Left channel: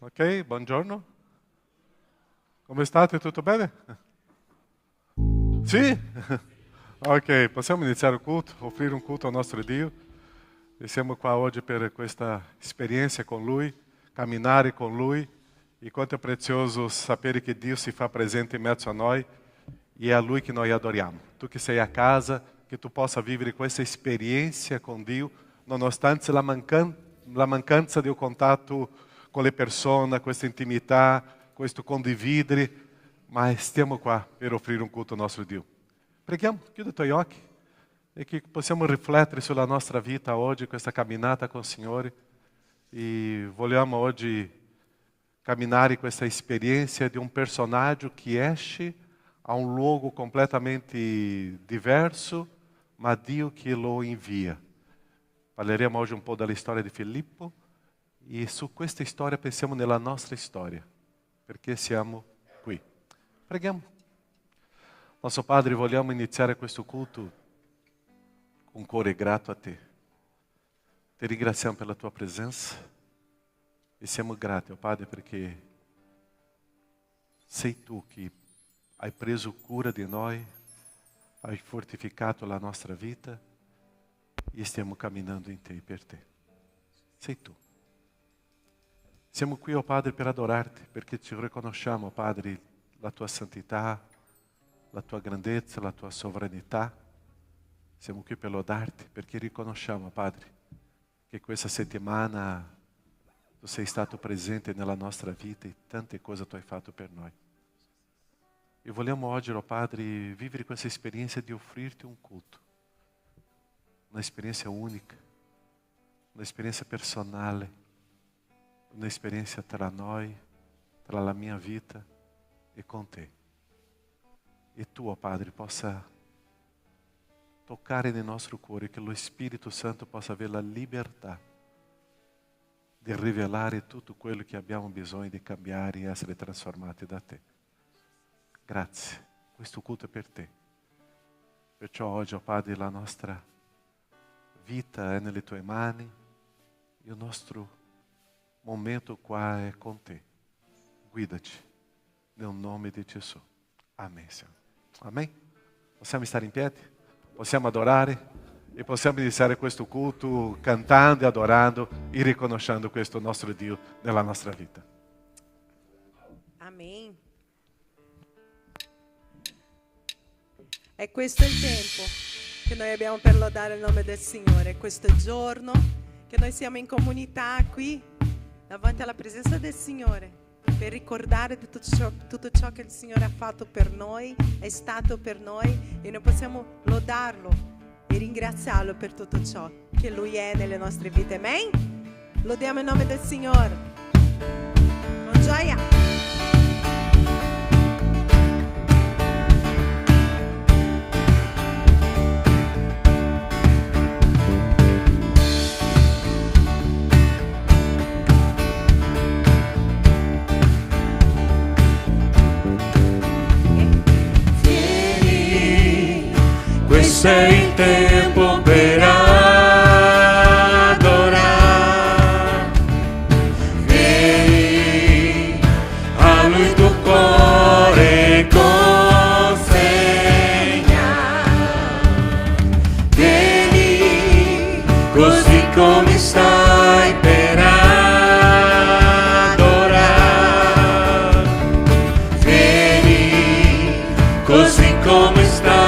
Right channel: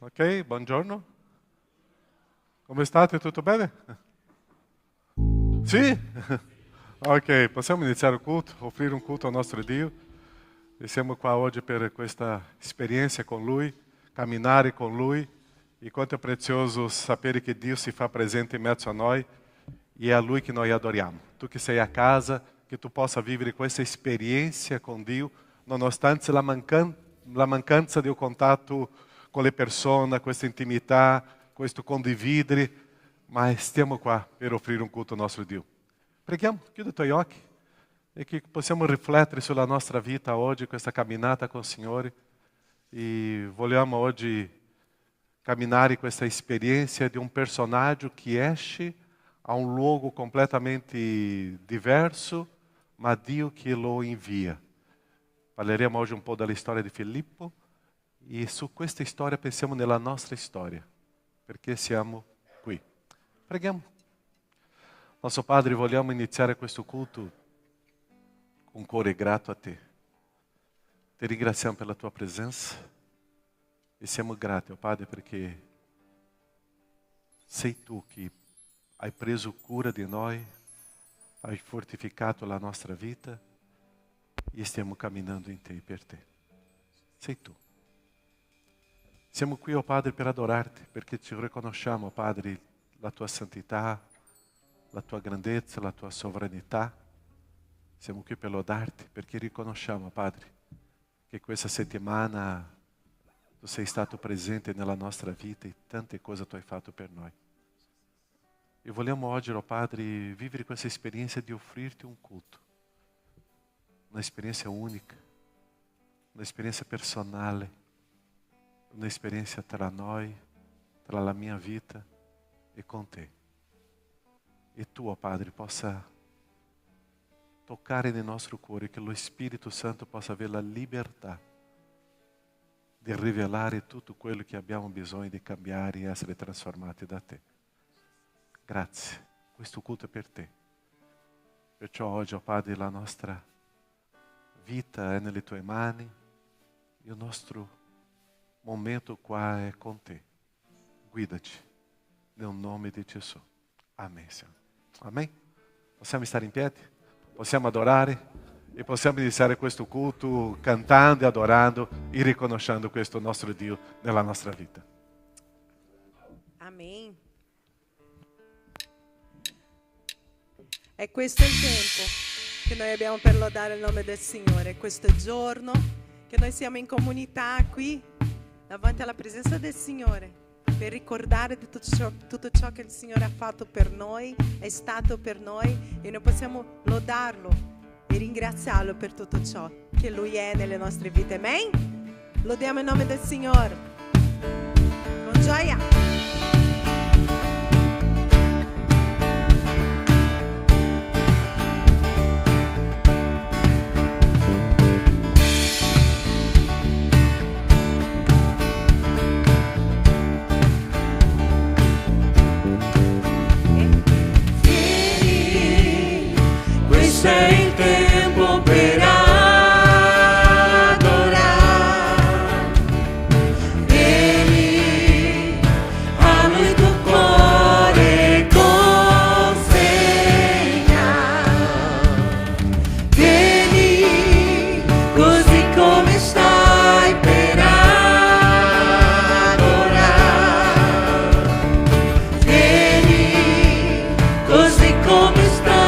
Ok, buongiorno. Come state? Tutto bene? Sì? Ok, possiamo iniziare il culto, offrire un culto al nostro Dio. E siamo qua oggi per questa esperienza con Lui, camminare con Lui. E quanto è prezioso sapere che Dio si fa presente in mezzo a noi e è a Lui che noi adoriamo. Tu che sei a casa, che tu possa vivere questa esperienza con Dio, nonostante la mancanza di un contatto con le persone, questa intimità, questo condividere, ma stiamo qua per offrire un culto al nostro Dio. Preghiamo, chiudi i tuoi occhi e che possiamo riflettere sulla nostra vita oggi, questa camminata con il Signore. E vogliamo oggi camminare questa esperienza di un personaggio che esce a un luogo completamente diverso, ma Dio che lo invia. Parleremo oggi un po' della storia di Filippo e su questa storia pensiamo nella nostra storia, perché siamo qui. Preghiamo. Nostro Padre, vogliamo iniziare questo culto con cuore grato a Te. Ti ringraziamo per la Tua presenza e siamo grati, Padre, perché sei Tu che hai preso cura di noi, hai fortificato la nostra vita e stiamo camminando in Te e per Te. Sei Tu. Siamo qui, oh Padre, per adorarti, perché ci riconosciamo, Padre, la Tua santità, la Tua grandezza, la Tua sovranità. Siamo qui per lodarti, perché riconosciamo, Padre, che questa settimana Tu sei stato presente nella nostra vita e tante cose Tu hai fatto per noi. E vogliamo oggi, oh Padre, vivere questa esperienza di offrirti un culto. Un'esperienza unica, un'esperienza personale, un'esperienza tra noi, tra la mia vita e con Te. E Tu, oh Padre, possa toccare nel nostro cuore, che lo Spirito Santo possa avere la libertà di rivelare tutto quello che abbiamo bisogno di cambiare e essere trasformati da Te. Grazie, questo culto è per Te. Perciò oggi, oh Padre, la nostra vita è nelle Tue mani e il nostro momento qua è con Te. Guidaci, nel nome di Gesù. Amen, Signore. Amen. Possiamo stare in piedi? Possiamo adorare? E possiamo iniziare questo culto cantando, adorando e riconoscendo questo nostro Dio nella nostra vita. Amen. E questo è il tempo che noi abbiamo per lodare il nome del Signore. Questo è il giorno che noi siamo in comunità qui, davanti alla presenza del Signore, per ricordare di tutto ciò che il Signore ha fatto per noi, è stato per noi, e noi possiamo lodarlo e ringraziarlo per tutto ciò che Lui è nelle nostre vite. Amen? Lodiamo il nome del Signore con gioia. Questo è il tempo per adorare, vieni a Lui tuo cuore consegna, vieni così come stai per adorare, vieni così come stai.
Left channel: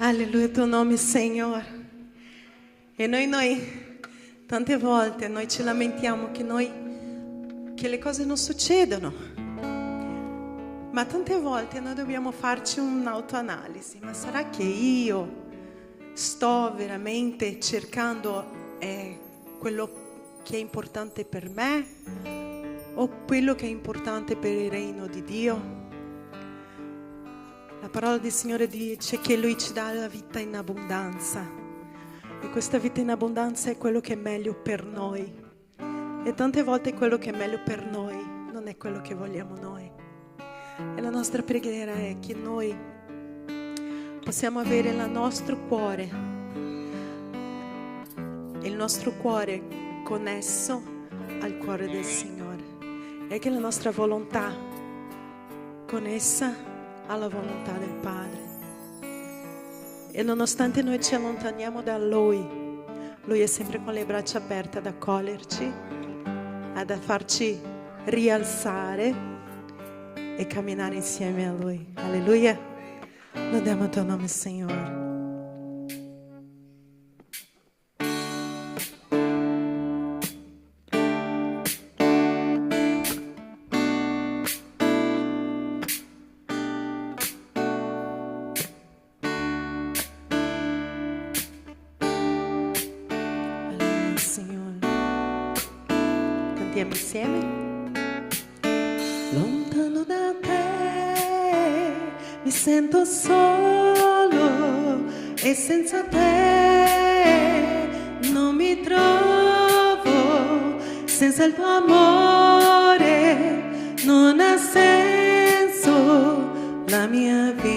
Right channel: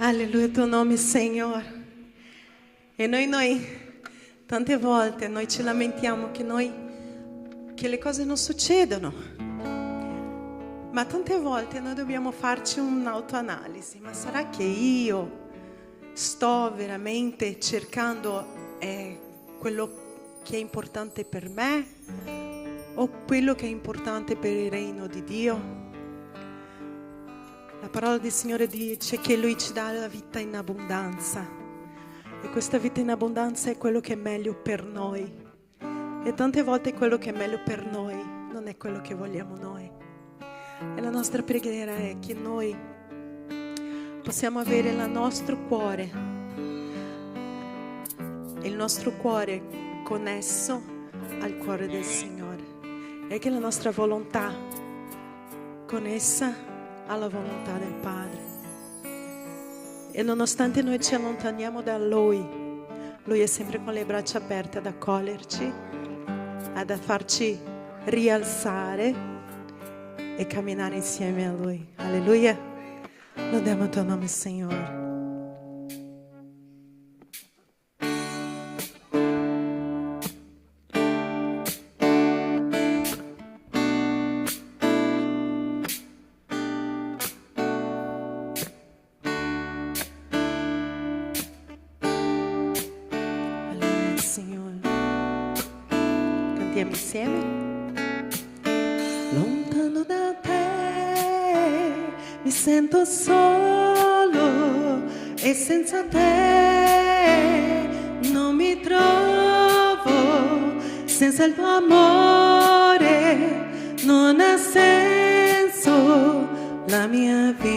Alleluia il tuo nome, Signore. E noi tante volte noi ci lamentiamo che le cose non succedono. Ma tante volte noi dobbiamo farci un'autoanalisi. Ma sarà che io sto veramente cercando quello che è importante per me o quello che è importante per il regno di Dio? La parola del Signore dice che Lui ci dà la vita in abbondanza e questa vita in abbondanza è quello che è meglio per noi, e tante volte quello che è meglio per noi non è quello che vogliamo noi. E la nostra preghiera è che noi possiamo avere il nostro cuore connesso al cuore del Signore, e che la nostra volontà connessa alla volontà del Padre. E nonostante noi ci allontaniamo da Lui è sempre con le braccia aperte ad accoglierci, ad farci rialzare e camminare insieme a Lui. Alleluia. Lodiamo il tuo nome, Signore. Insieme. Lontano da te mi sento solo e senza te non mi trovo, senza il tuo amore non ha senso la mia vita.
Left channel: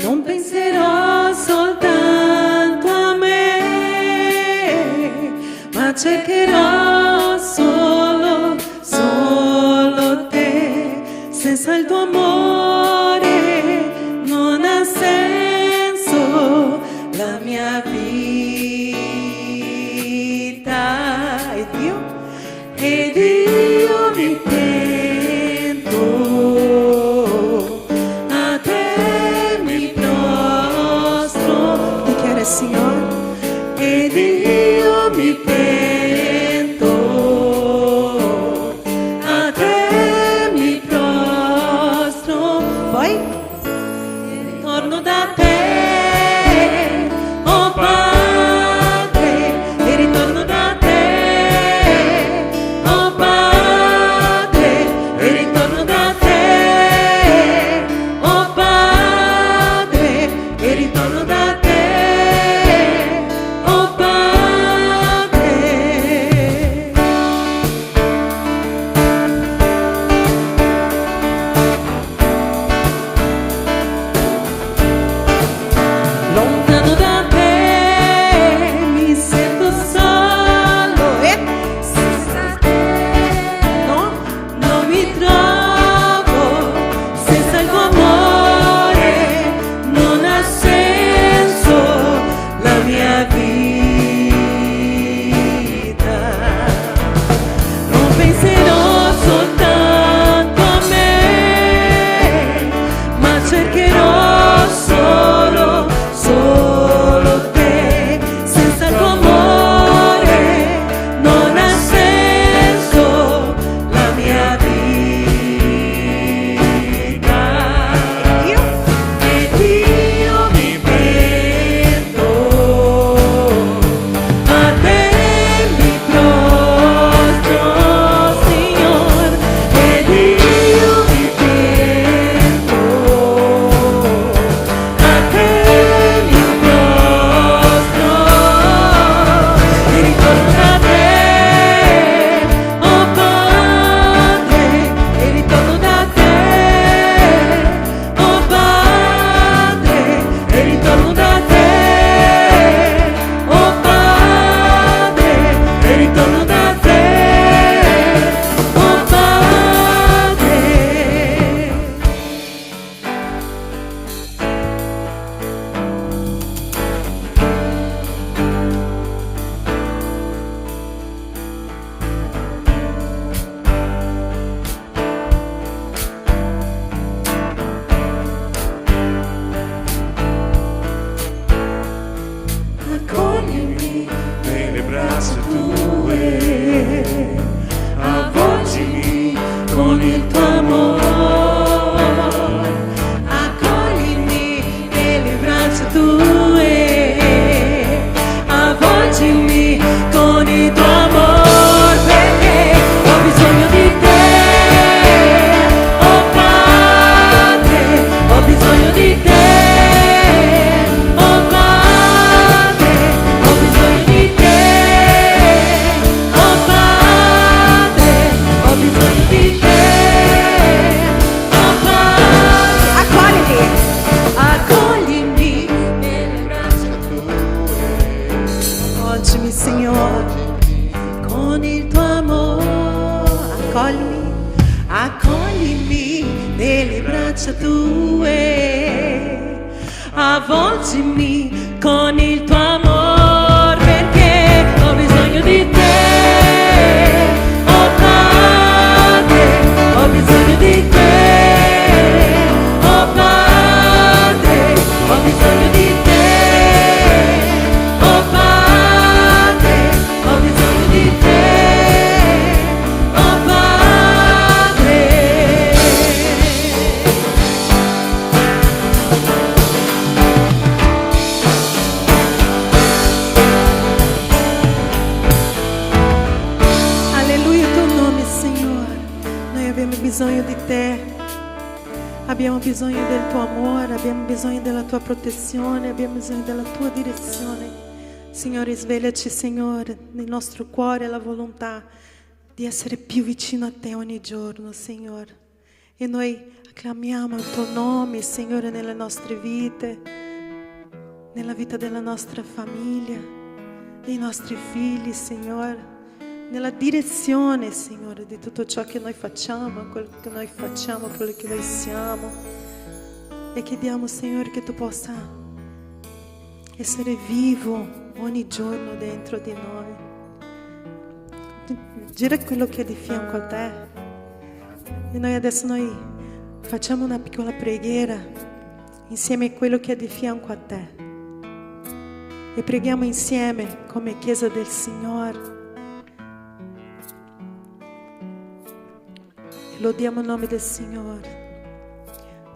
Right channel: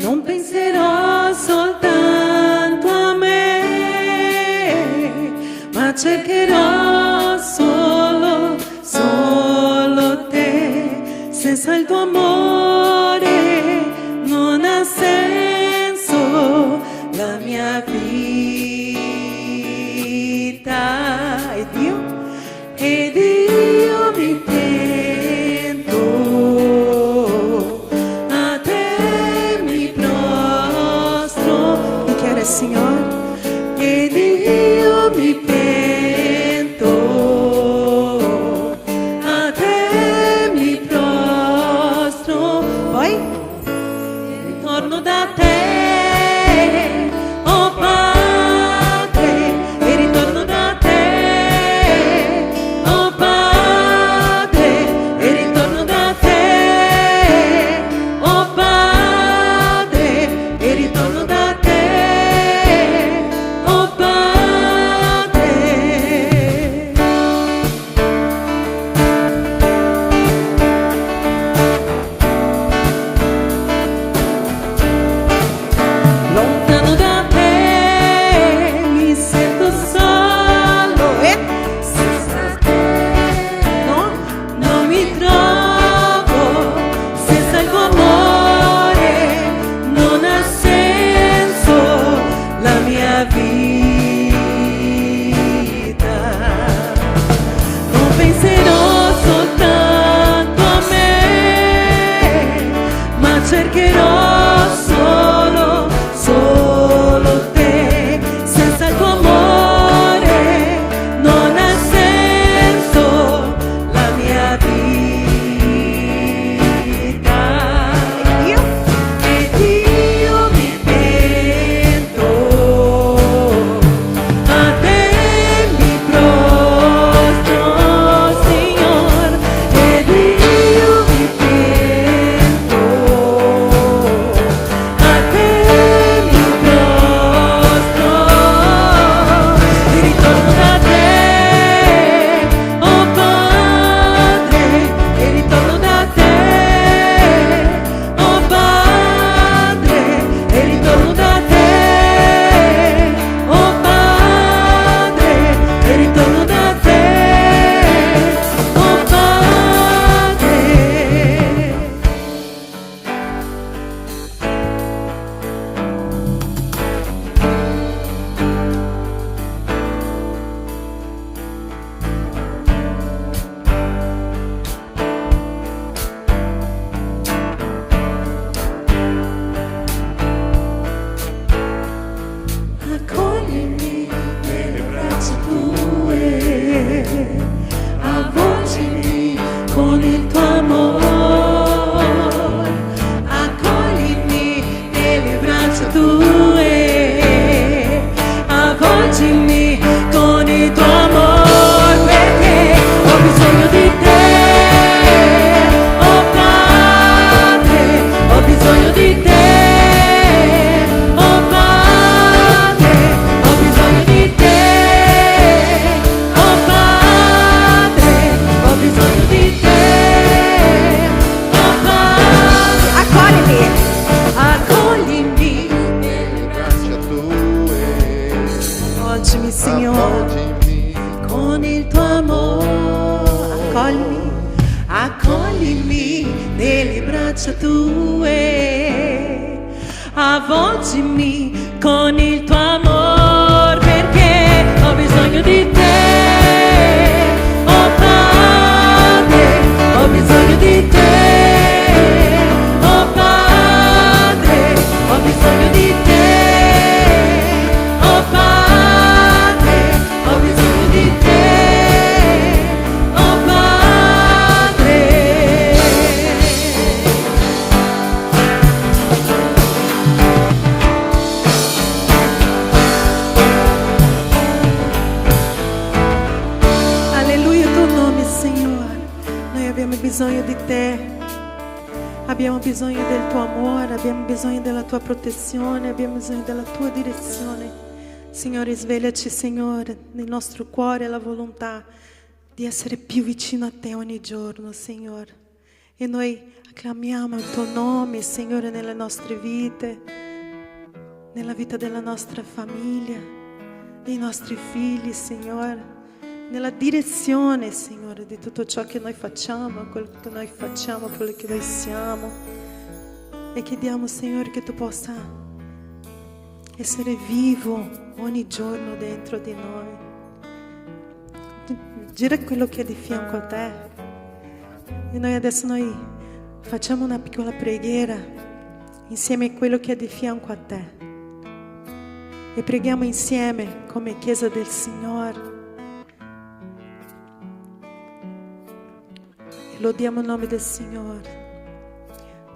Non penserò soltanto a me, ma cercherò solo te. Senza il tuo amore non ha senso la mia vita. Avvolgimi con il tuo amor, perché ho bisogno di te. Oh Padre, ho bisogno di te. Oh Padre, ho bisogno di te. Oh Padre, ho bisogno di te. Oh Padre. Alleluia, tuo nome, Signore. Noi abbiamo bisogno di te. Abbiamo bisogno del tuo amore, abbiamo bisogno della tua protezione, abbiamo bisogno della tua direzione. Signore, svegliaci, Signore, nel nostro cuore la volontà di essere più vicino a te ogni giorno, Signore. E noi acclamiamo il tuo nome, Signore, nelle nostre vite, nella vita della nostra famiglia, dei nostri figli, Signore, nella direzione, Signore, di tutto ciò che noi facciamo, quello che noi facciamo, quello che noi siamo. E chiediamo, Signore, che tu possa essere vivo ogni giorno dentro di noi. Gira quello che è di fianco a te. E noi adesso facciamo una piccola preghiera insieme a quello che è di fianco a te. E preghiamo insieme come Chiesa del Signore. E lodiamo il nome del Signore,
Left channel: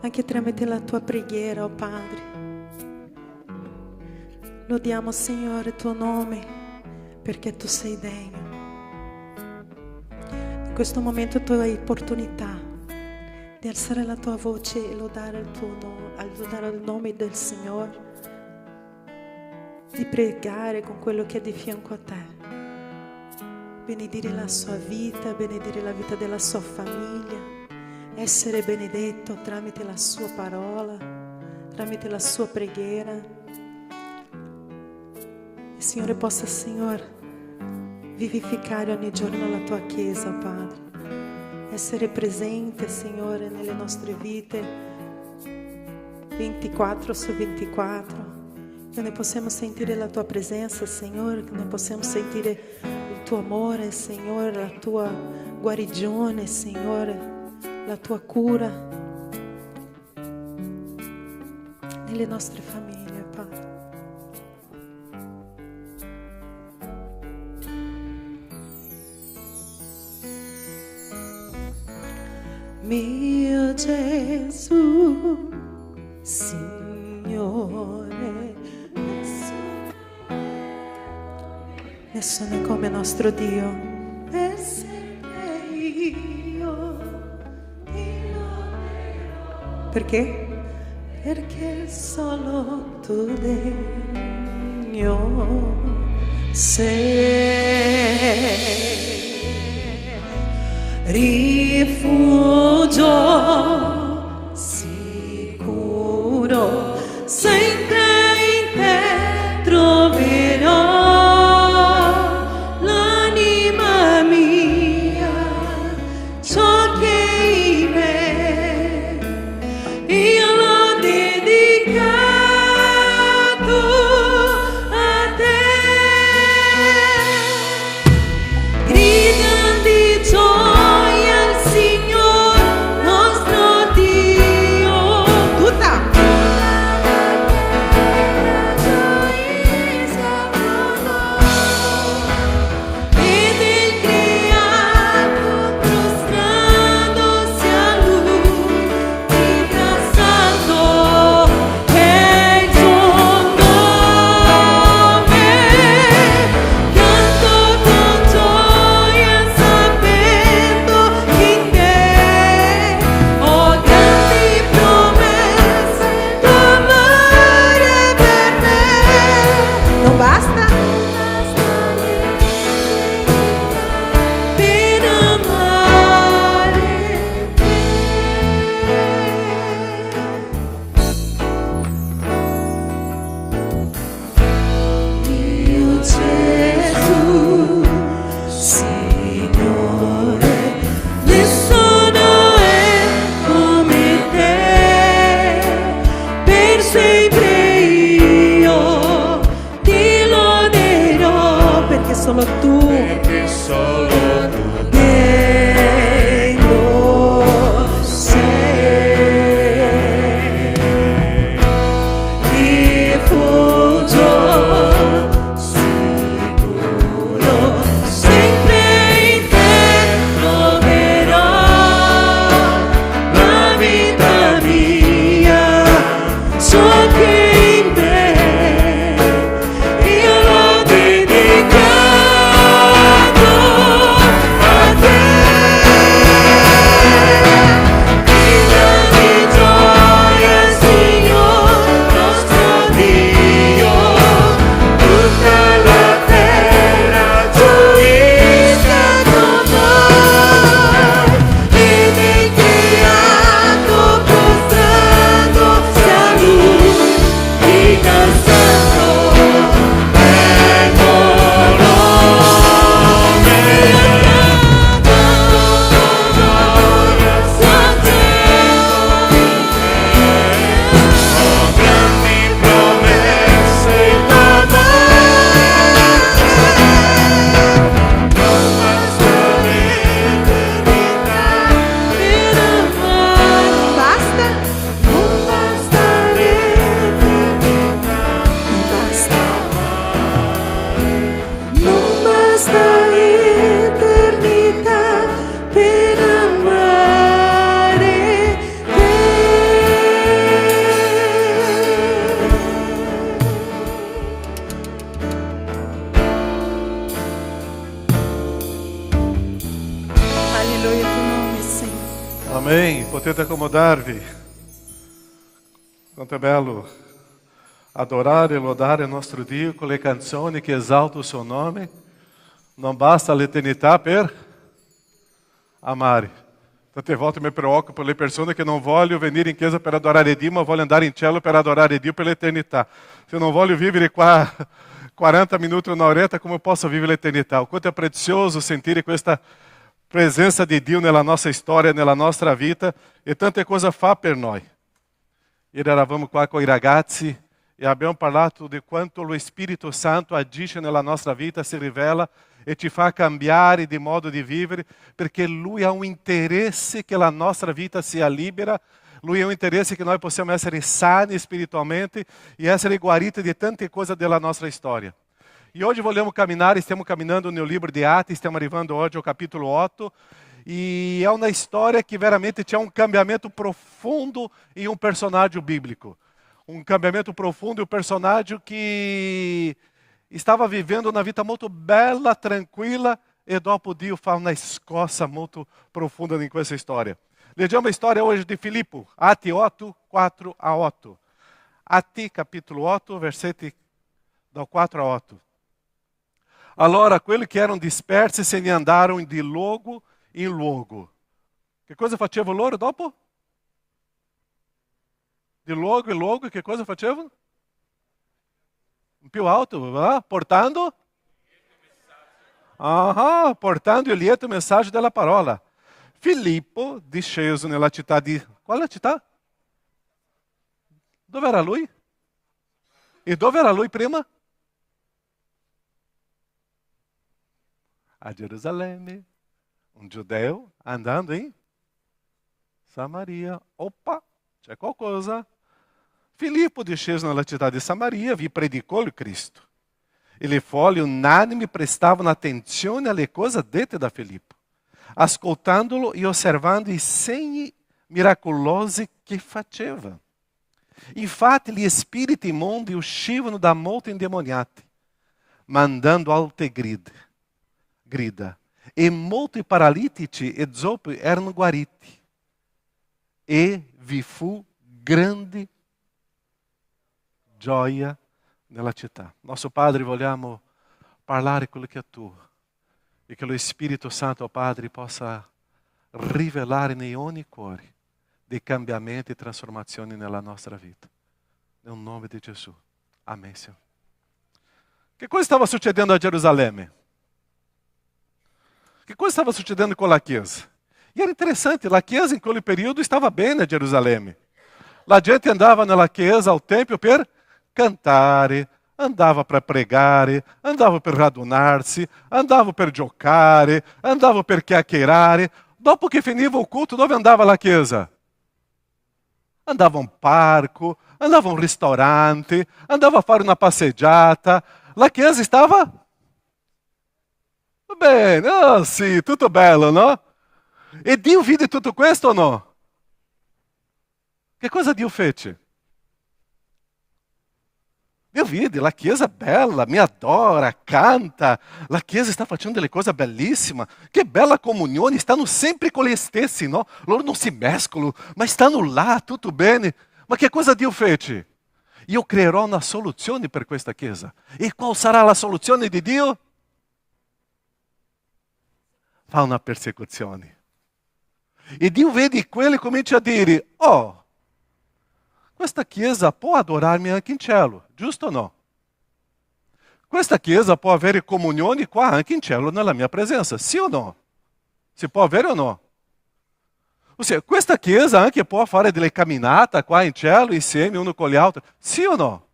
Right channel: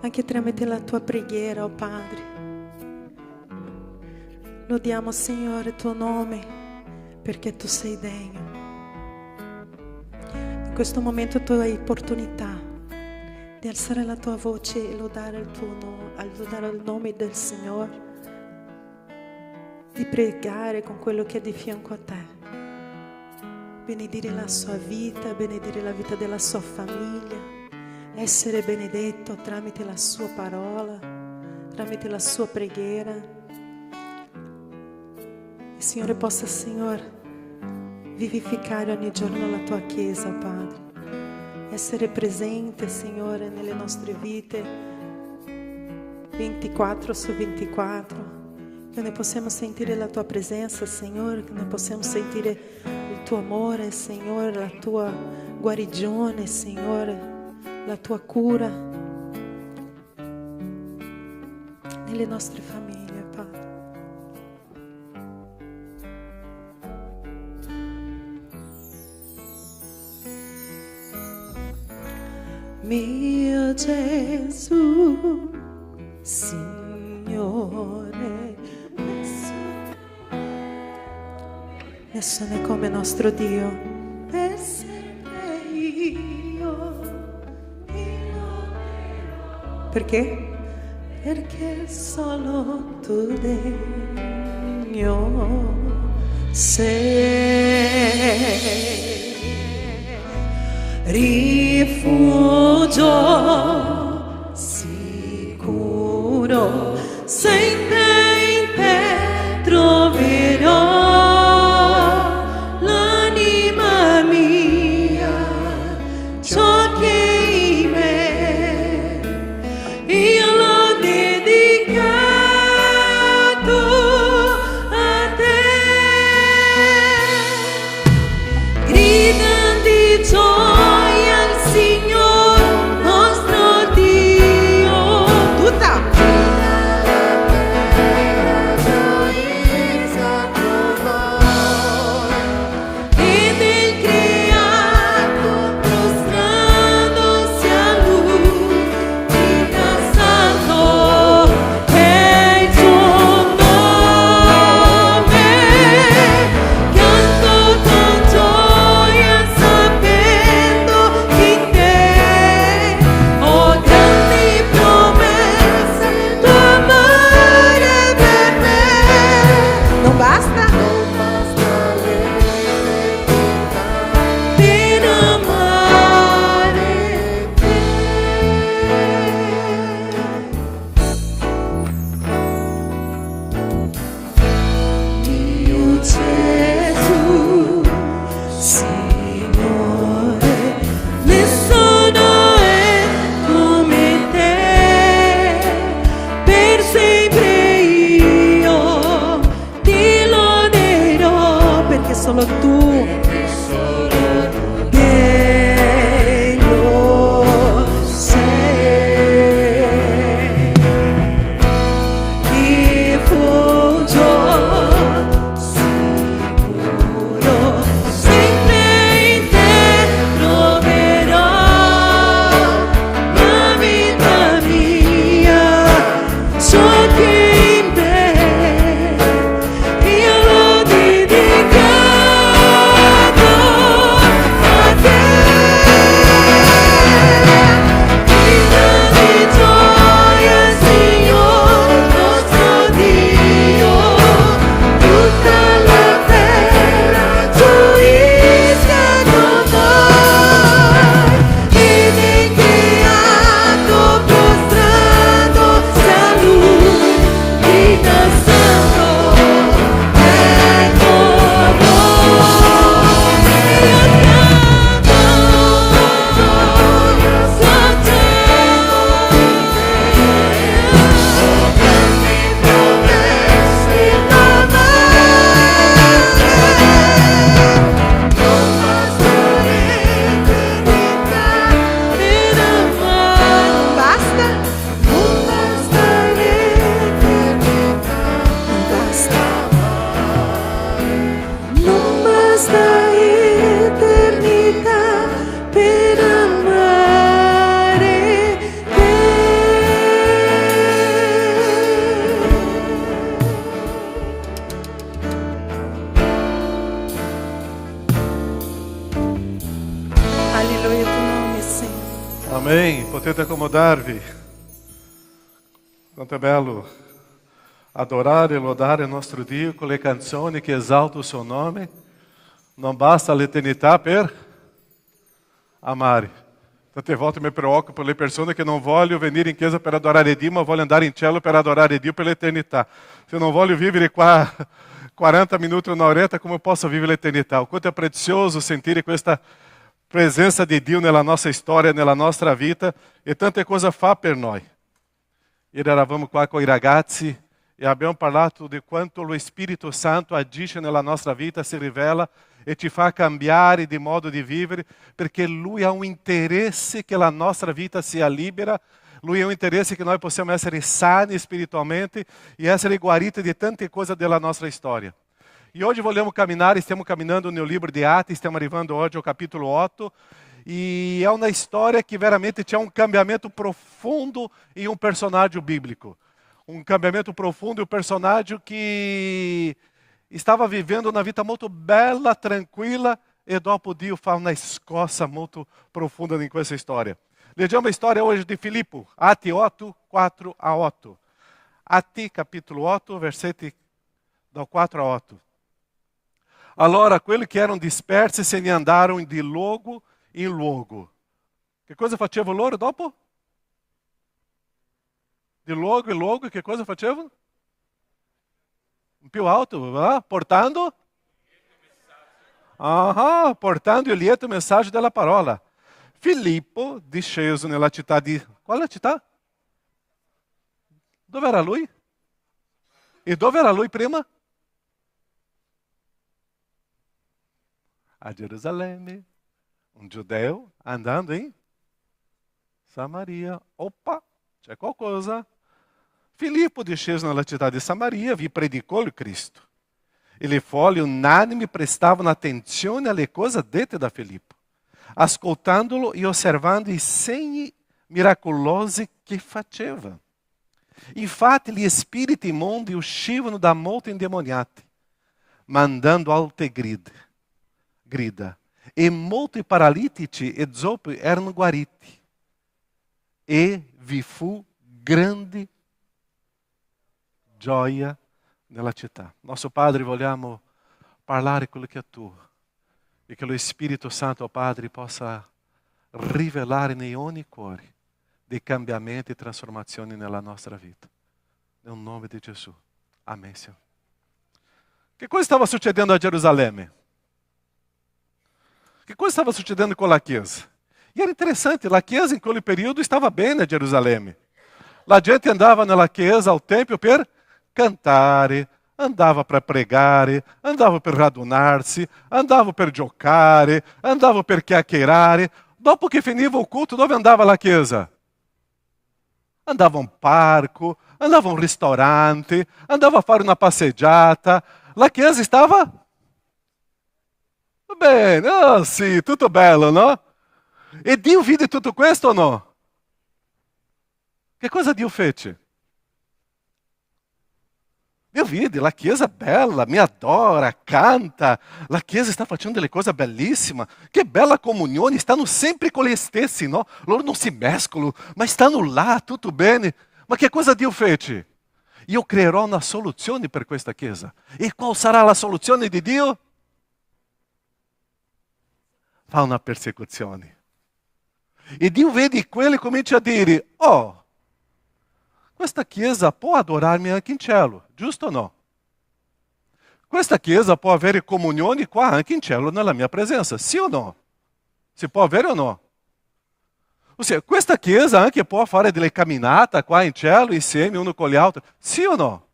anche tramite la tua preghiera, oh Padre. Lodiamo, Signore, il tuo nome, perché tu sei degno. In questo momento tu hai opportunità di alzare la tua voce e lodare il nome del Signore, di pregare con quello che è di fianco a te. Benedire la sua vita, benedire la vita della sua famiglia, essere benedetto tramite la sua parola, tramite la sua preghiera. Il Signore possa, Signore, vivificare ogni giorno la tua Chiesa, oh Padre. Essere presente, Signore, nelle nostre vite 24 su 24. Che noi possiamo sentire la tua presenza, Signore, che noi possiamo sentire il tuo amore, Signore, la tua guarigione, Signore, la tua cura nelle nostre famiglie, Padre. Mio Gesù, Signore, nessuno è come nostro Dio. E sempre io ti loderò. Perché? Perché solo tu degno sei. Rifugio sicuro, sempre in te troverò l'anima mia, ciò che in me io l'ho dedicato a te. Grida di gioia al Signore. Amém. Potete accomodarvi. Quanto è bello adorare e lodare il nostro Dio con le canzoni che esaltano il suo nome. Non basta l'eternità per amare. Tante volte mi preoccupo le persone che non vogliono venire in chiesa per adorare Dio, ma vogliono andare in cielo per adorare Dio per l'eternità. Se non voglio vivere qua 40 minuti, un'oretta, come posso vivere l'eternità? Quanto è prezioso sentire questa presenza di Dio nella nostra storia, nella nostra vita, e tante cose fa per noi. Ieri eravamo qua con i ragazzi e abbiamo parlato di quanto lo Spirito Santo agisce nella nostra vita, si rivela e ci fa cambiare di modo di vivere, perché Lui ha un interesse che la nostra vita sia libera, Lui ha un interesse che noi possiamo essere sani spiritualmente e essere guariti di tante cose della nostra storia. E hoje vogliamo camminare, stiamo camminando nel libro di Atti, stiamo arrivando oggi ao capítulo 8, e é uma história que veramente tinha um cambiamento profundo em um personagem bíblico. Um cambiamento profundo em um personagem que estava vivendo uma vida muito bela, tranquila, e dopo Dio fa una scossa molto profonda in questa storia. Leggiamo a storia hoje de Filippo, Atti 8, 4 a 8. Atti capítulo 8, versetti dal 4 a 8. Allora quelli che erano dispersi se ne andarono di luogo in luogo. Che cosa facevano loro dopo? Di luogo in luogo, che cosa facevano? Più alto, va? Portando? Portando il lieto messaggio della parola. Filippo, disceso nella città di... Qual è la città? Dove era lui? E dove era lui prima? A Gerusalemme, un giudeo andando in Samaria. Opa, c'è qualcosa. Filippo, disceso nella città di Samaria, vi predicò il Cristo. E le folle unanimi prestavano attenzione alle cose dette da Filippo, ascoltandolo e osservando i segni miracolosi che faceva. Infatti gli spiriti immondi uscivano da molti indemoniati, mandando alte grida, e molti paralitici e zoppi erano guariti, e vi fu grande gioia nella città. Nostro Padre, vogliamo parlare quello che è tuo, e che lo Spirito Santo, Padre, possa rivelare in ogni cuore dei cambiamenti e trasformazioni nella nostra vita. Nel nome di Gesù. Amém, Senhor. Che cosa stava succedendo a Gerusalemme? Che cosa stava succedendo con la Chiesa? E era interessante, la Chiesa in quel periodo stava bene a Gerusalemme. La gente andava nella Chiesa, al Tempio, per cantare, andava per pregare, andava per radunarsi, andava per giocare, andava per chiacchierare. Dopo che finiva il culto, dove andava la Chiesa? Andava a un parco, andava a un ristorante, andava a fare una passeggiata. La Chiesa stava bene, sì, tutto bello, no? E Dio vide tutto questo o no? Che cosa Dio fece? Dio vide, la Chiesa è bella, mi adora, canta, la Chiesa sta facendo delle cose bellissime, che bella comunione, stanno sempre con gli stessi, no? Loro non si mescolano, ma stanno là, tutto bene. Ma che cosa Dio fece? Io creerò una soluzione per questa Chiesa. E qual sarà la soluzione di Dio? Fa una persecuzione. E Dio vede quelli e comincia a dire, questa Chiesa può adorarmi anche in cielo, giusto o no? Questa Chiesa può avere comunione qua anche in cielo nella mia presenza, sì o no? Si può avere o no? Ossia, questa Chiesa anche può fare delle camminate qua in cielo insieme uno con gli altri, sì o no?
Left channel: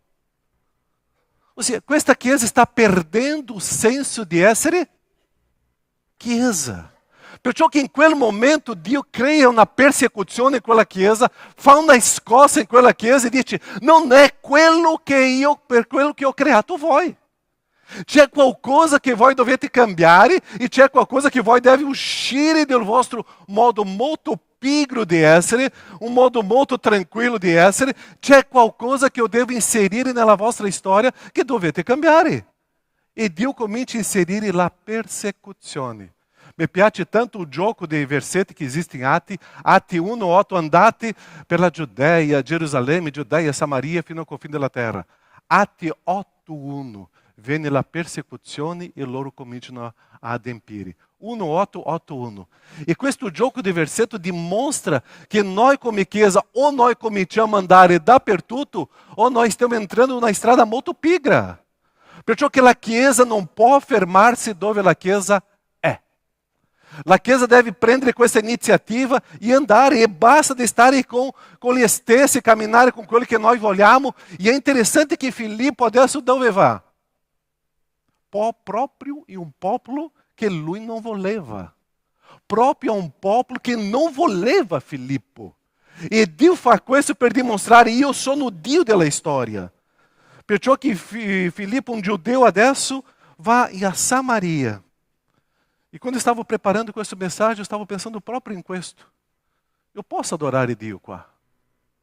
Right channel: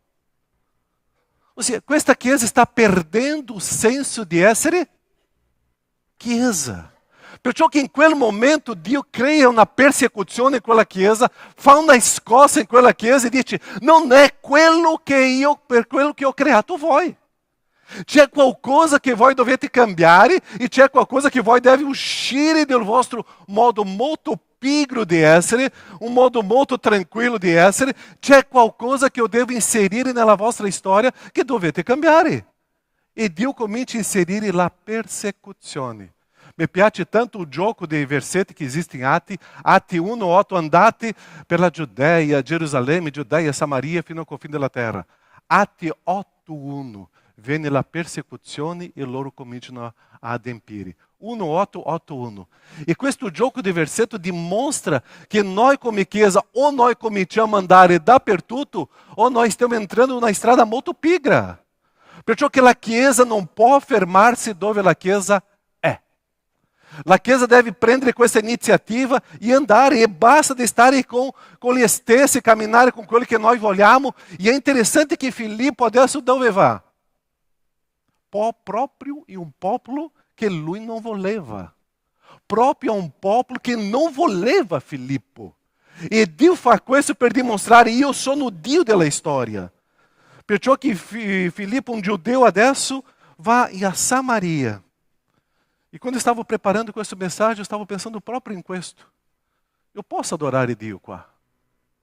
Ossia, questa Chiesa sta perdendo il senso di essere Chiesa. Perciò che in quel momento Dio crea una persecuzione in quella Chiesa, fa una scossa in quella Chiesa e dice, non è quello che io, per quello che ho creato voi. C'è qualcosa che voi dovete cambiare e c'è qualcosa che voi deve uscire del vostro modo molto pigro di essere, un modo molto tranquillo di essere. C'è qualcosa che io devo inserire nella vostra storia che dovete cambiare. E Dio comincia a inserire la persecuzione. Mi piace tanto il gioco dei versetti che esiste in Atti 1:8, andate per la Giudea, Gerusalemme, Giudea, Samaria, fino al confine della terra. Atti 8:1, viene la persecuzione e loro cominciano a adempire. 1:8:8:1. E questo gioco di versetto dimostra che noi come Chiesa, o noi cominciamo a andare dappertutto, o noi stiamo entrando in una strada molto pigra. Perciò che la Chiesa non può fermarsi dove la Chiesa è. La Chiesa deve prendere questa iniziativa e andare, e basta di stare con gli stessi, camminare con quelli che noi vogliamo. E è interessante che Filippo adesso dove va? Proprio in un popolo che lui non voleva. Proprio un popolo che non voleva Filippo. E Dio fa questo per dimostrare: io sono Dio della storia. Perciò che Filippo, un giudeu adesso, va a Samaria. E quando stavo preparando questo messaggio, stavo pensando proprio in questo. Eu posso adorare Dio qua.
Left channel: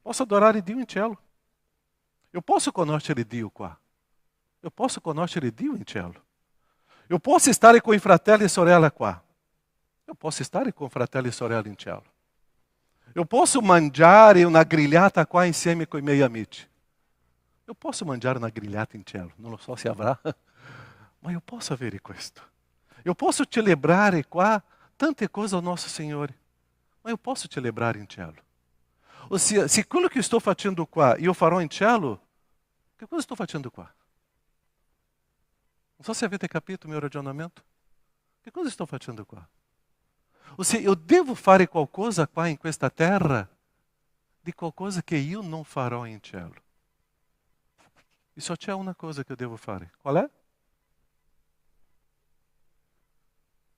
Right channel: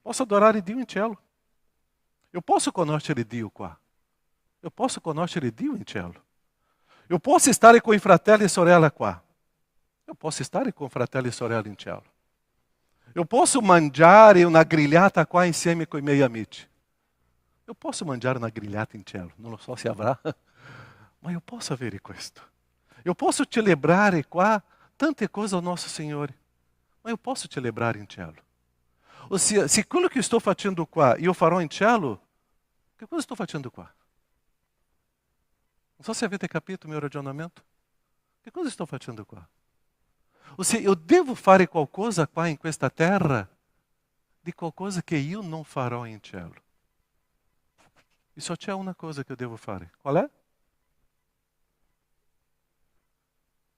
Posso adorare Dio in cielo. Eu posso conoscere Dio qua. Eu posso conoscere Dio in cielo. Eu posso stare con i fratelli e sorelle qua. Eu posso stare con fratelli e sorelle in cielo. Eu posso mangiare una grigliata qua insieme con i miei amici. Eu posso mangiare una grigliata in cielo. Non lo so se avrà, ma eu posso avere questo. Eu posso celebrare qua tante cose ao nosso Signore, ma eu posso celebrare in cielo. Ossia, se quello che sto facendo qua io farò in cielo, che cosa sto facendo qua? Non so se avete capito il mio ragionamento. Che cosa sto facendo qua? Ossia, eu devo fare qualcosa qua in questa terra di qualcosa che io non farò in cielo. E só c'è una cosa che eu devo fare. Qual è?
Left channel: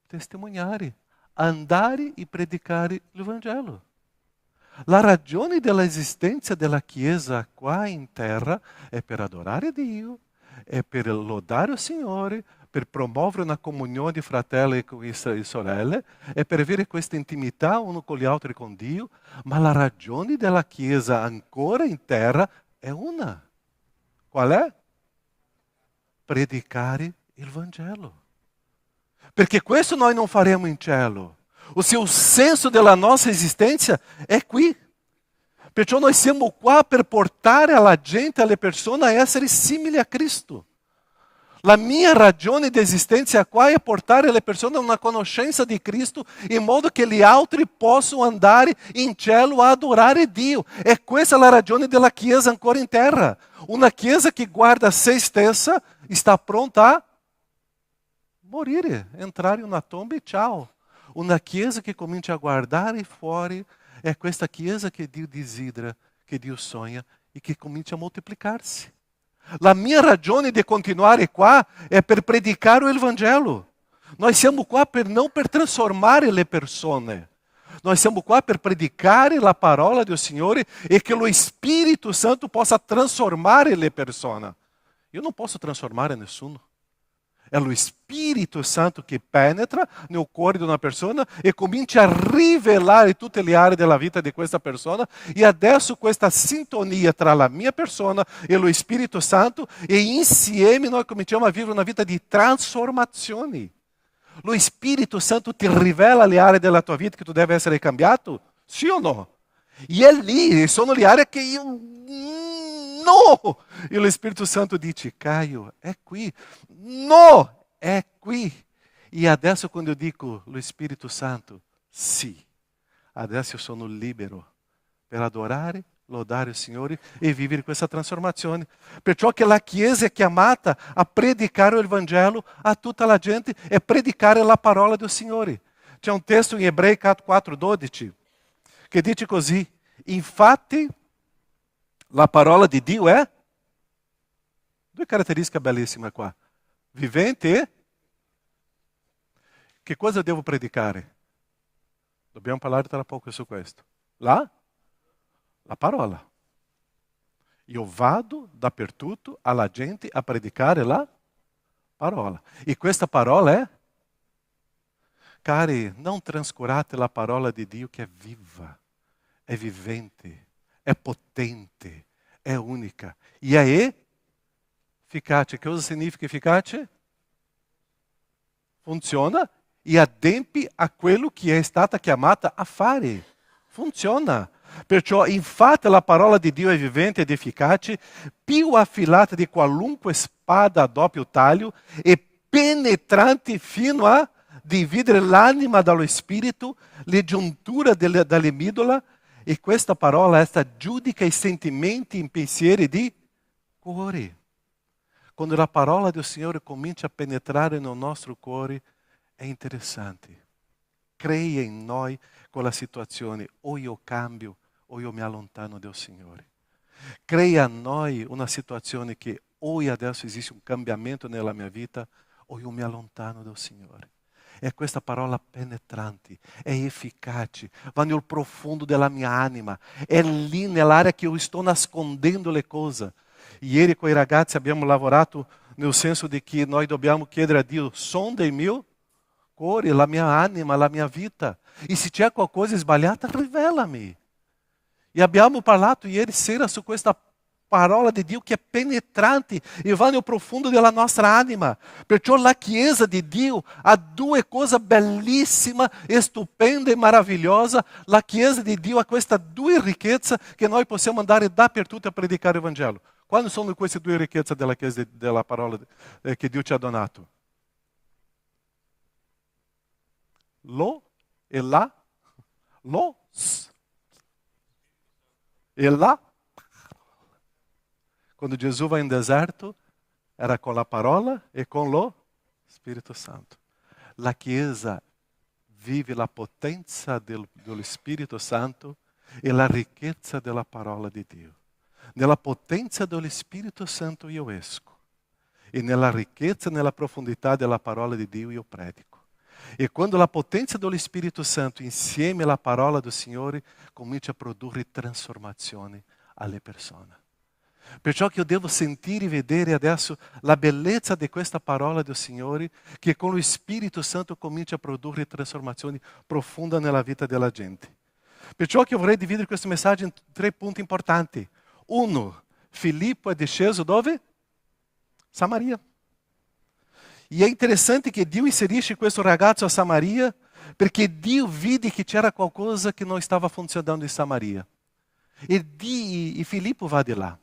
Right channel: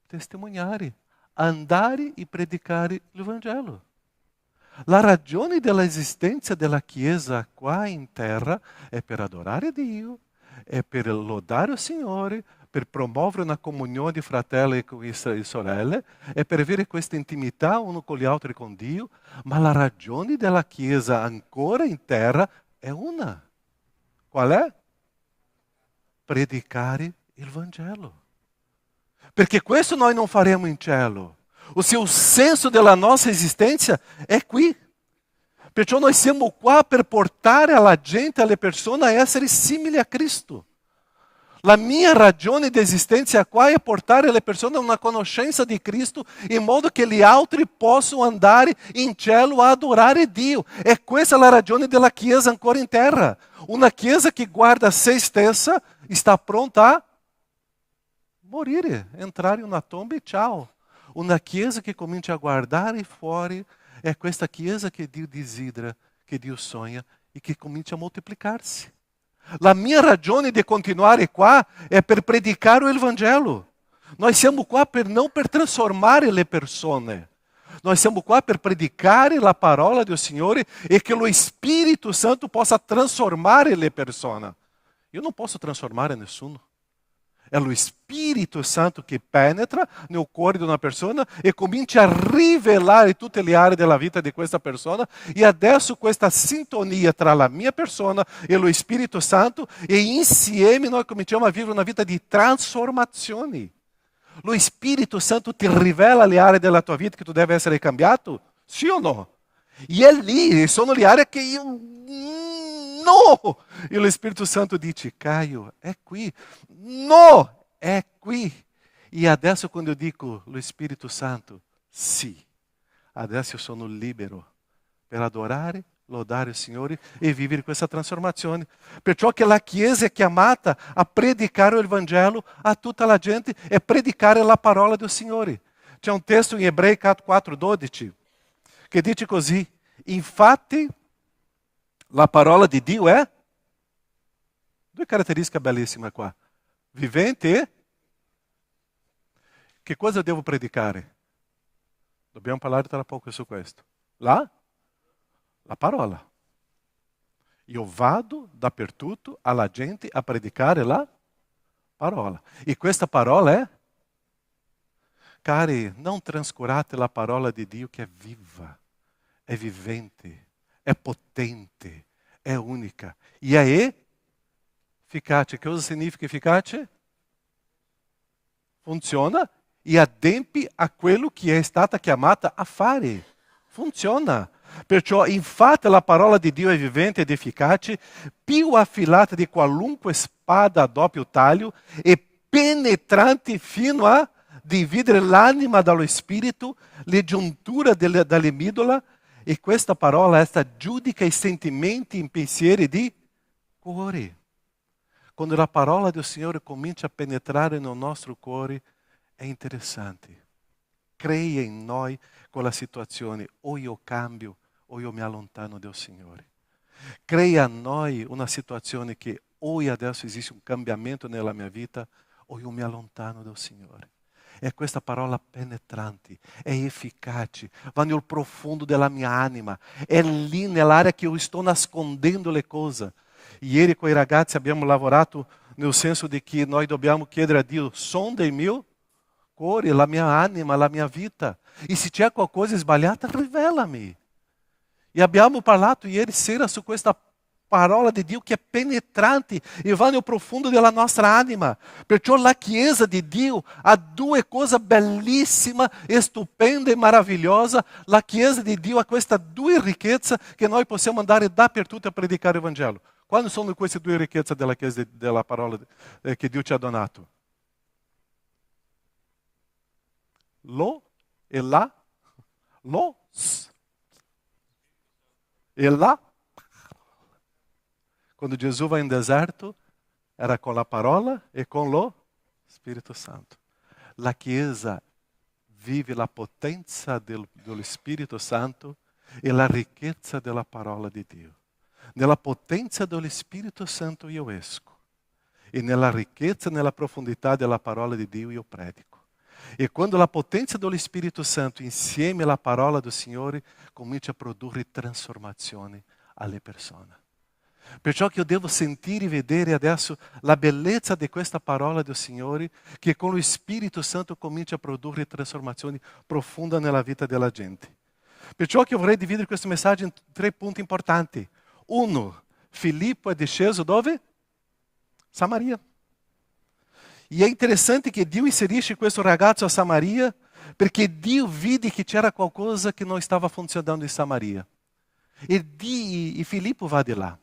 Testimoniare, andare e predicare il Vangelo. La ragione dell'esistenza della Chiesa qua in terra è per adorare Dio, è per lodare il Signore, per promuovere una comunione di fratelli e sorelle, è per avere questa intimità uno con gli altri con Dio, ma la ragione della Chiesa ancora in terra è una. Qual è? Predicare il Vangelo. Perché questo noi non faremo in cielo. Ossia, il senso della nostra esistenza è qui. Perciò noi siamo qua per portare alla gente, alle persone, a essere simili a Cristo. La mia ragione di esistenza qua è portare le persone a una conoscenza di Cristo in modo che gli altri possano andare in cielo a adorare Dio. E questa è la ragione della Chiesa ancora in terra. Una Chiesa che guarda a se stessa sta pronta a morire, entrare in una tomba e ciao. Una Chiesa che comincia a guardare fuori è questa Chiesa che Dio desidera, che Dio sogna e che comincia a moltiplicarsi. La mia ragione di continuare qua è per predicare il Vangelo. Noi siamo qua non per trasformare le persone. Noi siamo qua per predicare la parola del Signore e che lo Spirito Santo possa trasformare le persone. Io non posso trasformare nessuno. È lo Spirito Santo che penetra nel cuore di una persona e comincia a rivelare tutte le aree della vita di questa persona. E adesso questa sintonia tra la mia persona e lo Spirito Santo, e insieme noi cominciamo a vivere una vita di trasformazioni. Lo Spirito Santo ti rivela le aree della tua vita che tu devi essere cambiato? Sì o no? E è lì, sono le aree che io... No! E lo Spirito Santo dice: Caio, è qui. No, è qui. E adesso quando io dico lo Spirito Santo, sì, adesso io sono libero per adorare, lodare il Signore e vivere questa trasformazione. Perciò che la Chiesa è chiamata a predicare il Vangelo a tutta la gente e predicare la parola del Signore. C'è un testo in Ebrei 4:12 che dice così: infatti la parola di Dio è, due caratteristiche bellissime qua, vivente e... Che cosa devo predicare? Dobbiamo parlare tra poco su questo. La parola. Io vado dappertutto alla gente a predicare la parola. E questa parola è... Cari, non trascurate la parola di Dio che è viva, è vivente, è potente, è unica e è efficace. Che cosa significa efficace? Funziona e adempi a quello che è stata chiamata a fare. Funziona. Perciò, infatti, la parola di Dio è vivente ed efficace, più affilata di qualunque spada a doppio taglio e penetrante fino a dividere l'anima dallo spirito, le giunture dalle midola, e questa parola esta giudica i sentimenti e i pensieri di cuore. Quando la parola del Signore comincia a penetrare nel nostro cuore, è interessante. Crea in noi quella situazione, o io cambio o io mi allontano del Signore. Crea in noi una situazione che o adesso esiste un cambiamento nella mia vita o io mi allontano del Signore. È questa parola penetrante, è efficace, va nel profondo della mia anima, è lì nell'area che io sto nascondendo le cose. Ieri con i ragazzi abbiamo lavorato nel senso di che noi dobbiamo chiedere a Dio: sonda il mio cuore, la mia anima, la mia vita, e se c'è qualcosa sbagliata rivelami. E abbiamo parlato ieri sera su questa parola di Dio che è penetrante e va nel profondo della nostra anima. Perciò la Chiesa di Dio ha due cose bellissime, stupende e meravigliose. La Chiesa di Dio ha queste due ricchezze che noi possiamo andare dappertutto a predicare il Vangelo. Quali sono queste due ricchezze della Chiesa, della parola che Dio ci ha donato? Lo e la, los e la. Quando Gesù va in deserto, era con la parola e con lo Spirito Santo. La Chiesa vive la potenza dello Spirito Santo e la ricchezza della parola di Dio. Nella potenza dello Spirito Santo io esco, e nella ricchezza e nella profondità della parola di Dio io predico. E quando la potenza dello Spirito Santo insieme alla parola del Signore comincia a produrre trasformazioni alle persone. Perciò che io devo sentire e vedere adesso la bellezza di questa parola del Signore, che con lo Spirito Santo comincia a produrre trasformazioni profonde nella vita della gente. Perciò che io vorrei dividere questo messaggio in 3 punti importanti. 1. Filippo è disceso dove? Samaria. E è interessante che Dio inserisce questo ragazzo a Samaria, perché Dio vide che c'era qualcosa che non stava funzionando in Samaria. E Filippo va di là.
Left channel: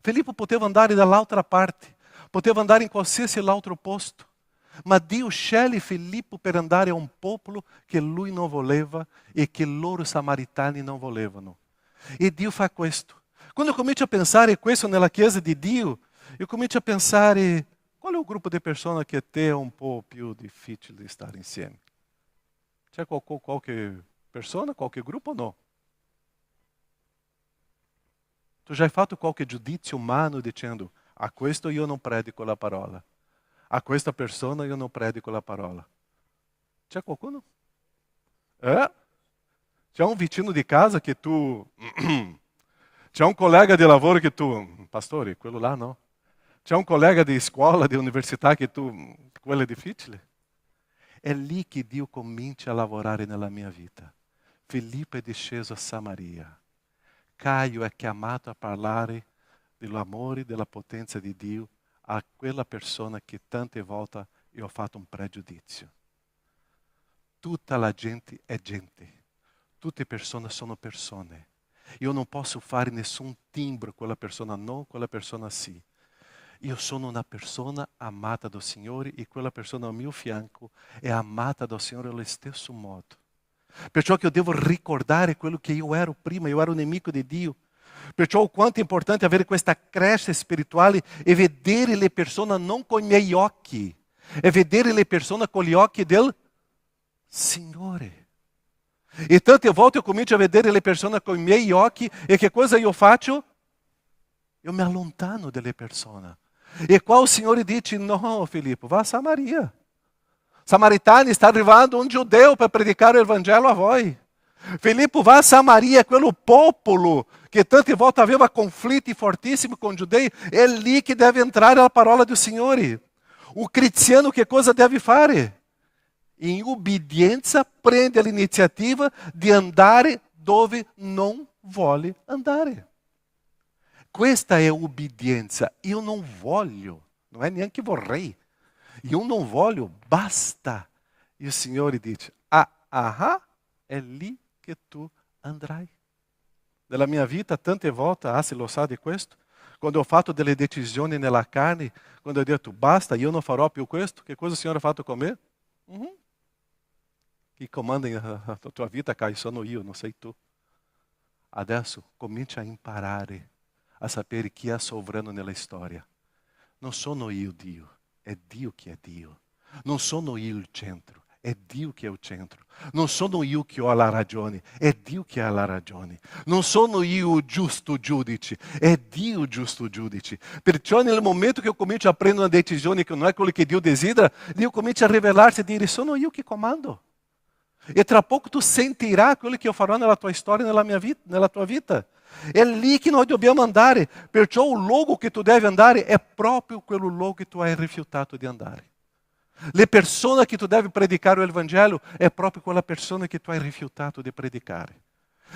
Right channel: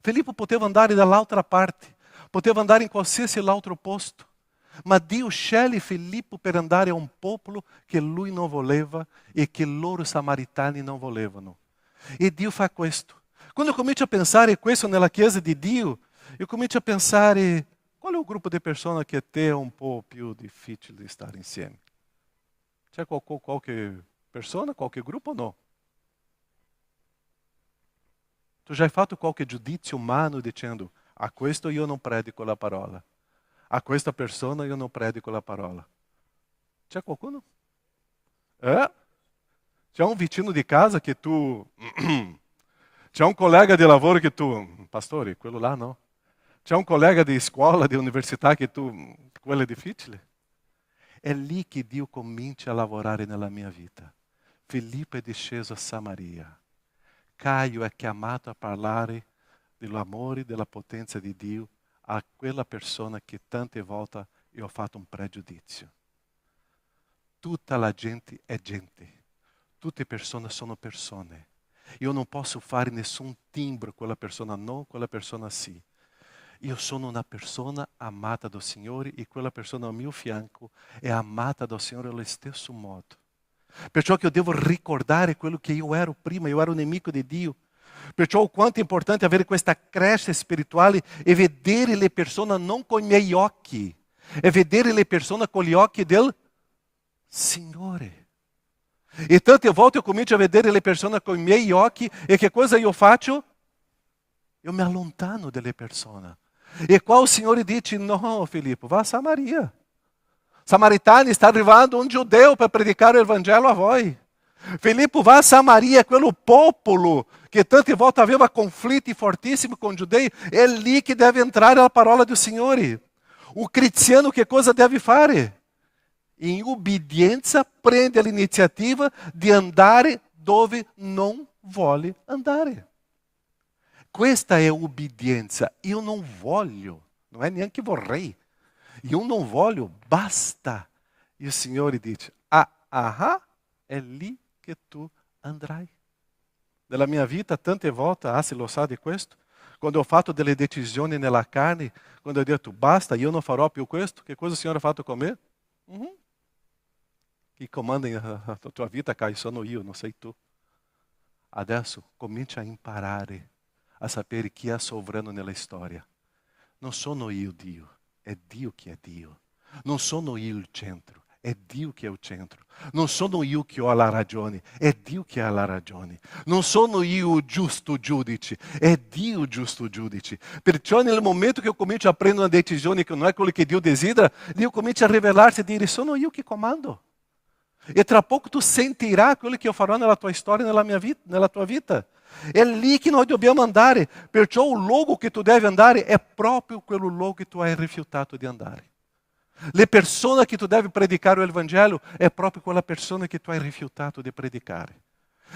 Filippo poteva andare dall'altra parte, poteva andare in qualsiasi altro posto, ma Dio sceglie Filippo per andare a un popolo che lui non voleva e che loro samaritani non volevano. E Dio fa questo. Quando eu comincio a pensare questo nella Chiesa di Dio, eu comincio a pensare: qual è il gruppo di persone che a te è un po' più difficile stare insieme? C'è qualche persona, qualche gruppo o no? Tu já hai fatto qualche giudizio umano dicendo: a questo io non predico la parola, a questa persona io non predico la parola? C'è qualcuno? C'è un vicino di casa che tu... C'è un collega di lavoro che tu... Pastore, quello là no? C'è un collega di scuola, di università che tu... quello è difficile? È lì che Dio comincia a lavorare nella mia vita. Filippo è disceso a Samaria. Caio è chiamato a parlare dell'amore e della potenza di Dio a quella persona che tante volte io ho fatto un pregiudizio. Tutta la gente è gente. Tutte persone sono persone. Io non posso fare nessun timbro, quella persona no, quella persona sì. Io sono una persona amata dal Signore e quella persona al mio fianco è amata dal Signore allo stesso modo. Perciò che io devo ricordare quello che io ero prima, io ero nemico di Dio. Perciò o quanto è importante avere questa crescita spirituale e vedere le persone non con i miei occhi, e vedere le persone con gli occhi del Signore. E tante volte io comincio a vedere le persone con i miei occhi e che cosa io faccio? Io mi allontano dalle persone. E qua il Signore dice: no Filippo, va a Samaria. Samaritani, sta arrivando un giudeo per predicare il Vangelo a voi. Filippo va a Samaria, quello popolo che tante volte aveva conflitti fortissimi con i giudei, è lì che deve entrare la parola del Signore. O cristiano che cosa deve fare? In ubbidienza prende l'iniziativa di andare dove non vuole andare. Questa è ubbidienza. Io non voglio, non è neanche vorrei. Io non voglio, basta. E o Signore dice, è lì che tu andrai. Nella mia vita tante volte, se lo sa di questo, quando ho fatto delle decisioni nella carne, quando ho detto basta, io non farò più questo, che cosa il Signore ha fatto con me? Chi comanda la tua vita, Caio, sono io, non sei tu. Adesso comincia a imparare a sapere chi è sovrano nella storia. Non sono io Dio, è Dio che è Dio. Non sono io il centro, è Dio che è il centro. Non sono io che ho la ragione, è Dio che ha la ragione. Non sono io il giusto giudice, è Dio il giusto giudice. Perciò nel momento che io comincio a prendere una decisione che non è quello che Dio desidera, Dio comincia a rivelarsi e dire, sono io che comando. E tra poco tu sentirai quello che io farò nella tua storia, nella tua vita. È lì che noi dobbiamo andare. Perciò il luogo che tu devi andare è proprio quello luogo che tu hai rifiutato di andare. Le persone che tu devi predicare il Vangelo è proprio quella persona che tu hai rifiutato di predicare.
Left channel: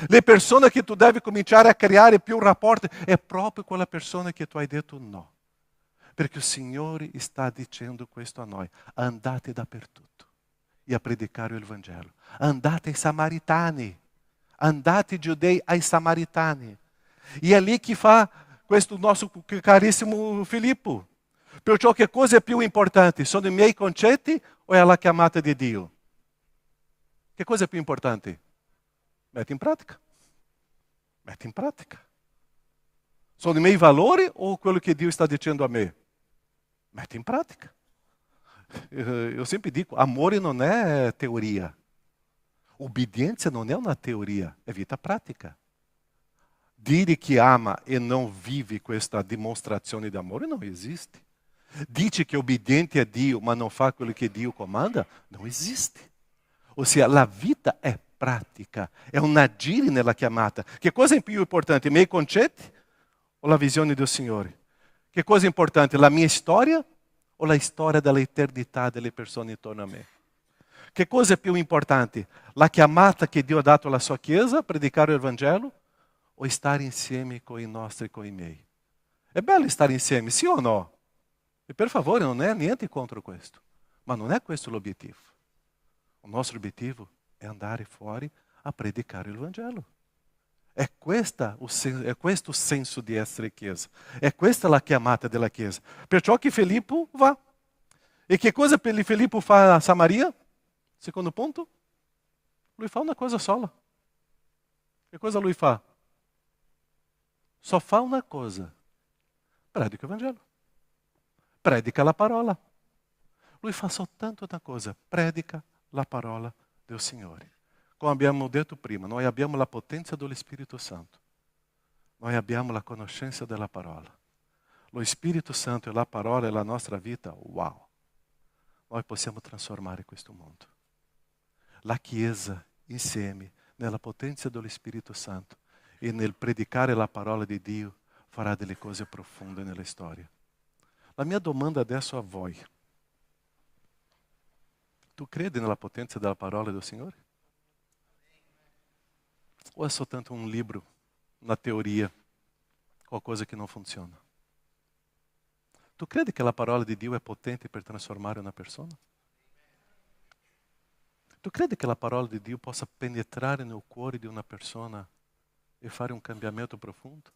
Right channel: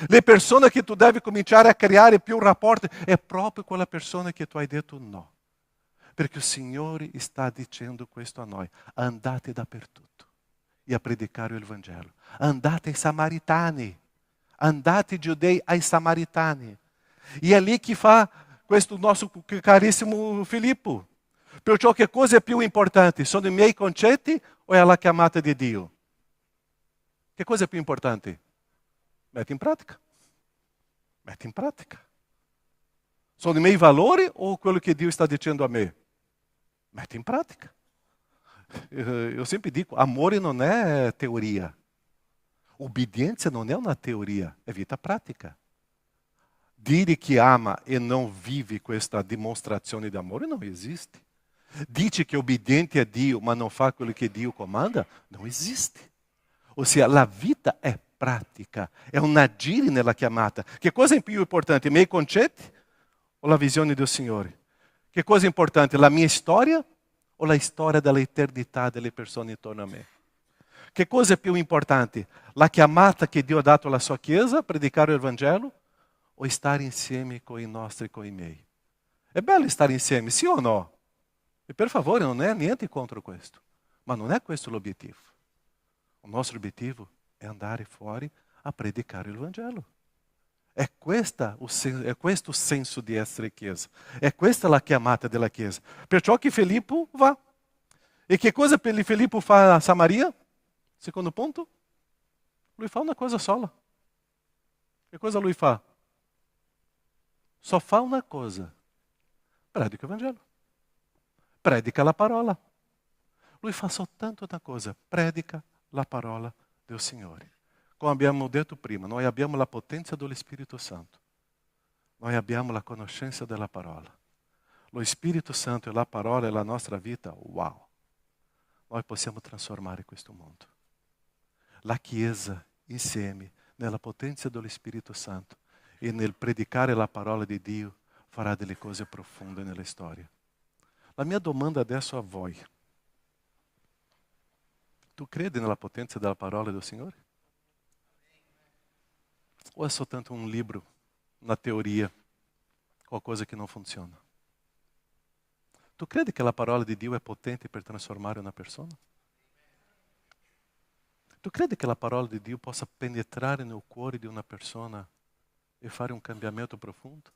Le persone che tu devi cominciare a creare più rapporti è proprio quella persona che tu hai detto no. Perché il Signore sta dicendo questo a noi. Andate dappertutto e a predicare il Vangelo. Andate ai Samaritani. Andate giudei ai Samaritani. E è lì che fa questo nostro carissimo Filippo. Perciò che cosa è più importante? Sono i miei concetti o è la chiamata di Dio? Che cosa è più importante? Metti in pratica. Metti in pratica. Sono i miei valori o quello che Dio sta dicendo a me? Metti in pratica. Io sempre dico, amore non è teoria. Obbedienza non è una teoria, è vita pratica. Dire che ama e non vive questa dimostrazione di amore non esiste. Dice che è obbediente a Dio, ma non fa quello che Dio comanda, non esiste. Ossia, la vita è pratica, è un agire nella chiamata. Che cosa è più importante, i miei concetti o la visione del Signore? Che cosa è importante, la mia storia o la storia dell'eternità delle persone intorno a me? Che cosa è più importante, la chiamata che Dio ha dato alla sua Chiesa, predicare il Vangelo, o stare insieme con i nostri, con i miei? È bello stare insieme, sì o no? E per favore, non è niente contro questo, ma non è questo l'obiettivo. Il nostro obiettivo è andare fuori a predicare il Vangelo. È questo il senso di essere Chiesa. È questa la chiamata della Chiesa. Perciò che Filippo va. E che cosa Filippo fa a Samaria? Secondo punto, lui fa una cosa sola. Che cosa lui fa? Só fa una cosa. Predica il Vangelo. Predica la parola. Lui fa soltanto una cosa. Predica la parola del Signore. Come abbiamo detto prima, noi abbiamo la potenza dello Spirito Santo. Noi abbiamo la conoscenza della parola. Lo Spirito Santo e la parola e la nostra vita, wow! Noi possiamo trasformare questo mondo. La Chiesa insieme, nella potenza dello Spirito Santo e nel predicare la parola di Dio, farà delle cose profonde nella storia. La mia domanda adesso a voi. Tu credi nella potenza della parola del Signore? O è soltanto un libro, una teoria, qualcosa che non funziona? Tu credi che la parola di Dio è potente per trasformare una persona? Tu credi che la parola di Dio possa penetrare nel cuore di una persona e fare un cambiamento profondo?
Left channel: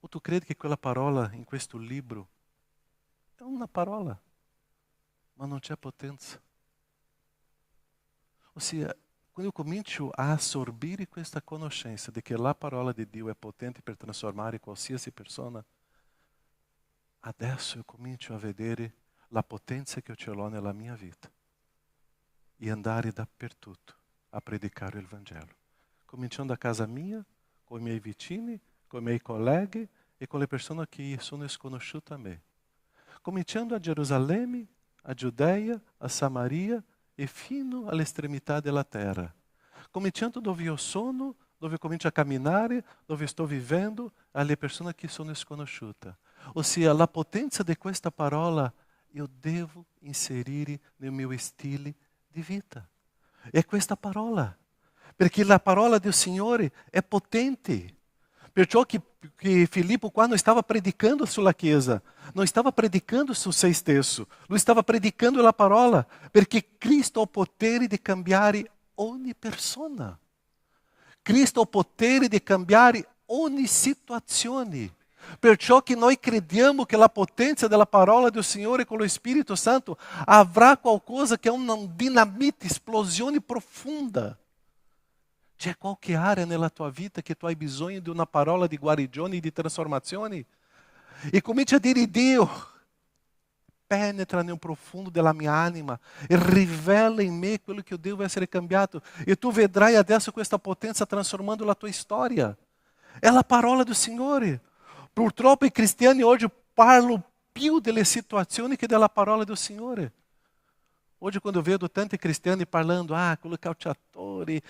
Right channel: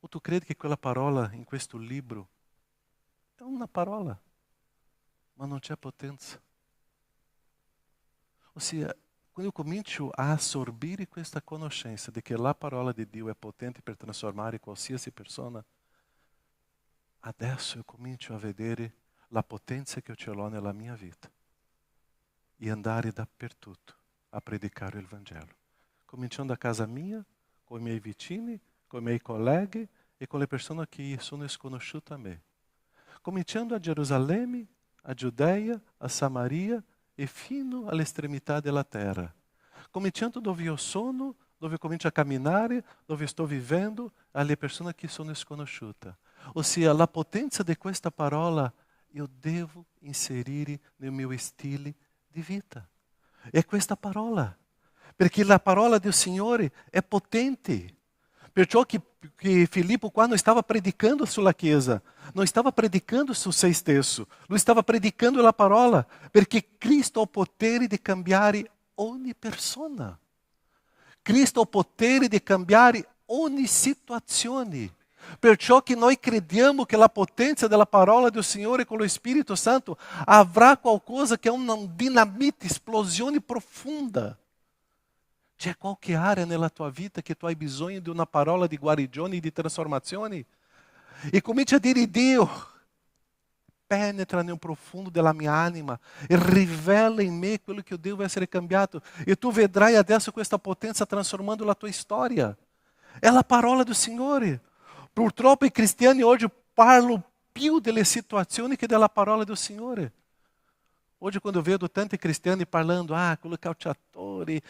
O tu credi che quella parola in questo libro è una parola, ma non c'è potenza? Ossia, quando io comincio a assorbire questa conoscenza di che la parola di Dio è potente per trasformare qualsiasi persona, adesso io comincio a vedere la potenza che io ce l'ho nella mia vita e andare dappertutto a predicare il Vangelo. Cominciando a casa mia, con i miei vicini, con i miei colleghi e con le persone che sono sconosciute a me. Cominciando a Gerusalemme, a Giudea, a Samaria e fino all'estremità della terra. Cominciando dove io sono, dove comincio a camminare, dove sto vivendo, alle persone che sono sconosciute. Ossia, la potenza di questa parola io devo inserire nel mio stile di vita. È questa parola. Perché la parola del Signore è potente. Perciò che Filippo, quando stava predicando sulla Chiesa, non stava predicando su se stesso, lui stava predicando la parola, perché Cristo ha il potere di cambiare ogni persona. Cristo ha il potere di cambiare ogni situazione. Perciò che noi crediamo che la potenza della parola del Signore con lo Spirito Santo avrà qualcosa che è una dinamite, esplosione profonda. C'è qualche area nella tua vita che tu hai bisogno di una parola di guarigione e di trasformazione? E cominci a dire: Dio, penetra nel profundo della mia anima e rivela in me quello che devo essere cambiato. E tu vedrai adesso questa potenza trasformando la tua storia. È la parola del Signore. Purtroppo i cristiani oggi parlano più delle situazioni che della parola del Signore. Oggi quando vedo tanti cristiani parlando, quello calciatori,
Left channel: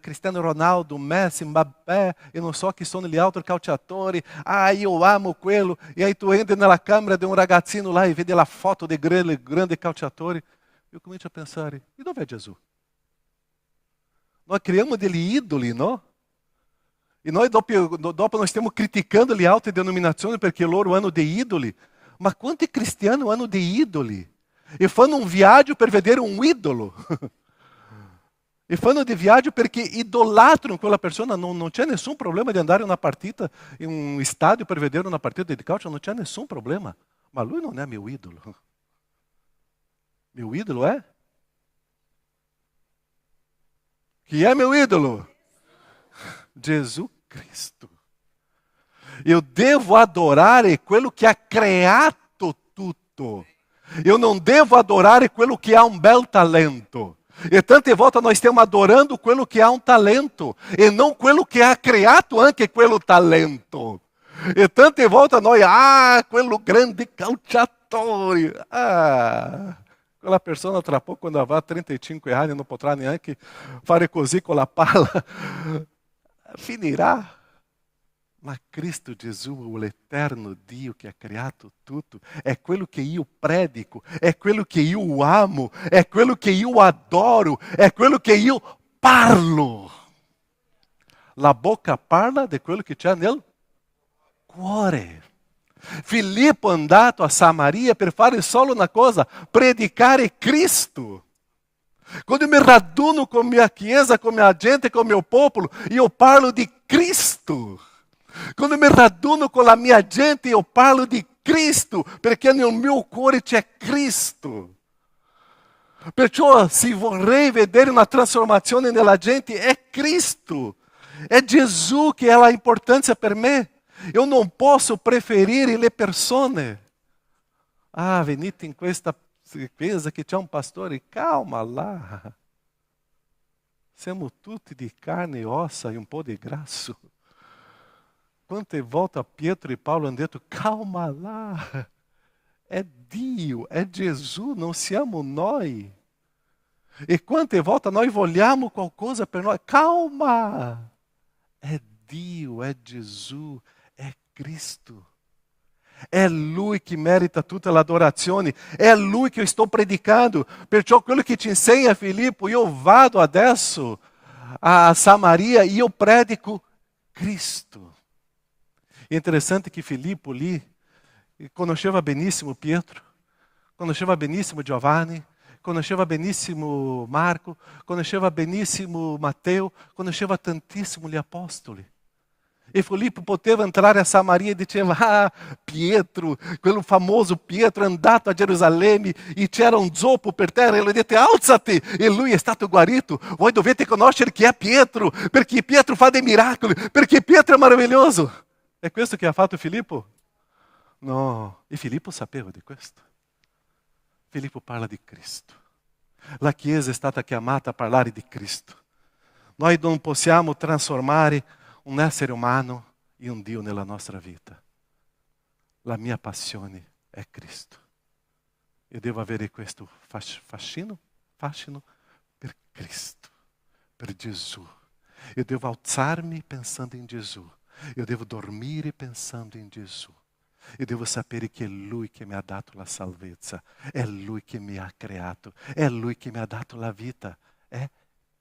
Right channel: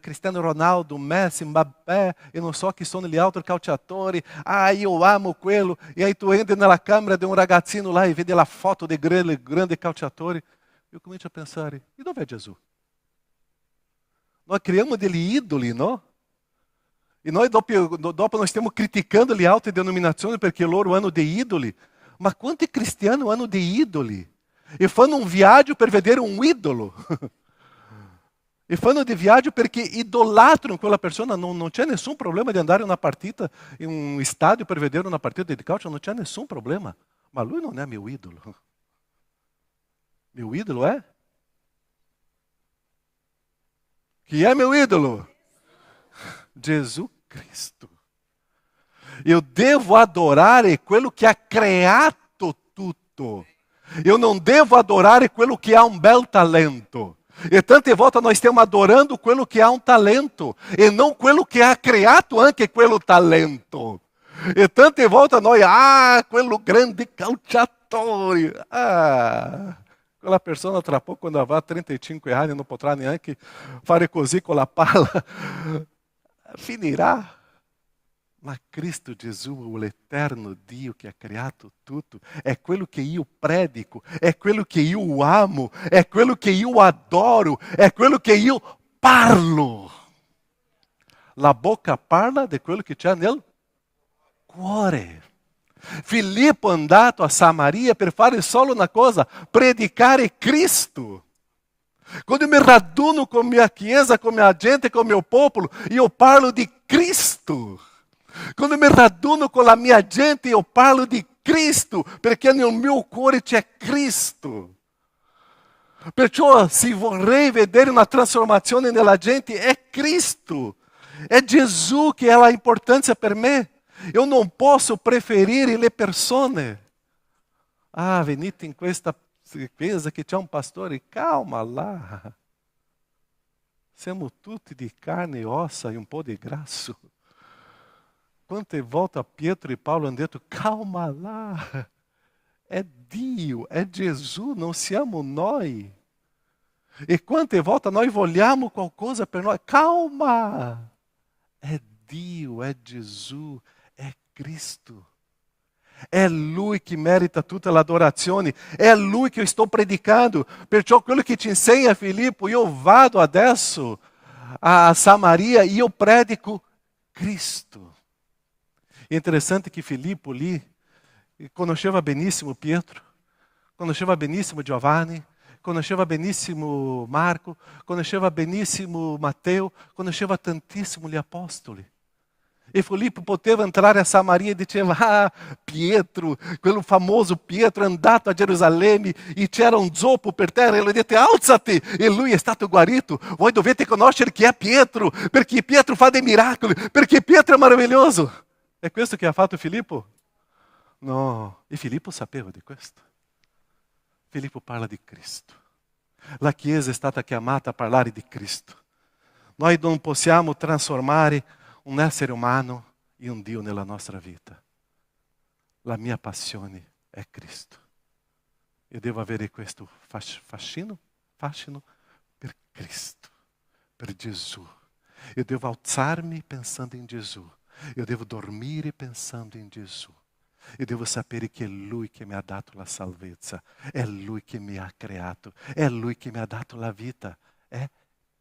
Cristiano Ronaldo, Messi, Mbappé, eu non so chi sono gli altri calciatori, io amo quello, e aí tu entra nella camera di un ragazzino là e vedi la foto dei grandi calciatori, eu comincio a pensare, e dove è Gesù? Nós criamos degli idoli, no? E noi dopo nós stiamo criticando le altre denominazioni perché loro hanno dei idoli, ma quanti cristiani hanno dei idoli? E fanno un viaggio per vedere un idolo. E fanno di viaggio perché idolatrano quella persona. Non c'è nessun problema di andare a una partita, in un stadio per vedere una partita di calcio, non c'è nessun problema. Ma lui non è mio idolo. Mio idolo è? Chi è mio idolo? Gesù Cristo. Eu devo adorare quello che ha creato tutto. Eu não devo adorar quello che ha un bel talento. E tante volte nós stiamo adorando quello che ha un talento e non quello che ha creato anche quello talento. E tante volte noi, quello grande calciatore. Quella persona tra poco quando avrà 35 anni non potrà neanche fare così con la palla. Finirà. Ma Cristo Gesù, l'eterno Dio che ha creato tutto, è quello che io predico, è quello che io amo, è quello che io adoro, è quello che io parlo. La bocca parla di quello che c'è nel cuore. Filippo è andato a Samaria per fare solo una cosa, predicare Cristo. Quando mi raduno con mia chiesa, con mia gente, con mio popolo, io parlo di Cristo. Quando mi raduno con la mia gente, io parlo di Cristo, perché nel mio cuore c'è Cristo. Perciò se vorrei vedere una trasformazione nella gente, è Cristo. È Gesù che ha l'importanza per me. Io non posso preferire le persone. Venite in questa chiesa che c'è un pastore, calma là. Siamo tutti di carne e ossa e un po' di grasso. Quante volte Pietro e Paolo hanno detto, calma lá, è Dio, è Gesù, non siamo noi. E quante volte noi vogliamo qualcosa per noi, calma, è Dio, è Gesù, è Cristo. È Lui che merita tutta l'adorazione, è Lui che io sto predicando. Perciò quello che ti insegna Filippo, io vado adesso a Samaria e io predico Cristo. È interessante che Filippo lì conosceva benissimo Pietro, conosceva benissimo Giovanni, conosceva benissimo Marco, conosceva benissimo Matteo, conosceva tantissimo gli apostoli. E Filippo poteva entrare a Samaria e diceva, Pietro, quello famoso Pietro è andato a Gerusalemme e c'era un zoppo per terra e lui disse, alzati, e lui è stato guarito. Voi dovete conoscere chi è Pietro, perché Pietro fa dei miracoli, perché Pietro è meraviglioso. È questo che ha fatto Filippo? No, e Filippo sapeva di questo. Filippo parla di Cristo. La Chiesa è stata chiamata a parlare di Cristo. Noi non possiamo trasformare un essere umano in un Dio nella nostra vita. La mia passione è Cristo. Io devo avere questo fascino per Cristo, per Gesù. Io devo alzarmi pensando in Gesù. Io devo dormire pensando in Gesù. Io devo sapere che è Lui che mi ha dato la salvezza, è Lui che mi ha creato, è Lui che mi ha dato la vita, è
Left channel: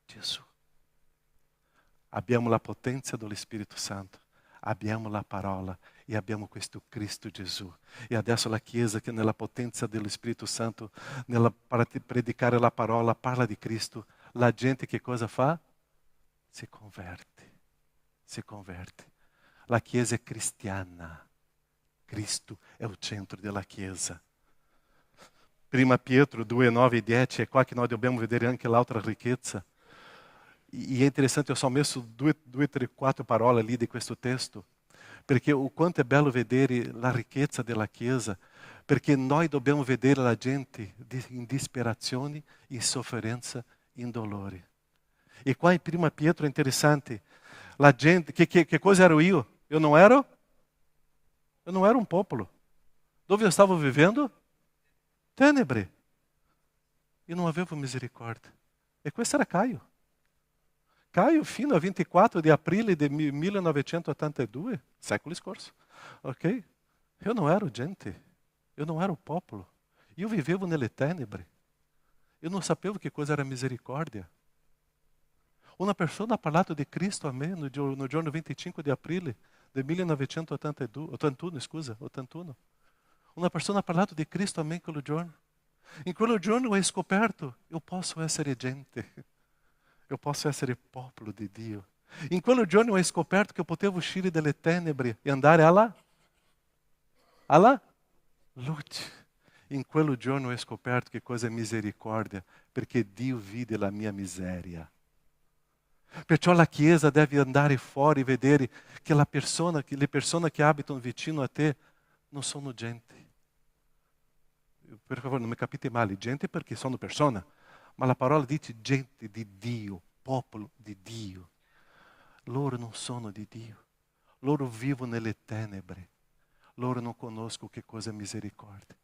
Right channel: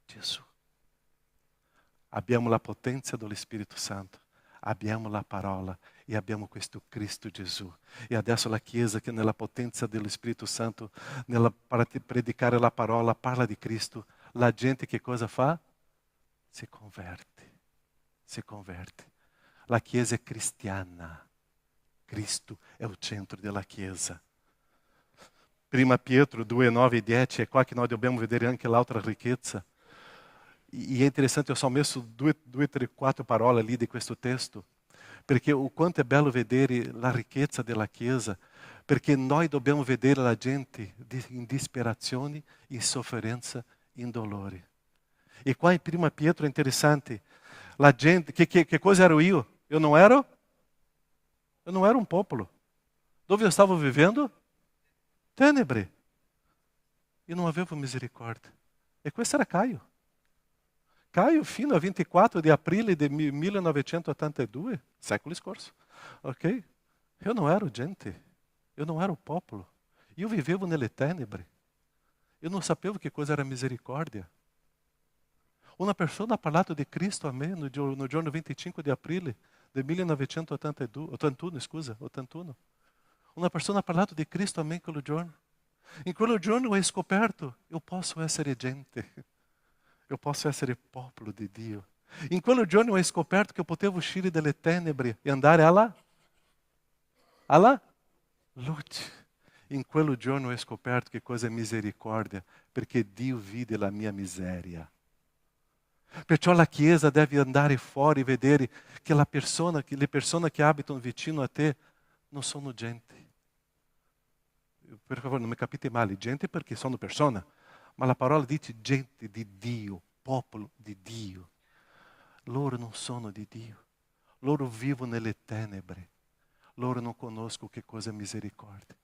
Gesù. Abbiamo la potenza dello Spirito Santo, abbiamo la parola e abbiamo questo Cristo Gesù. E adesso la Chiesa, che nella potenza dello Spirito Santo, nella predicare la parola, parla di Cristo, la gente che cosa fa? Si converte. Si converte. La Chiesa è cristiana. Cristo è il centro della Chiesa. Prima Pietro 2, 9 e 10, è qua che noi dobbiamo vedere anche l'altra ricchezza. E è interessante, io ho messo 2, 3, 4 parole lì di questo testo, perché o quanto è bello vedere la ricchezza della Chiesa, perché noi dobbiamo vedere la gente in disperazione, in sofferenza, in dolore. E qua in Prima Pietro è interessante, la gente, che cosa ero io? Eu não era um popolo. Dove eu estava vivendo? Tenebre. E non avevo misericórdia. E questo era Caio. Caio, fino a 24 di aprile del 1982, secolo scorso. Ok? Eu não ero gente. Eu não era um popolo. Io vivevo nelle tenebre. Eu não sapevo che cosa era misericórdia. Una persona ha parlato di Cristo a me no giorno 25 di aprile del 1981, scusa, 81. Una persona ha parlato di Cristo a me in quel giorno. In quel giorno ho scoperto, io posso essere gente. Eu posso essere popolo di Dio. In quel giorno ho scoperto che eu potevo uscire dalle tenebre e andare alla luce. In quel giorno ho scoperto che cosa è misericordia, perché Dio vide la mia miseria. Perciò la Chiesa deve andare fuori e vedere che le persone che abitano vicino a te non sono gente. Per favore, non mi capite male, gente perché sono persone, ma la parola dice gente di Dio, popolo di Dio. Loro non sono di Dio, loro vivono nelle tenebre, loro non conoscono che cosa è misericordia.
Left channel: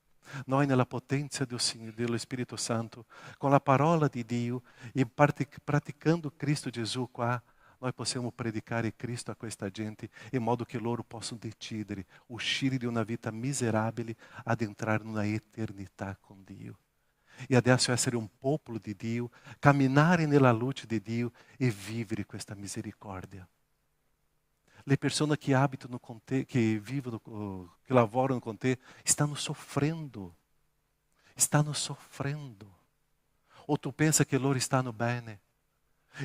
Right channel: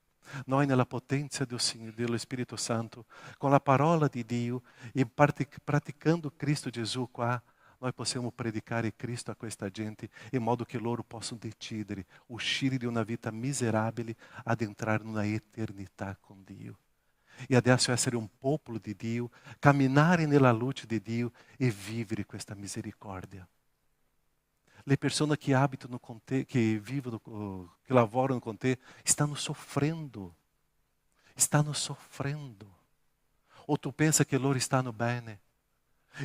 Noi nella potenza dello Spirito Santo, con la parola di Dio e praticando Cristo Gesù qua, noi possiamo predicare Cristo a questa gente in modo che loro possano decidere, uscire di una vita miserabile ad entrare in una eternità con Dio. E adesso essere un popolo di Dio, camminare nella luce di Dio e vivere questa misericordia. Le persone che abitano con te, che vivono, che lavorano con te, stanno soffrendo. Stanno soffrendo. O tu pensa che loro stanno bene?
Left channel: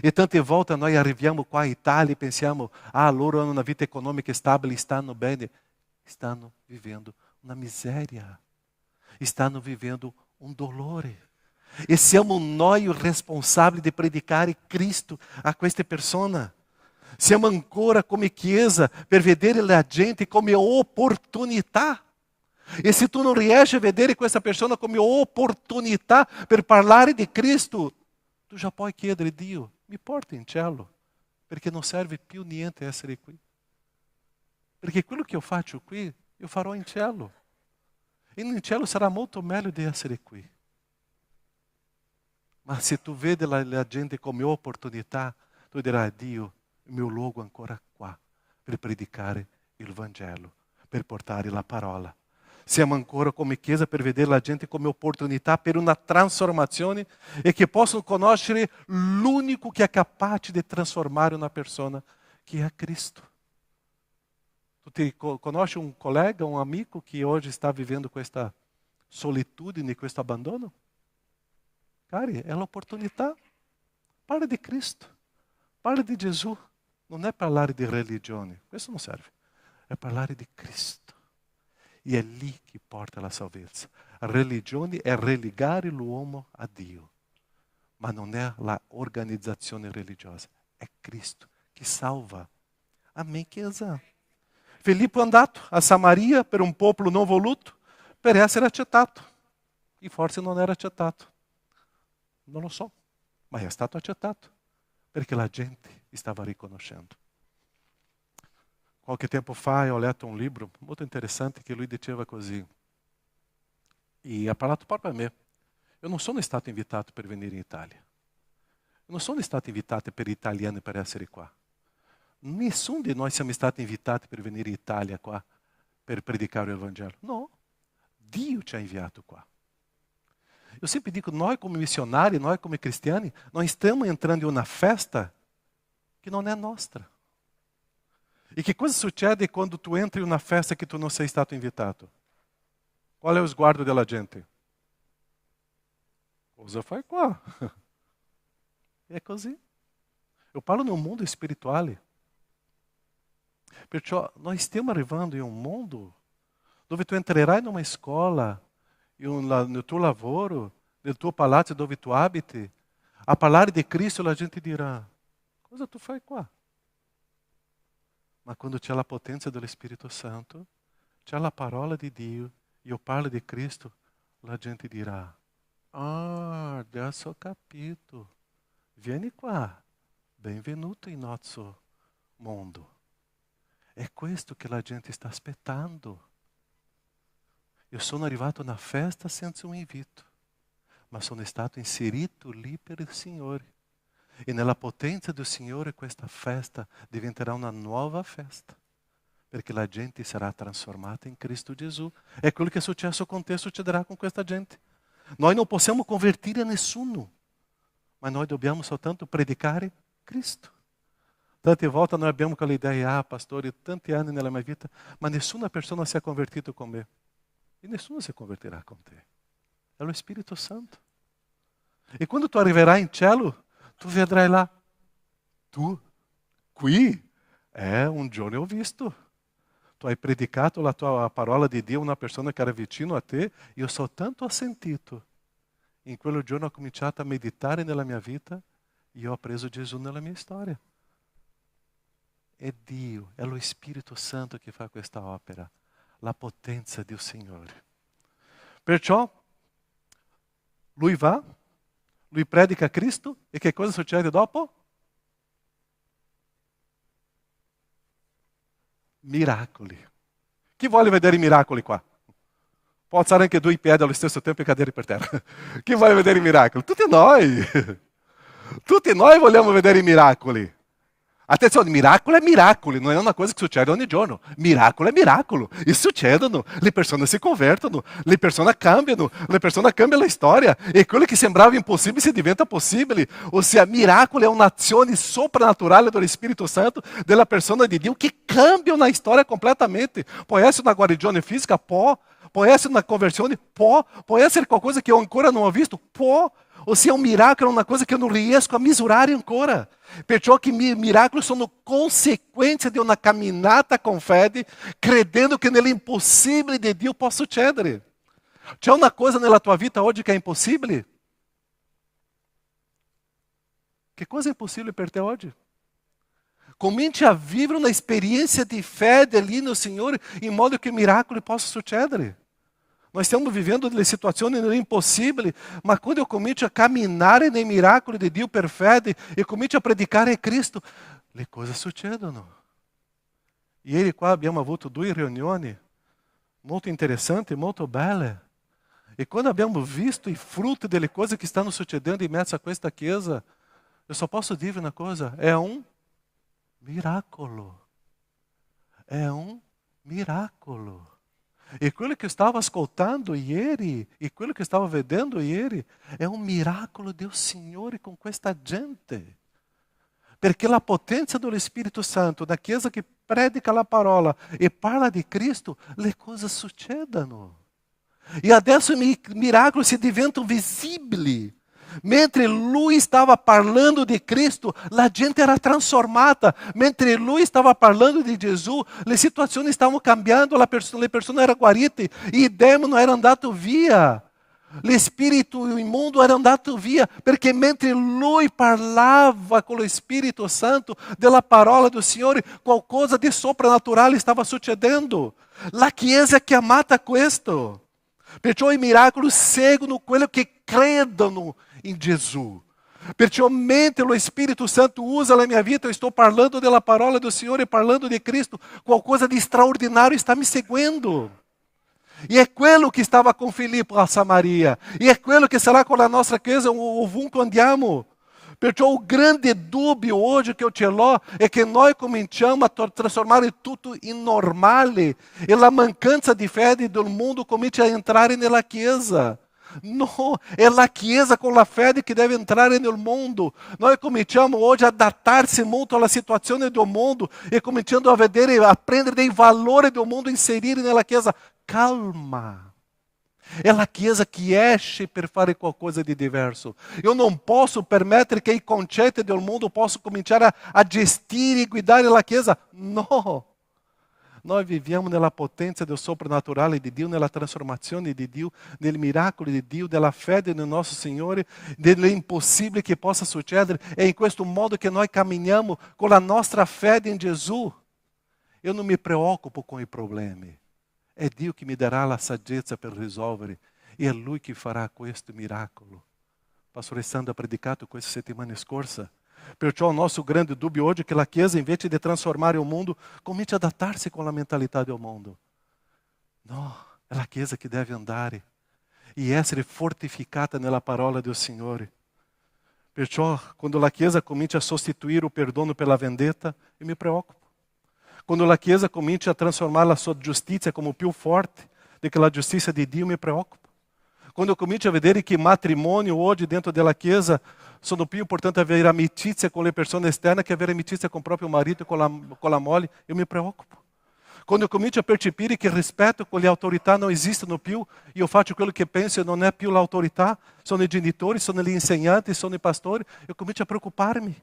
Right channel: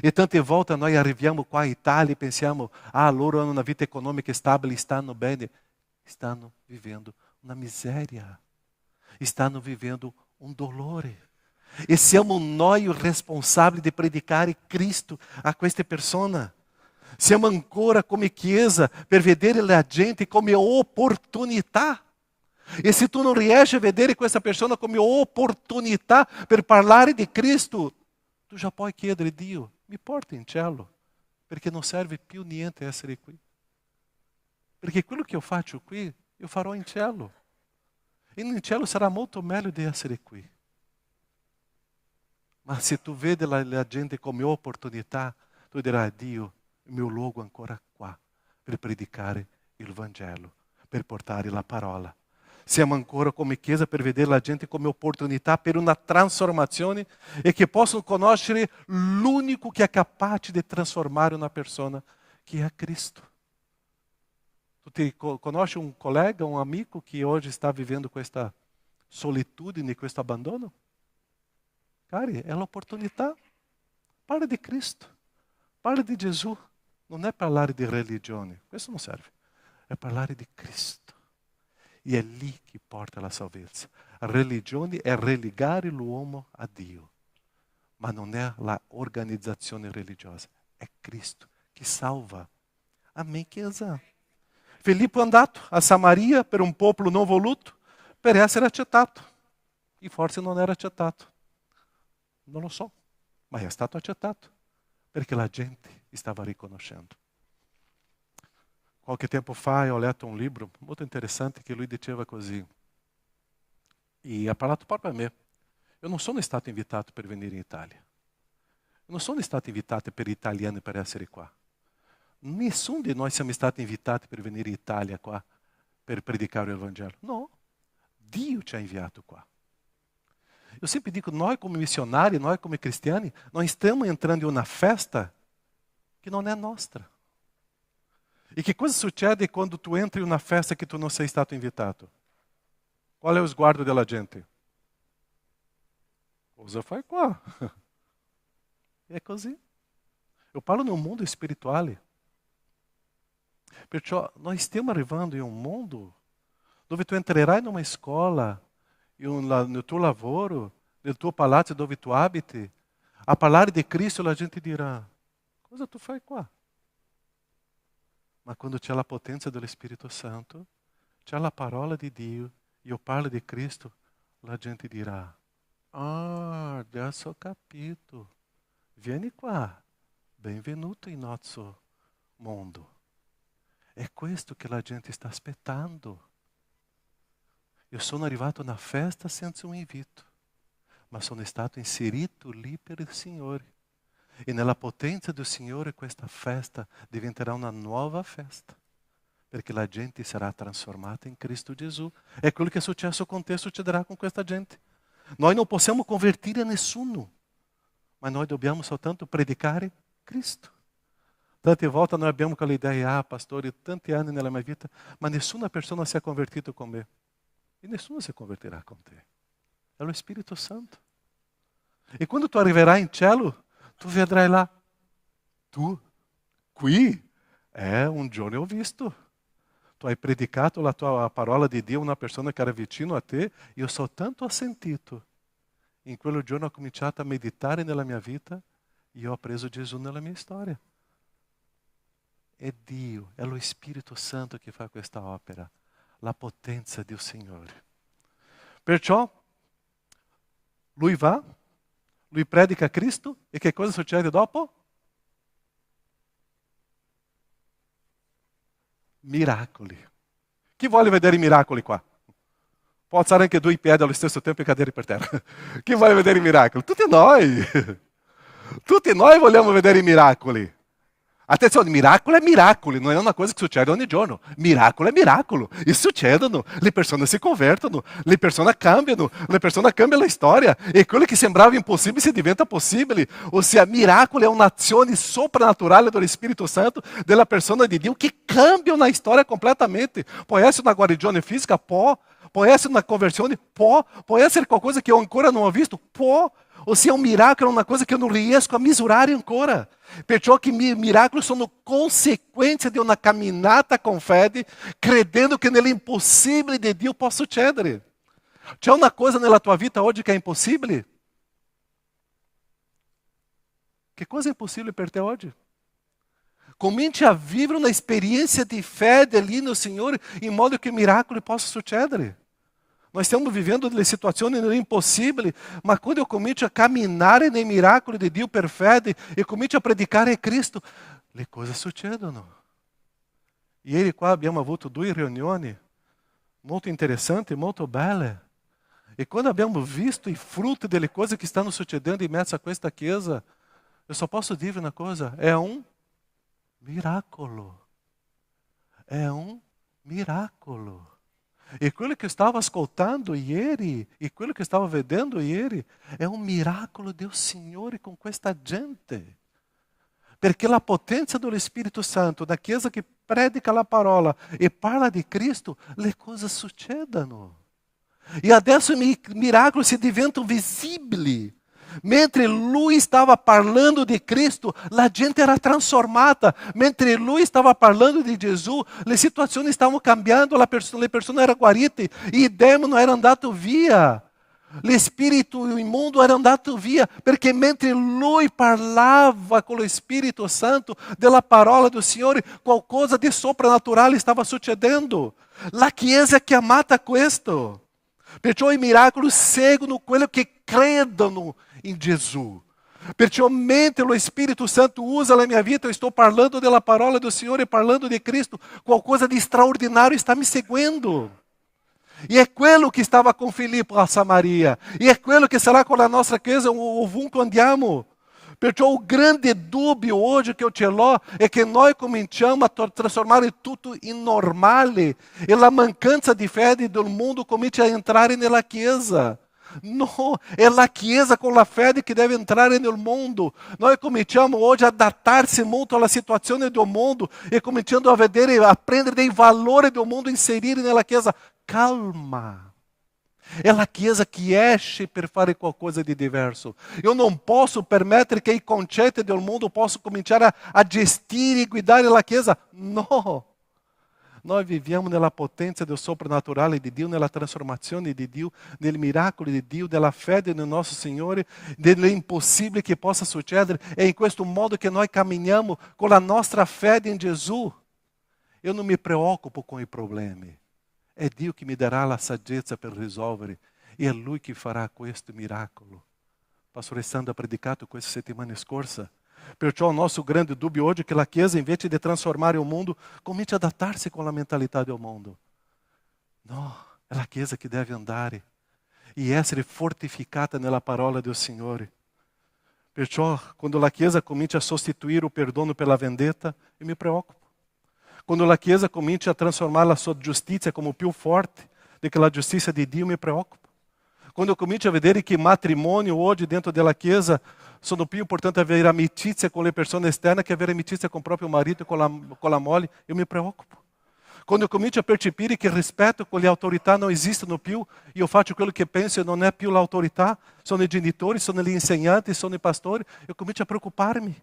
E tante volte noi arriviamo qua in Italia e pensiamo, loro hanno una vita economica stabile, stanno bene. Stanno vivendo una miseria. Stanno vivendo un dolore. E siamo noi responsabili di predicare Cristo a queste persone. Siamo ancora come Chiesa per vedere la gente come opportunità. E se tu non riesci a vedere questa persona come opportunità per parlare di Cristo, tu già puoi chiedere a Dio, mi porti in cielo, perché non serve più niente essere qui. Perché quello che io faccio qui, io farò in cielo. E in cielo sarà molto meglio di essere qui. Ma se tu vedi la gente come opportunità, tu dirai, Dio, il mio luogo è ancora qua per predicare il Vangelo, per portare la parola. Siamo ancora come Chiesa per vedere la gente come opportunità per una trasformazione e che possono conoscere l'unico che è capace di trasformare una persona, che è Cristo. Tu conosci un collega, un amico che oggi sta vivendo questa solitudine, questo abbandono? Cari, è l'opportunità. Parla di Cristo, parla di Gesù. Non è parlare di religione, questo non serve. È parlare di Cristo. E è lì che porta la salvezza. La religione è relegare l'uomo a Dio, ma non è l'organizzazione religiosa. È Cristo che salva. Amém, Chiesa? Filippo è andato a Samaria per un popolo non voluto, per essere accettato. E forse non era accettato. Non lo so, ma è stato accettato, perché la gente stava riconoscendo. Qualche tempo fa ho letto un libro molto interessante che lui diceva così. E ha parlato proprio a me. Io non sono stato invitato per venire in Italia. Io non sono stato invitato per italiani per essere qua. Nessuno di noi siamo stati invitati per venire in Italia qua per predicare il Vangelo. No, Dio ci ha inviato qua. Eu sempre digo, nós como missionários, nós como cristiani, nós estamos entrando em uma festa que não é nossa. E che cosa succede quando tu entri in una festa che tu non sei stato invitato? Qual è lo sguardo della gente? Cosa fai qua? È così. Io parlo nel mondo spirituale. Perciò noi stiamo arrivando in un mondo dove tu entrerai in una scuola, nel tuo lavoro, nel tuo palazzo dove tu abiti, a parlare di Cristo la gente dirà, cosa tu fai qua? Ma quando c'è la potenza dello Spirito Santo, c'è la parola di Dio, io parlo di Cristo, la gente dirà, adesso ho capito, vieni qua, benvenuto in nostro mondo. È questo che la gente sta aspettando. Io sono arrivato a una festa senza un invito, ma sono stato inserito lì per il Signore. E nella potenza del Signore questa festa diventerà una nuova festa, perché la gente sarà trasformata in Cristo Gesù. È quello che è successo con te, succederà con questa gente. Noi non possiamo convertire nessuno, ma noi dobbiamo soltanto predicare Cristo. Tante volte noi abbiamo quell'idea, pastore, tanti anni nella mia vita, ma nessuna persona si è convertito con me. E nessuno si convertirà con te. È lo Spirito Santo. E quando tu arriverai in cielo, tu vedrai là, tu, qui, un giorno ho visto. Tu hai predicato la tua parola di Dio a una persona che era vicino a te, io soltanto ho sentito. In quel giorno ho cominciato a meditare nella mia vita e io ho preso Gesù nella mia storia. È Dio, è lo Spirito Santo che fa questa opera, la potenza del Signore. Perciò, lui va, lui predica Cristo e che cosa succede dopo? Miracoli. Chi vuole vedere i miracoli qua? Può alzare anche due piedi allo stesso tempo e cadere per terra. Chi vuole vedere i miracoli? Tutti noi. Tutti noi vogliamo vedere i miracoli. Attenzione, miracolo è miracolo, non è una cosa che succede ogni giorno. Miracolo è miracolo, e succedono, le persone si convertono, le persone cambiano la storia, e quello che sembrava impossibile si diventa possibile. Ossia, miracolo è un'azione soprannaturale dello Spirito Santo, della persona di Dio, che cambia una storia completamente. Può essere una guarigione fisica? Può essere una conversione? Può essere qualcosa che eu ancora non ho visto? Può. Ossia, un miracolo è una cosa che eu non riesco a misurare ancora. Perciò che miracoli sono conseguenze di una camminata con fede, credendo che nell'impossibile di Dio può succedere. C'è una cosa nella tua vita oggi che è impossibile? Che cosa è impossibile per te oggi? Cominci a vivere una esperienza di fede lì no Signore, in modo che miracoli possano succedere. Nós stiamo vivendo delle situazioni impossibili, ma quando eu comincio a camminare nei miracoli di Dio per fede e comincio a predicare Cristo, le cose succedono. Ieri qua abbiamo avuto 2 riunioni molto interessanti, molto belle. E quando abbiamo visto i frutti delle cose che stanno succedendo in mezzo a questa chiesa, eu só posso dire una cosa, è un miracolo. È un miracolo. E quello che stavo ascoltando ieri, e quello che stavo vedendo ieri, è un miracolo del Signore con questa gente. Perché la potenza dello Spirito Santo, da chiesa che predica la parola e parla di Cristo, le cose succedono. E adesso i miracoli si diventano visibili. Mentre lui stava parlando di Cristo, la gente era trasformata. Mentre lui stava parlando di Gesù, le situazioni stavano cambiando, le persone erano guarite, i demoni erano andati via, l'spirito immondo era andato via, perché mentre lui parlava con lo Spirito Santo della parola del Signore, qualcosa di soprannaturale stava succedendo. La Chiesa è chiamata a questo. Perciò i miracoli seguono quello che credono in Gesù. Perciò mentre lo Spirito Santo usa la mia vita, eu estou parlando della parola do Signore, parlando di Cristo, qualcosa di straordinario sta mi seguendo. E è quello che stava con Filippo a Samaria, e è quello che sarà con la nostra chiesa ovunque andiamo. Perciò o grande dubbio oggi che eu ce l'ho è che noi cominciamo a trasformare tutto in normale, e la mancanza di fede del mondo comincia a entrare nella chiesa. No, è la Chiesa con la fede che deve entrare nel mondo. Noi cominciamo oggi a adattarsi molto alla situazione del mondo e cominciando a vedere, a prendere dei valori del mondo e inserire nella Chiesa. Calma. È la Chiesa che esce per fare qualcosa di diverso. Io non posso permettere che i concetti del mondo possano cominciare a gestire e guidare la Chiesa. No. Noi viviamo nella potenza del soprannaturale di Dio, nella trasformazione di Dio, nel miracolo di Dio, della fede nel nostro Signore, dell'impossibile che possa succedere. È in questo modo che noi camminiamo con la nostra fede in Gesù. Io non mi preoccupo con i problemi. È Dio che mi darà la saggezza per risolvere. E è Lui che farà questo miracolo. Pastore Sandro ha predicato questa settimana scorsa. Perciò il nostro grande dubbio oggi è che la Chiesa, invece di trasformare il mondo, comincia ad adattarsi con la mentalità del mondo. No, è la Chiesa che deve andare e essere fortificata nella parola del Signore. Perciò, quando la Chiesa comincia a sostituire il perdono per la vendetta, io mi preoccupo. Quando la Chiesa comincia a trasformare la sua giustizia come più forte do que la giustizia di Dio, mi preoccupo. Quando eu comincio a vedere che matrimônio oggi dentro della Chiesa sono più importante avere amicizia con le persone esterne che avere amicizia con il proprio marito e con la moglie, io mi preoccupo. Quando eu comincio a percepire che il rispetto con le autorità non esistono più, io faccio quello che penso e non è più l'autorità, sono i genitori, sono gli insegnanti, sono i pastori, io comincio a preoccuparmi.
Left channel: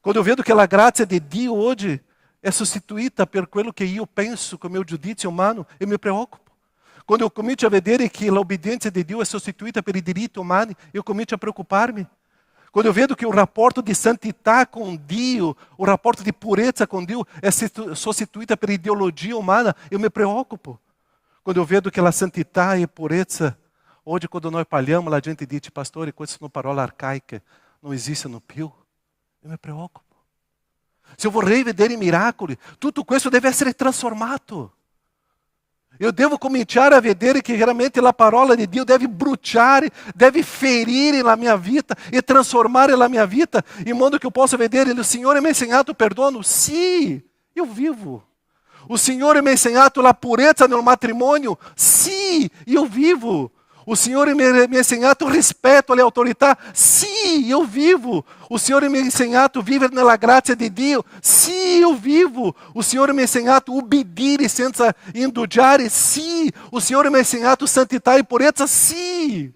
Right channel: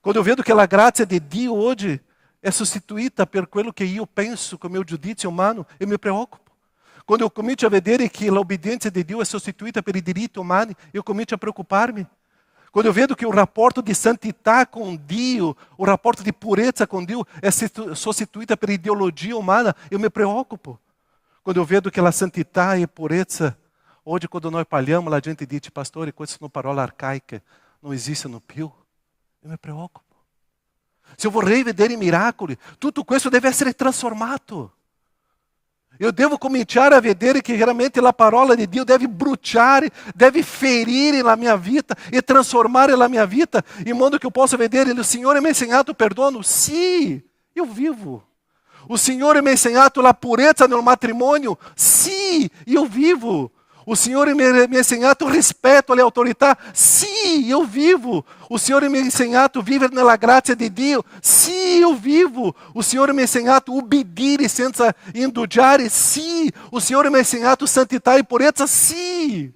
Quando eu vedo che la grazia di Dio oggi è sostituita per quello che io penso con il mio giudizio umano, io mi preoccupo. Quando eu comincio a vedere che l'obbedienza di Dio è sostituita per i diritti umani, io comincio a preoccuparmi. Quando eu vedo che il rapporto di santità con Dio, il rapporto di purezza con Dio è sostituita per ideologia umana, io mi preoccupo. Quando eu vedo che la santità e purezza, oggi quando noi parliamo, la gente dice, pastore, queste sono parole arcaiche, non esistono più. Io mi preoccupo. Se eu vorrei vedere i miracoli, tutto questo deve essere trasformato. Eu devo cominciare a vedere che veramente la parola di Dio deve bruciare, deve ferire la mia vita e trasformare la mia vita in modo che eu possa vedere, il Signore mi ha insegnato perdono? Sì, io vivo. O Signore mi ha insegnato la purezza nel matrimonio? Sì, io vivo. O Signore mi ha insegnato rispetto alle autorità? Sì, io vivo. O Signore mi ha insegnato a vivere nella grazia di Dio? Sì, io vivo. O Signore mi ha insegnato a ubbidire senza indugiare? Sì. O Signore mi ha insegnato santità e purezza? Sì.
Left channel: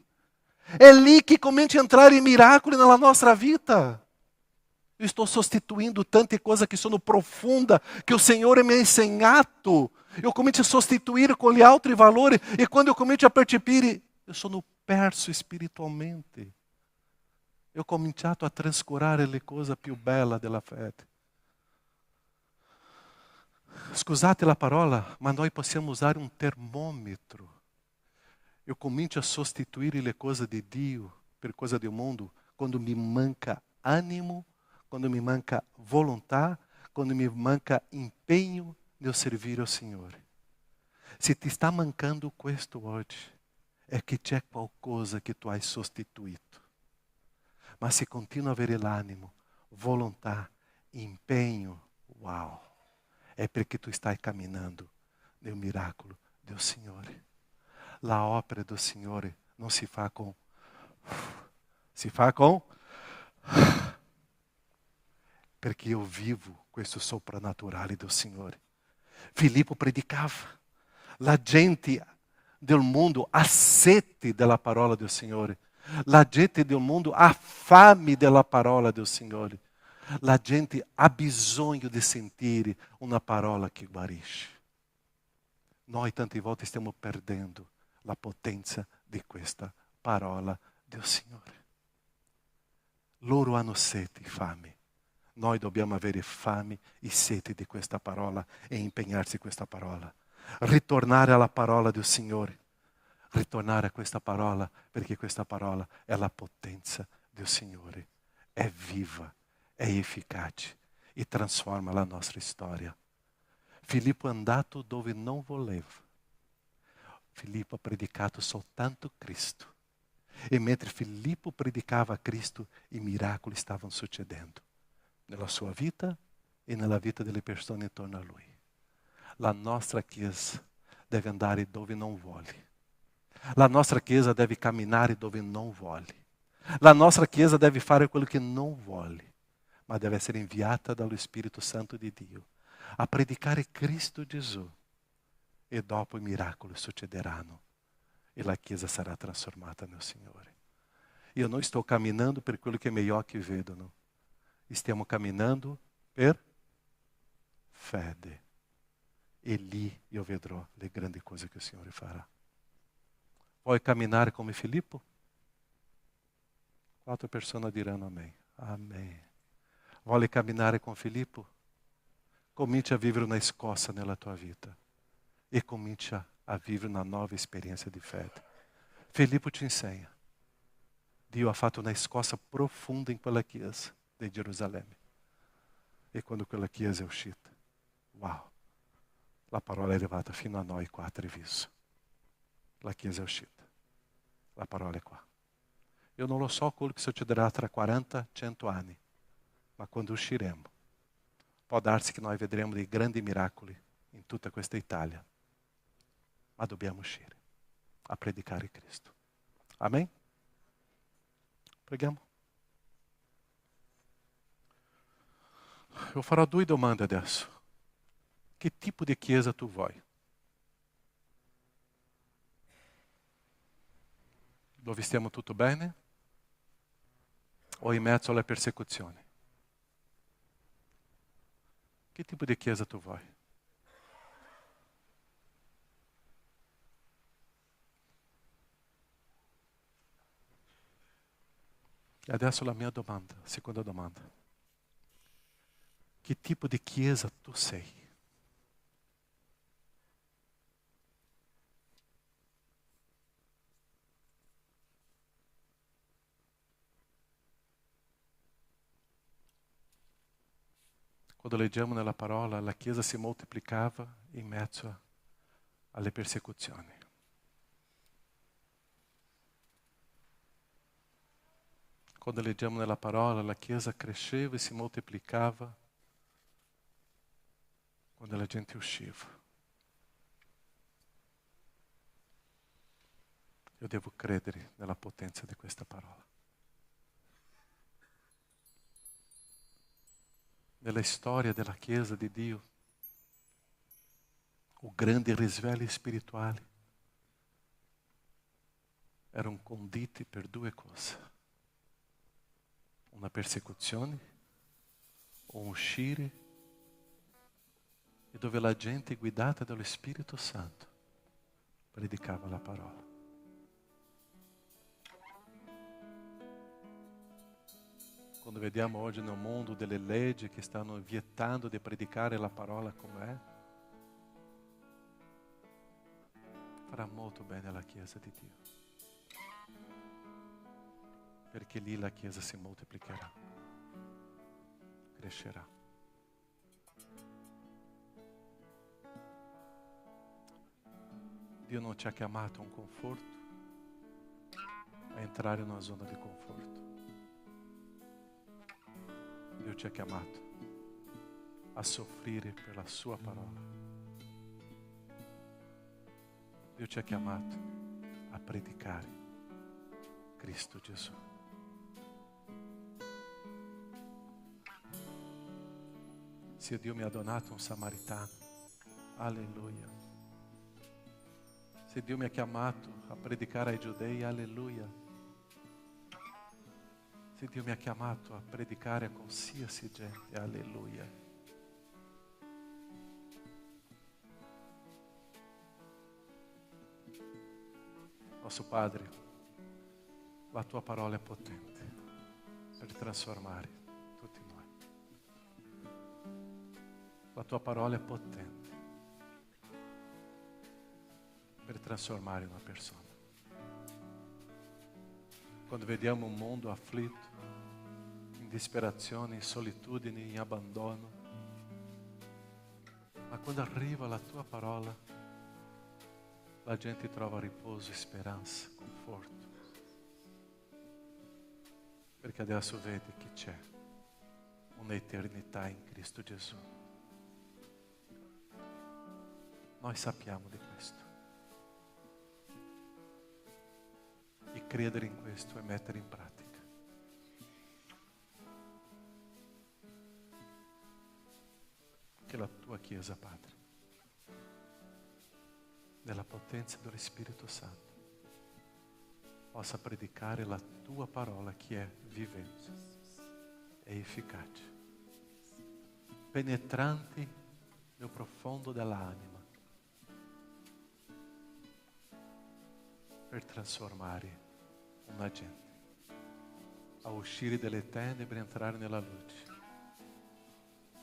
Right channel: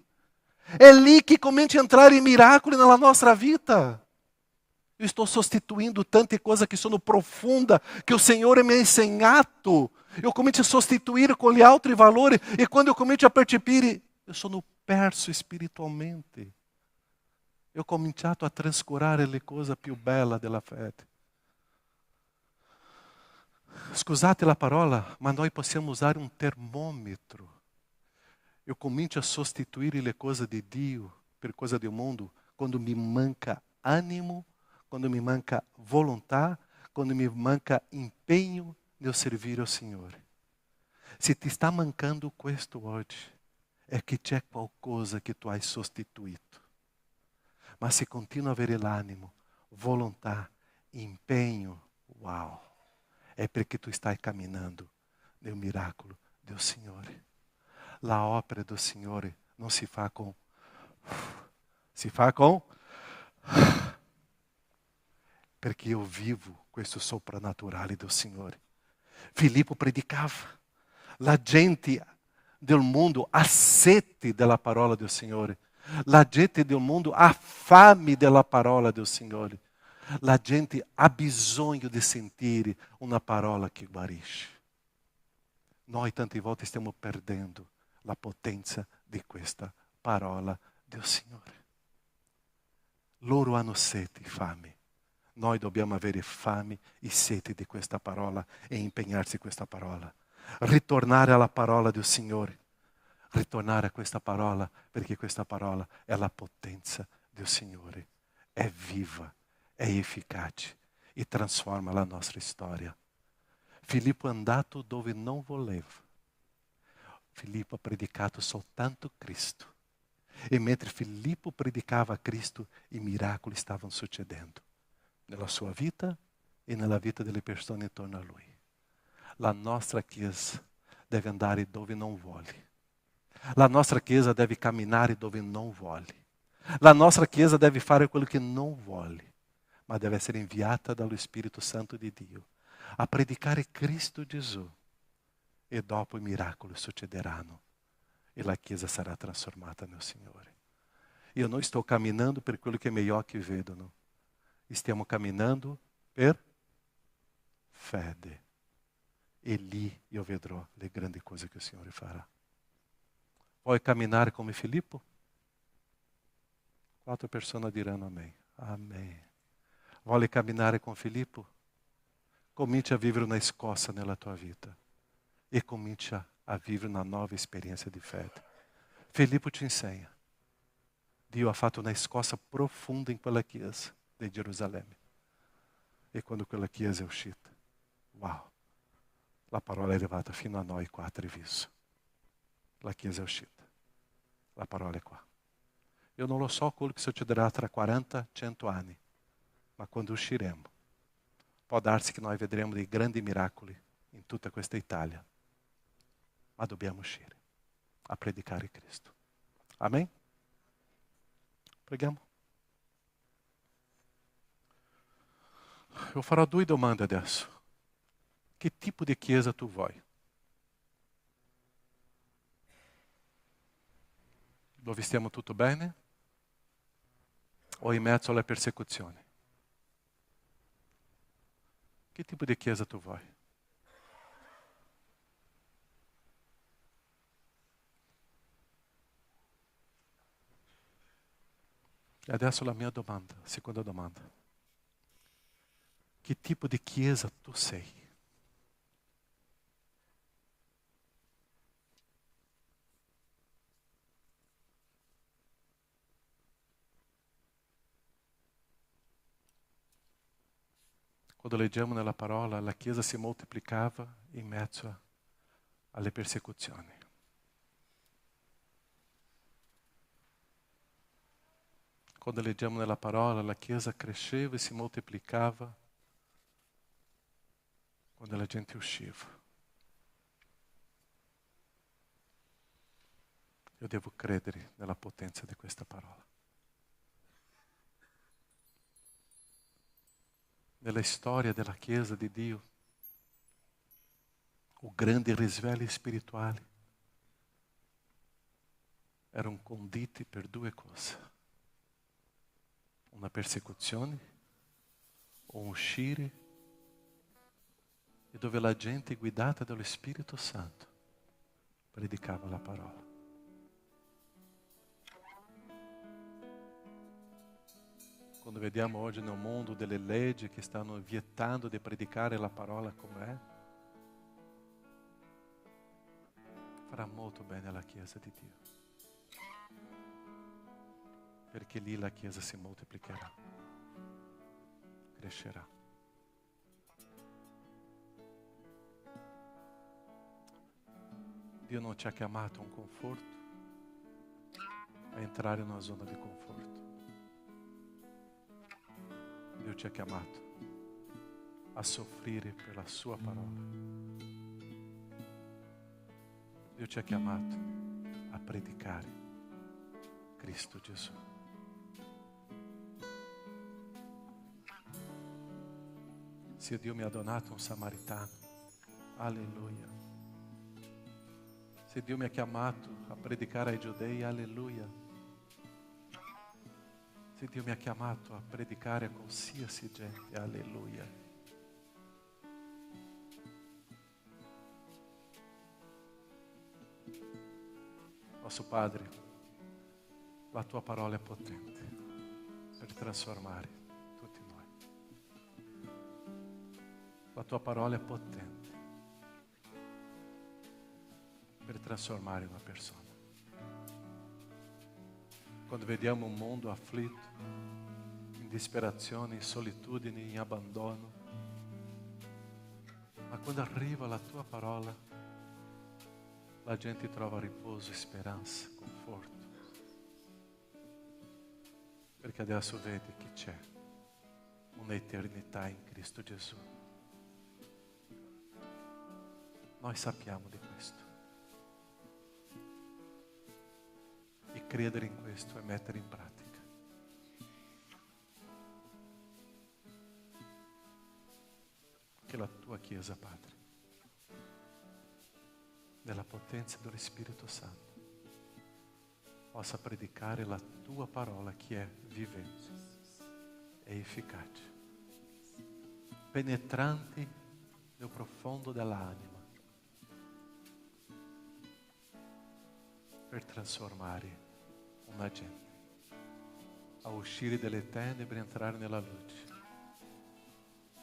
È lì che comincia a entrare i miracoli nella nostra vita. Eu estou sostituindo tante coisas que sono profundas, que o Senhor me ha insegnato. Eu comincio a sostituir com gli altri valori e quando eu comincio a percepire, eu sono perso spiritualmente. Eu ho cominciato a trascurare le cose più belle della fede. Scusate la parola, ma noi possiamo usare un termômetro. Eu comincio a sostituire le cose di Dio per cose del mondo quando mi manca animo, quando mi manca volontà, quando mi manca impegno nel servire al Signore. Se ti sta mancando questo oggi, è che c'è qualcosa che tu hai sostituito. Ma se continua a avere l'animo, volontà, impegno, wow, è perché tu stai camminando nel miracolo del Signore. La opera del Signore non si fa con... si fa con... perché io vivo questo soprannaturale del Signore. Filippo predicava. La gente del mondo ha sete della parola del Signore. La gente del mondo ha fame della parola del Signore. La gente ha bisogno di sentire una parola che guarisce. Noi tante volte stiamo perdendo la potenza di questa parola del Signore. Loro hanno sete e fame. Noi dobbiamo avere fame e sete di questa parola e impegnarsi in questa parola. Ritornare alla parola del Signore. Ritornare a questa parola perché questa parola è la potenza del Signore. È viva, è efficace e trasforma la nostra storia. Filippo è andato dove non voleva. Filippo ha predicato soltanto Cristo. E mentre Filippo predicava Cristo, i miracoli stavano succedendo nella sua vita e nella vita delle persone intorno a lui. La nostra Chiesa deve andare dove non vuole. La nostra Chiesa deve camminare dove non vuole. La nostra Chiesa deve fare quello che non vuole, ma deve essere inviata dallo Spirito Santo di Dio a predicare Cristo Gesù. E dopo i miracoli succederanno e la Chiesa sarà trasformata nel Signore. Io non sto camminando per quello che i miei occhi vedono. Stiamo camminando per fede. E lì io vedrò le grandi cose che il Signore farà. Vuoi camminare come Filippo? 4 persone diranno amém. Amém. Vuoi camminare con Filippo? Comincia a vivere una scossa nella tua vita. E comincia a vivere una nuova esperienza di fede. Filippo ci insegna. Dio ha fatto una scossa profonda in quella chiesa di Gerusalemme. E quando quella chiesa è uscita, wow, la parola è arrivata fino a noi qua a Treviso. La chiesa è uscita. La parola è qua. Io non lo so quello che succederà tra 40-100 anni, ma quando usciremo, può darsi che noi vedremo dei grandi miracoli in tutta questa Italia. Ma dobbiamo uscire a predicare Cristo. Amém? Preghiamo. Io farò 2 domande adesso. Che tipo di chiesa tu vuoi? Dove stiamo tutto bene? O in mezzo alle persecuzioni? Che tipo di chiesa tu vuoi? E adesso la mia domanda, seconda domanda. Che tipo di chiesa tu sei? Quando leggiamo nella parola, la chiesa si moltiplicava in mezzo alle persecuzioni. Quando leggiamo nella parola, la Chiesa cresceva e si moltiplicava quando la gente usciva. Io devo credere nella potenza di questa parola. Nella storia della Chiesa di Dio, o grandi risvegli spirituali erano conditi per 2 cose. Una persecuzione, un uscire, e dove la gente guidata dallo Spirito Santo predicava la parola. Quando vediamo oggi nel mondo delle leggi che stanno vietando di predicare la parola com'è, farà molto bene alla Chiesa di Dio. Perché lì la Chiesa si moltiplicherà, crescerà. Dio non ci ha chiamato a un conforto, a entrare in una zona di conforto. Dio ci ha chiamato a soffrire per la sua parola. Dio ci ha chiamato a predicare Cristo Gesù. Se Dio mi ha donato un samaritano, alleluia. Se Dio mi ha chiamato a predicare ai giudei, alleluia. Se Dio mi ha chiamato a predicare a qualsiasi gente, alleluia. Nostro Padre, la tua parola è potente per trasformare tutti noi. La tua parola è potente per trasformare una persona. Quando vediamo un mondo afflitto, in disperazione, in solitudine, in abbandono, ma quando arriva la tua parola, la gente trova riposo, speranza, conforto. Perché adesso vede che c'è un'eternità in Cristo Gesù. Noi sappiamo di questo. credere in questo e mettere in pratica. Che la tua Chiesa, Padre, nella potenza dello Spirito Santo, possa predicare la tua parola che è vivente e efficace, penetrante nel profondo dell'anima, per trasformare una gente a uscire dalle tenebre e entrare nella luce,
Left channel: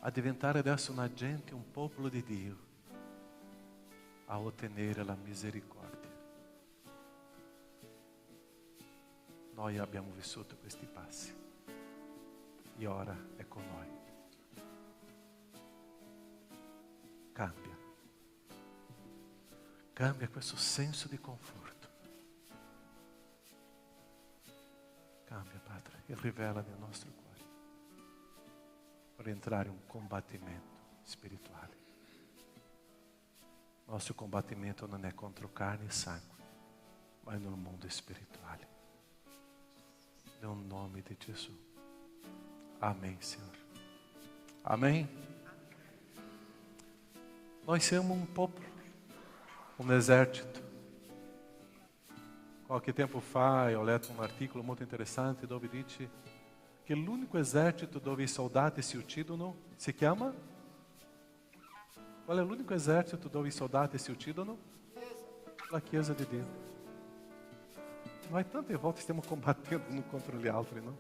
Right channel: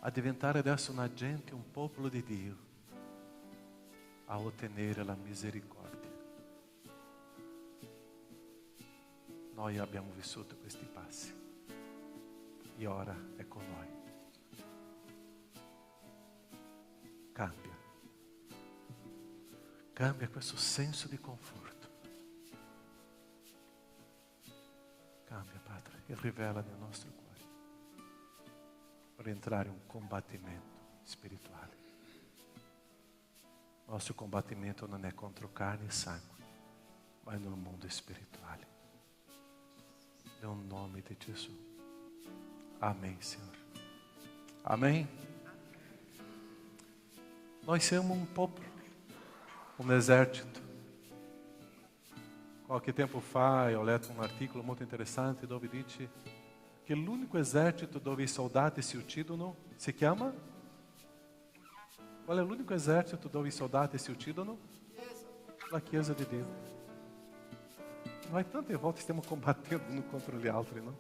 a diventare adesso una gente, un popolo di Dio, a ottenere la misericordia. Noi abbiamo vissuto questi passi e ora è con noi. Cambia questo senso di conforto. Cambia, Padre, e rivela nel nostro cuore per entrare in un combattimento spirituale. Il nostro combattimento non è contro carne e sangue, ma è nel mondo spirituale. Nel nome di Gesù. Amém, Senhor. Amém? Nós somos um popolo, um exército. Qualche tempo fa ho letto un articolo molto interessante dove dice che l'unico esercito dove i soldati si uccidono si chiama? Qual è l'unico esercito dove i soldati si uccidono? La Chiesa di Dio. Noi tante volte stiamo combattendo uno contro gli altri, no?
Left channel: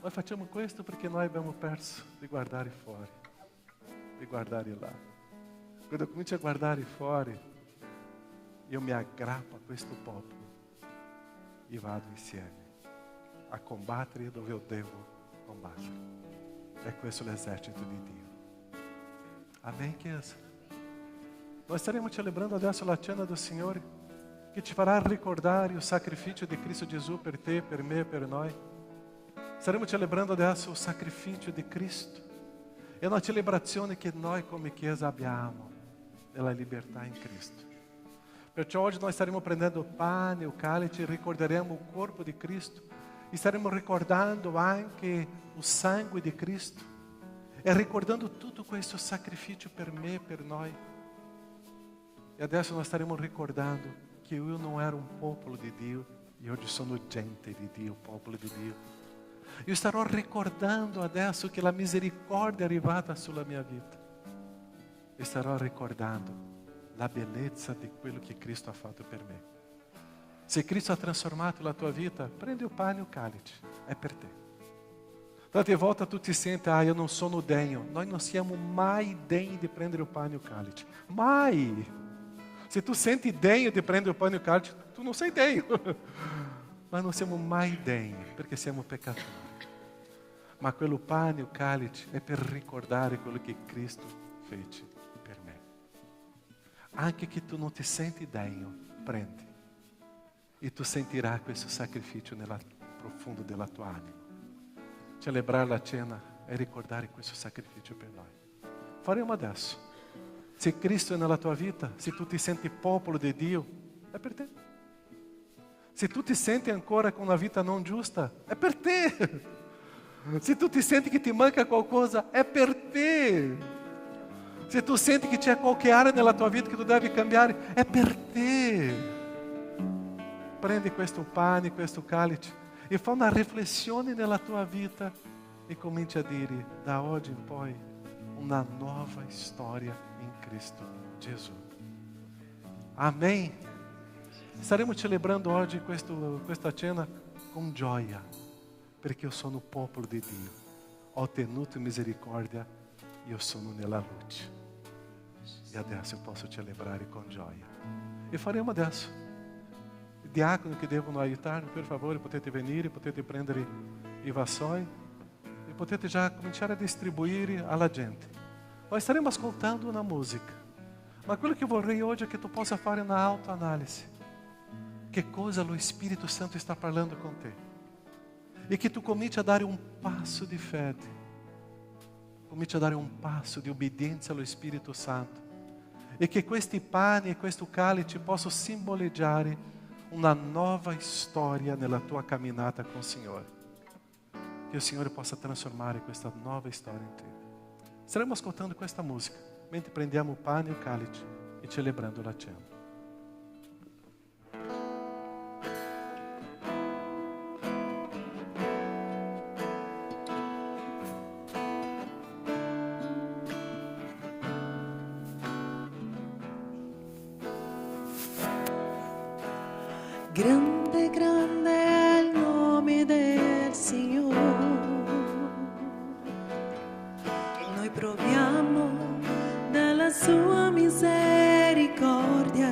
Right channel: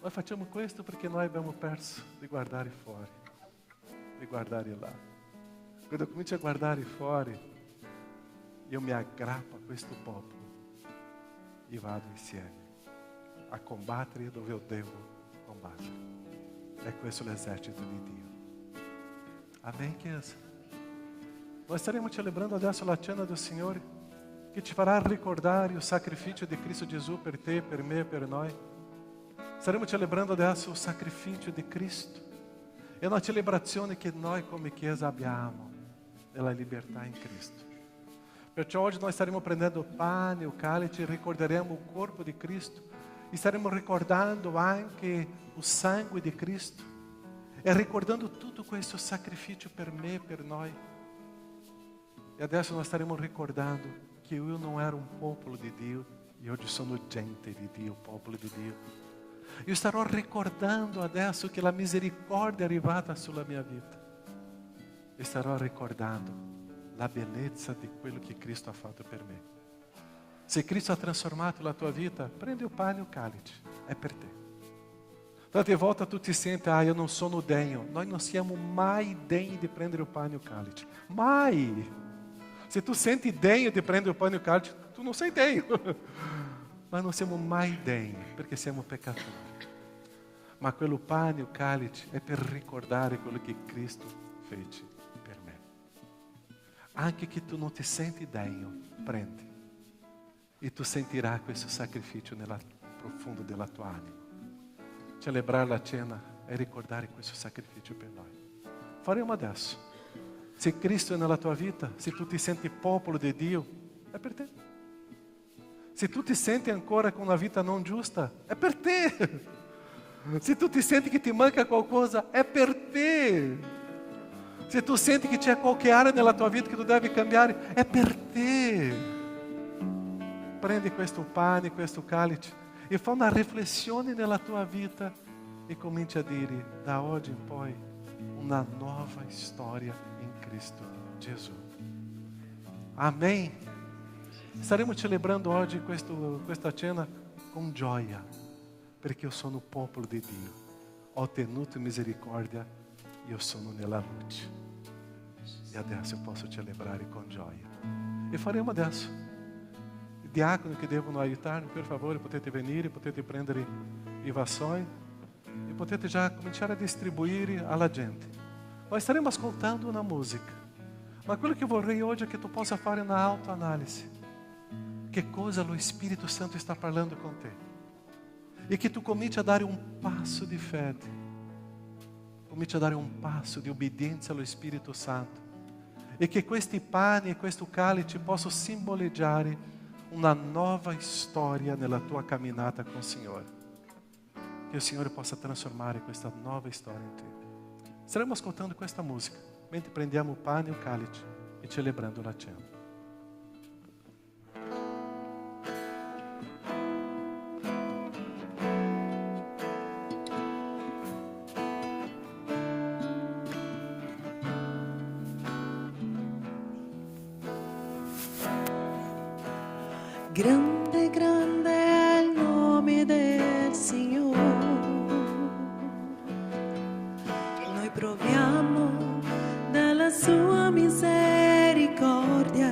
Noi facciamo questo perché noi abbiamo perso di guardare fuori, di guardare là. Quando comincio a guardare fuori, io mi aggrappo a questo popolo e vado insieme a combattere dove io devo combattere. È questo l'esercito di Dio. Amém, Chiesa? Noi staremo celebrando adesso la cena del Signore, che ci farà ricordare il sacrificio di Cristo Gesù per te, per me e per noi. Staremo celebrando adesso il sacrificio di Cristo. È una celebrazione che noi come Chiesa abbiamo della libertà in Cristo. Perciò oggi noi staremo prendendo il pane, il calice, e ricorderemo il corpo di Cristo. E staremo ricordando anche il sangue di Cristo. E ricordando tutto questo sacrificio per me e per noi. E adesso noi staremo ricordando che io non ero un popolo di Dio, e oggi sono gente di Dio, popolo di Dio. Io starò ricordando adesso che la misericordia è arrivata sulla mia vita. E starò ricordando la bellezza di quello che Cristo ha fatto per me. Se Cristo ha trasformato la tua vita, prendi il pane e il calice, è per te. Tante volte tu ti senti, io non sono degno. Noi non siamo mai degni di prendere il pane e il calice. Mai! Se tu senti degno di prendere il pane e il calice, tu non sei degno. Ma non siamo mai degni perché siamo peccatori. Ma quello pane e il calice è per ricordare quello che Cristo fece per me. Anche che tu non ti senti degno, prendi. E tu sentirai questo sacrificio nel profondo della tua anima. Celebrare la cena è ricordare questo sacrificio per noi. Faremo adesso. Se Cristo è nella tua vita, se tu ti senti popolo di Dio, è per te. Se tu ti senti ancora con una vita non giusta, è per te. Se tu ti senti che ti manca qualcosa, è per te. Se tu senti che c'è qualche area nella tua vita che tu devi cambiare, è per te. Prendi questo pane, questo calice e fa una riflessione nella tua vita e comincia a dire, da oggi in poi, una nuova storia in Cristo Gesù. Amém. Staremo celebrando oggi questa cena con gioia, perché io sono popolo di Dio. Ho ottenuto misericordia, io sono nella luce. E adesso posso celebrare con gioia. E faremo adesso. I diaconi che devono aiutarmi, per favore, potete venire, potete prendere i vassoi e potete già cominciare a distribuire alla gente. Noi staremo ascoltando una musica, ma quello che vorrei oggi è che tu possa fare una autoanalisi. Che cosa lo Spirito Santo sta parlando con te? E che tu cominci a dare un passo di fede, cominci a dare un passo di obbedienza allo Spirito Santo, e che questi pani e questo calice possano simboleggiare una nuova storia nella tua camminata con il Signore. Che il Signore possa trasformare questa nuova storia in te. Staremo ascoltando questa musica mentre prendiamo il pane e il calice e celebrando la cena. Grande, grande è il nome del Signore. Noi proviamo dalla sua misericordia.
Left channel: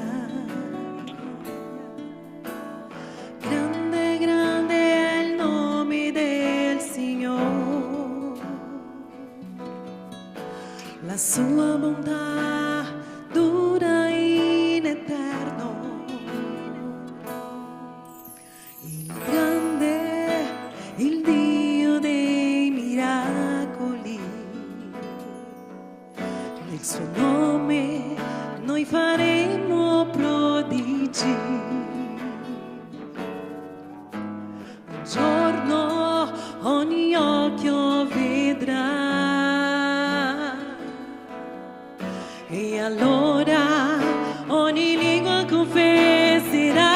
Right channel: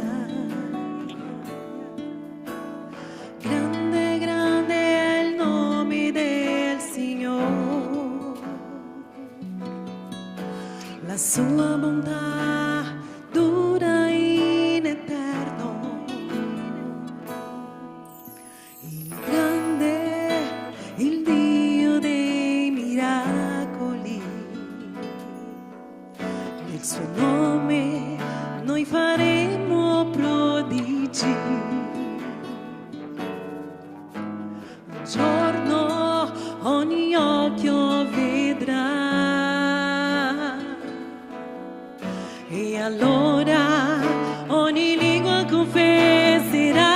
Grande, grande è il nome del Signore. La sua bontà dura in eterno. Il grande, il Dio dei miracoli, nel suo nome noi faremo prodigi. Un giorno ogni occhio vedrà e allora ogni lingua confesserà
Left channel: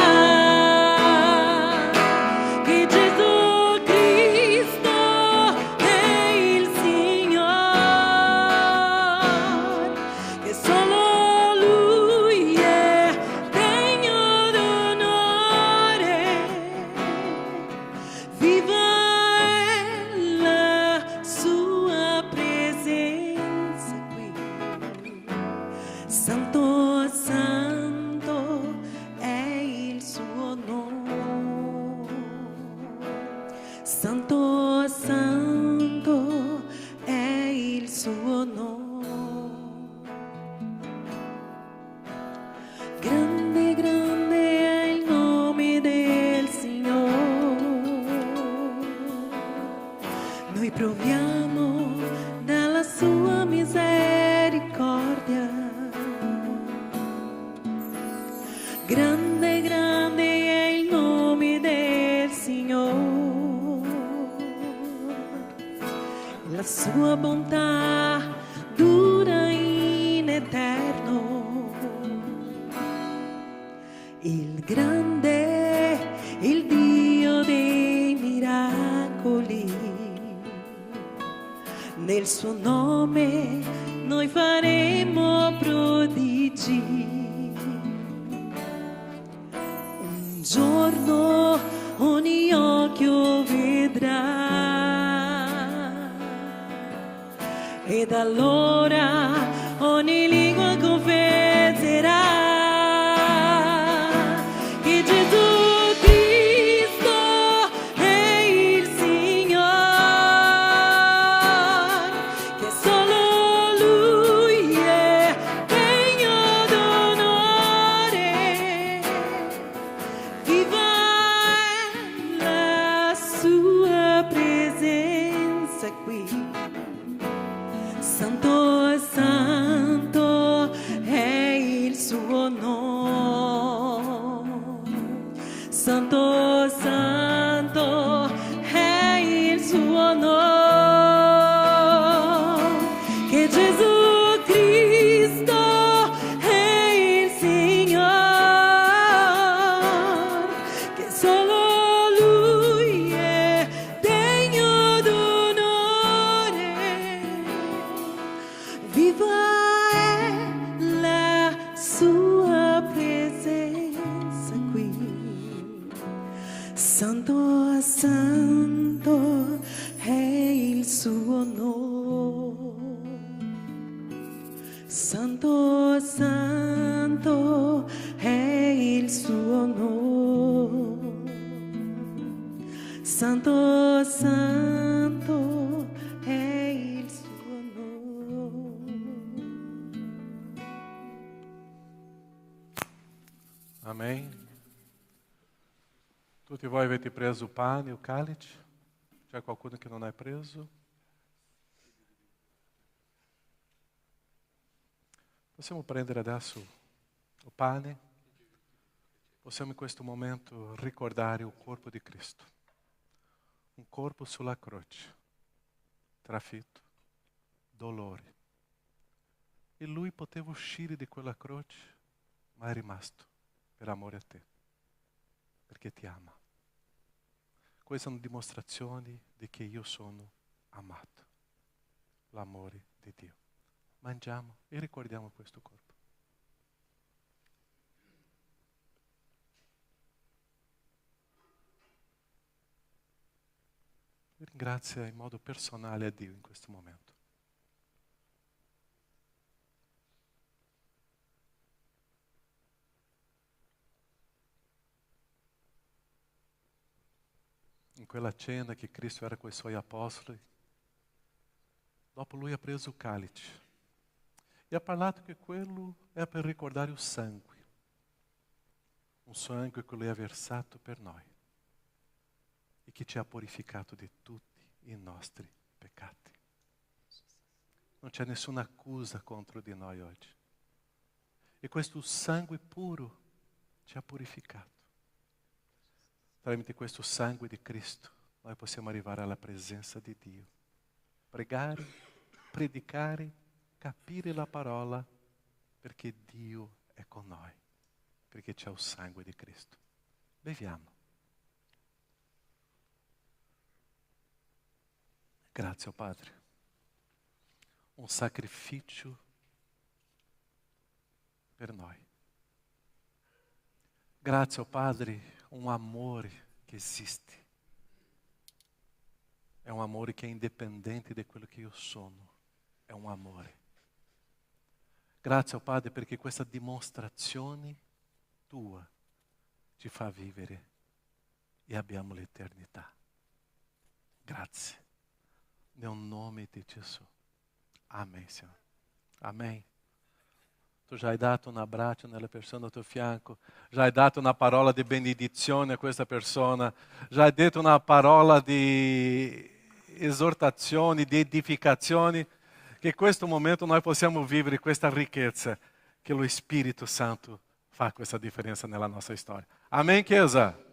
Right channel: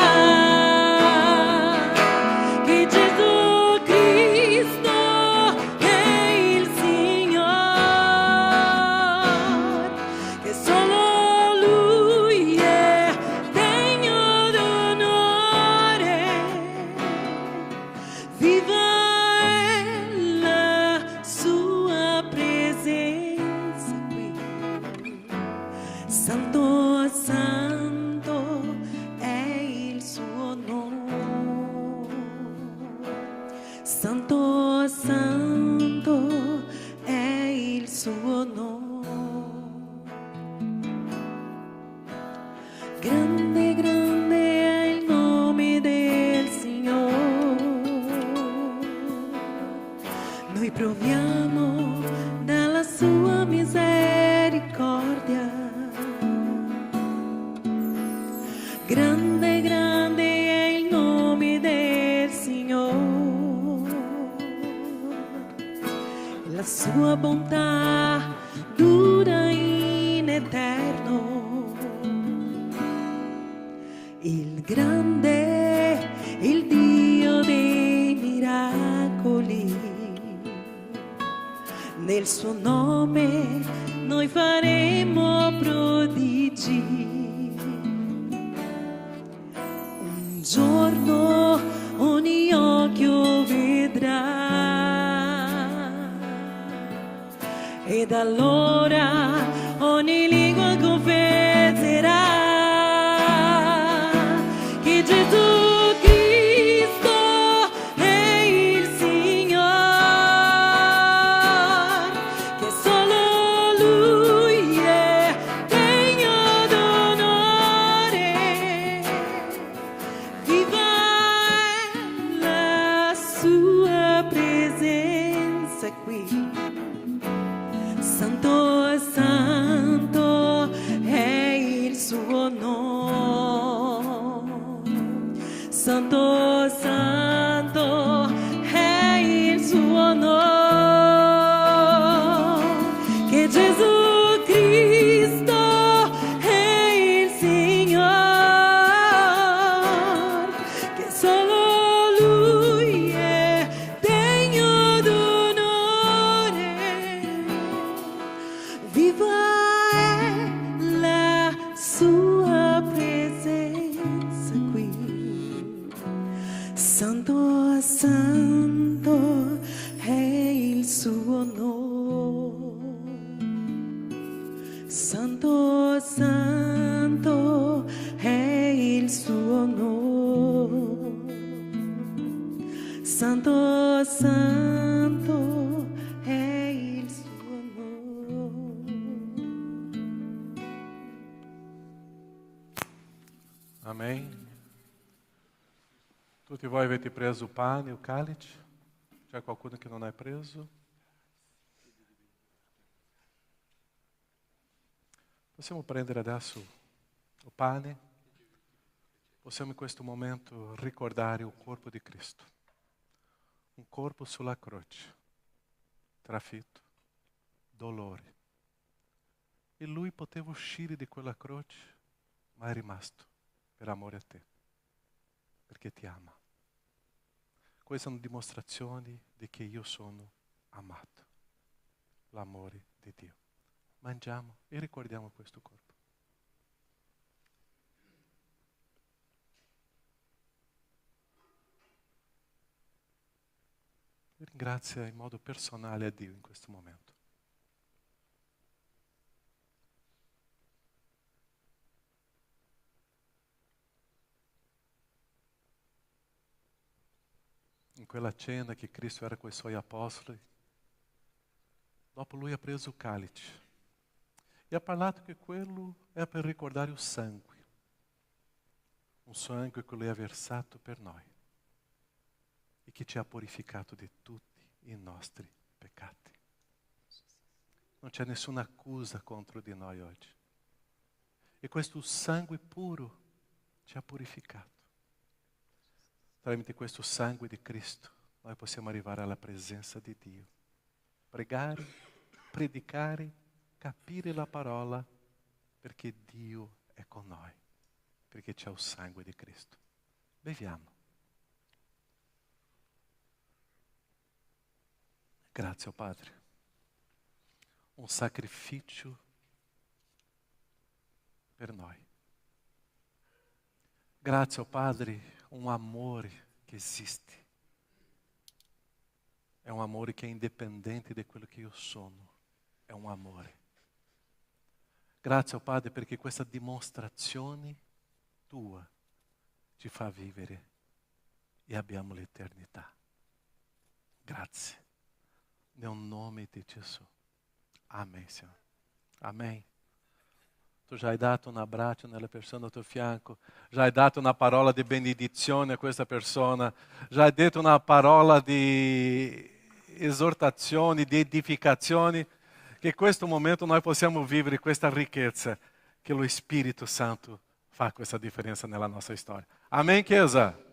che Gesù Cristo è il Signore, che solo Lui è degno d'onore. Viva è la sua presenza qui. Santo, santo è il suo nome. Santo, santo è il suo nome. Grande, grande è il nome del Signore. Noi proviamo dalla sua misericordia. Grande, grande è il nome del Signore. La sua bontà dura in eterno. Il grande, il Dio dei miracoli, nel suo nome noi faremo prodigi. Un giorno ogni occhio vedrà ed allora ogni lingua confesserà che Gesù Cristo è il Signore, che solo Lui è degno d'onore. Viva è la sua presenza qui. Santo, santo è il suo nome. Santo, santo è il suo nome. Che Gesù Cristo è il Signore, che solo Lui è degno d'onore. Viva è la sua presenza qui. Santo, santo è il suo nome. Santo, santo è il suo nome. Santo, santo è il suo nome. Amém. Tutti voi avete preso il pane e il calice? C'è qualcuno che non è preso? Possiamo prendere adesso il pane? possiamo in questo momento ricordare il corpo di Cristo. Un corpo sulla croce, trafitto, dolore. E Lui poteva uscire di quella croce, ma è rimasto per amore a te, perché ti ama. Queste sono dimostrazioni di che io sono amato, l'amore di Dio. Mangiamo e ricordiamo questo corpo. Ringrazia in modo personale a Dio in questo momento. In quella cena che Cristo era con i suoi apostoli, dopo Lui ha preso il calice e ha parlato che quello è per ricordare il sangue che Lui ha versato per noi e che ci ha purificato di tutti i nostri peccati. Non c'è nessuna accusa contro di noi oggi. E questo sangue puro ci ha purificato. Tramite questo sangue di Cristo noi possiamo arrivare alla presenza di Dio. Pregare, predicare, capire la parola, perché Dio è con noi, perché c'è il sangue di Cristo. Beviamo. Grazie, Padre. Un sacrificio per noi. Grazie, Padre, un amore che esiste. È un amore che è indipendente di quello che io sono. È un amore. Grazie, Padre, perché questa dimostrazione tua ci fa vivere e abbiamo l'eternità. Grazie. Nel nome di Gesù. Amen, Signore. Amen. Tu già hai dato un abbraccio nella persona al tuo fianco, già hai dato una parola di benedizione a questa persona, già hai detto una parola di esortazione, di edificazione, che in questo momento noi possiamo vivere questa ricchezza, che lo Spirito Santo fa questa differenza nella nostra storia. Amen, Chiesa?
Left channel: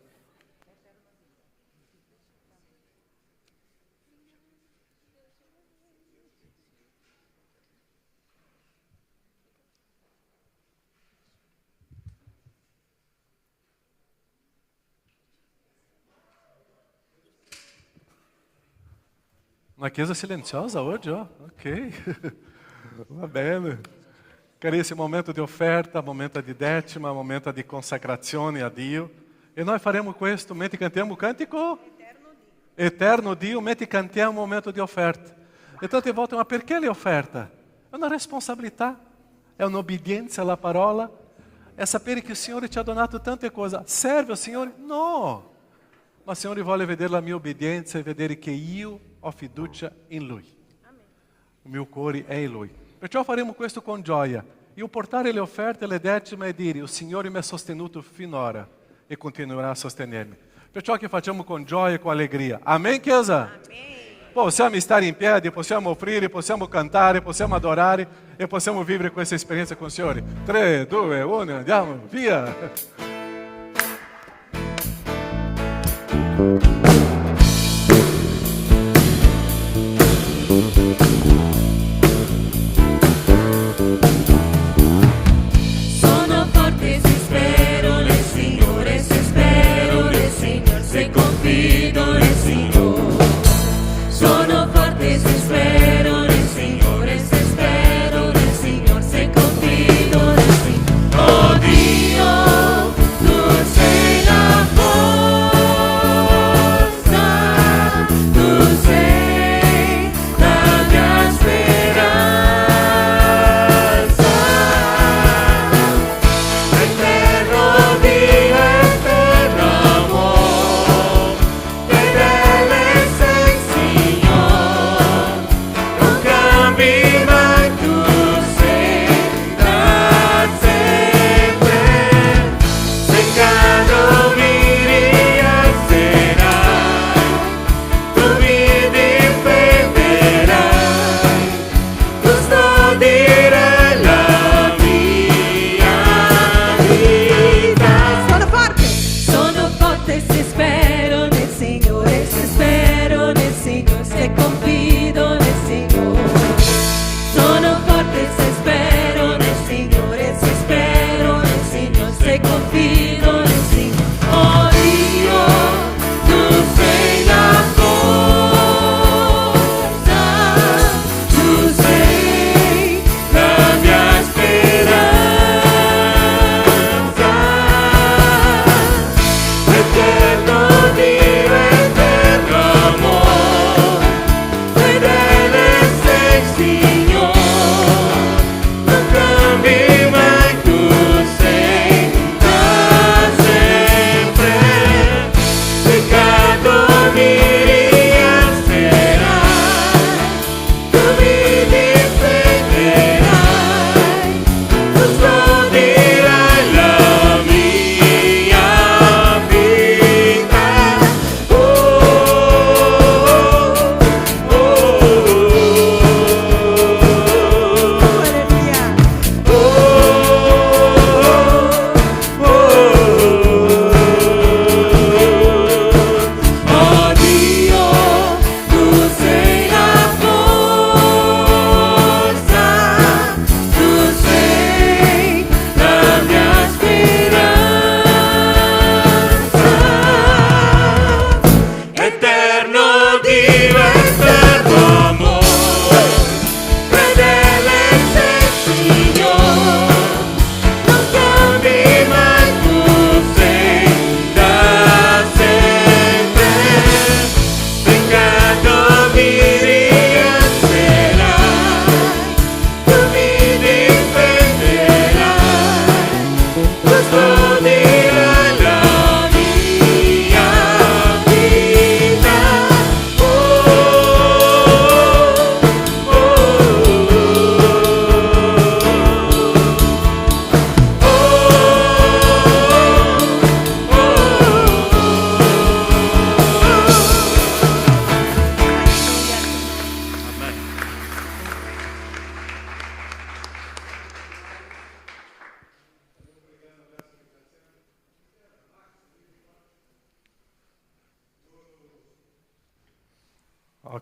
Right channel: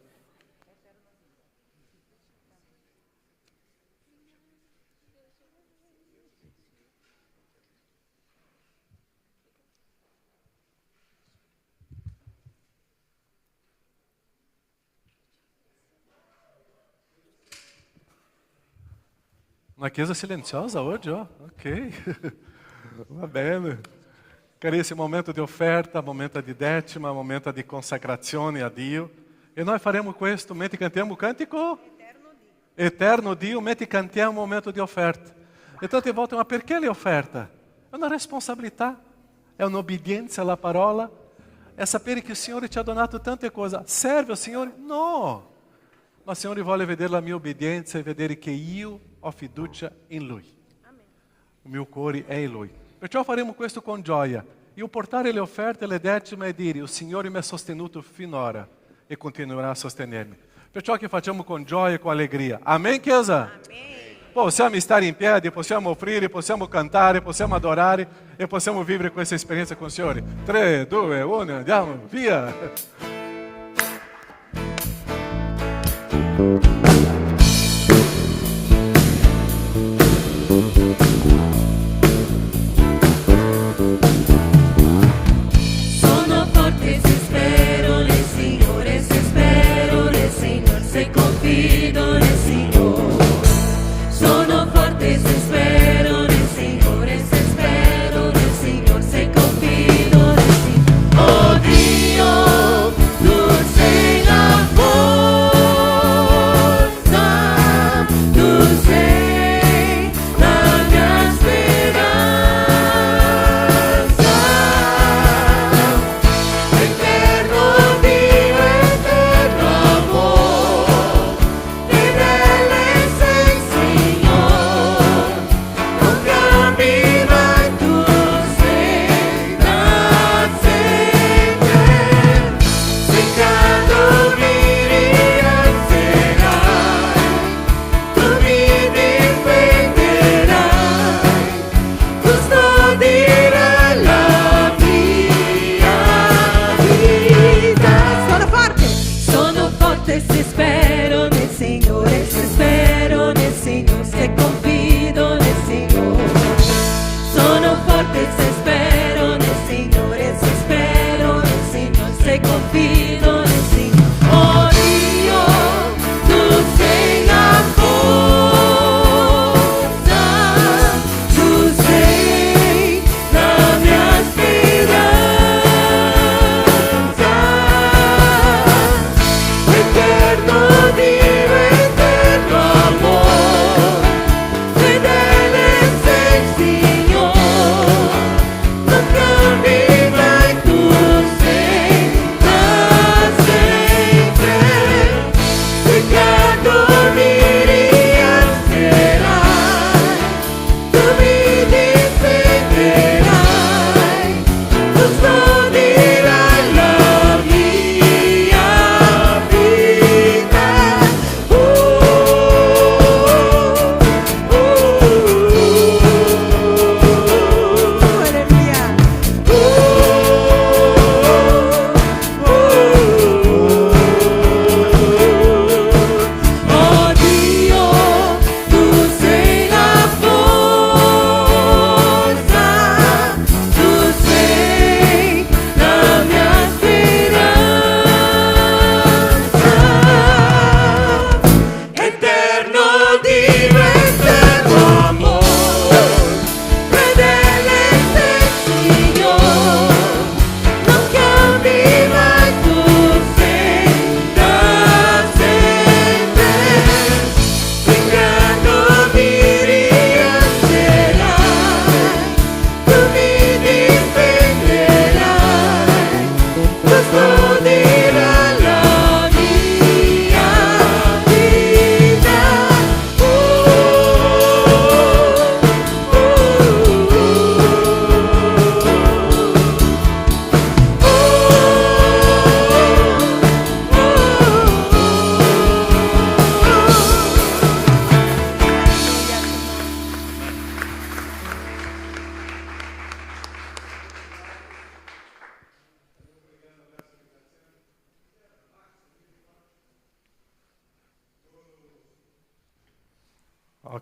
Una chiesa silenziosa oggi, oh? Ok, va bene. Carissimo, momento di offerta, momento di decima, momento di consacrazione a Dio. E noi faremo questo mentre cantiamo il cantico Eterno Dio, mentre cantiamo un momento di offerta. E tante volte, ma perché l'offerta? È una responsabilità, è un'obbedienza alla parola, è sapere che il Signore ci ha donato tante cose. Serve al Signore? No! Ma il Signore vuole vedere la mia obbedienza e vedere che io ho fiducia in Lui. Il mio cuore è in Lui. Perciò faremo questo con gioia. Io portare le offerte, le decime e dire: il Signore mi ha sostenuto finora e continuerà a sostenermi. Perciò che facciamo con gioia e con allegria. Amen, Chiesa? Amen. Possiamo stare in piedi, possiamo offrire, possiamo cantare, possiamo adorare e possiamo vivere questa esperienza con il Signore. 3, 2, 1, andiamo, via! Sono forte se spero nel Signore, se spero nel Signore, se confido nel Signore. Sono forte se spero nel Signore, se spero nel Signore, se confido nel Signore. Oh Dio, tu sei amore.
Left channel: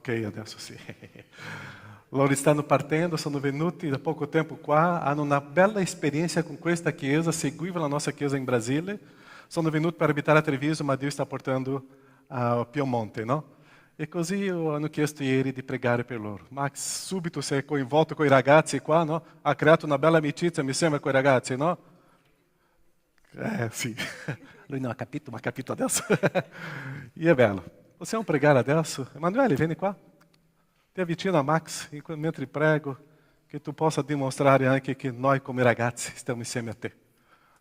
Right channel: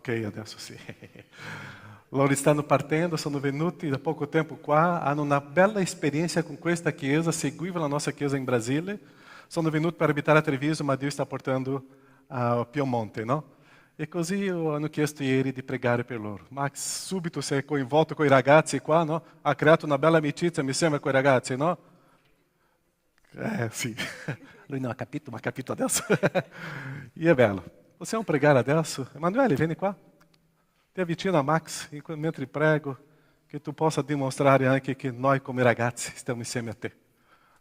Ok, adesso sì. Loro stanno partendo, sono venuti da poco tempo qua, hanno una bella esperienza con questa chiesa, seguivano la nostra chiesa in Brasile, sono venuti per abitare a Treviso, ma Dio sta portando a Piemonte, no? E così hanno chiesto ieri di pregare per loro. Max subito si è coinvolto con i ragazzi qua, no? Ha creato una bella amicizia, mi sembra, con i ragazzi, no? Sì. Lui non ha capito, ma ha capito adesso. E è bello. Possiamo pregare adesso? Emanuele, vieni qua. Ti avvicina a Max, mentre prego, che tu possa dimostrare anche che noi come ragazzi stiamo insieme a te.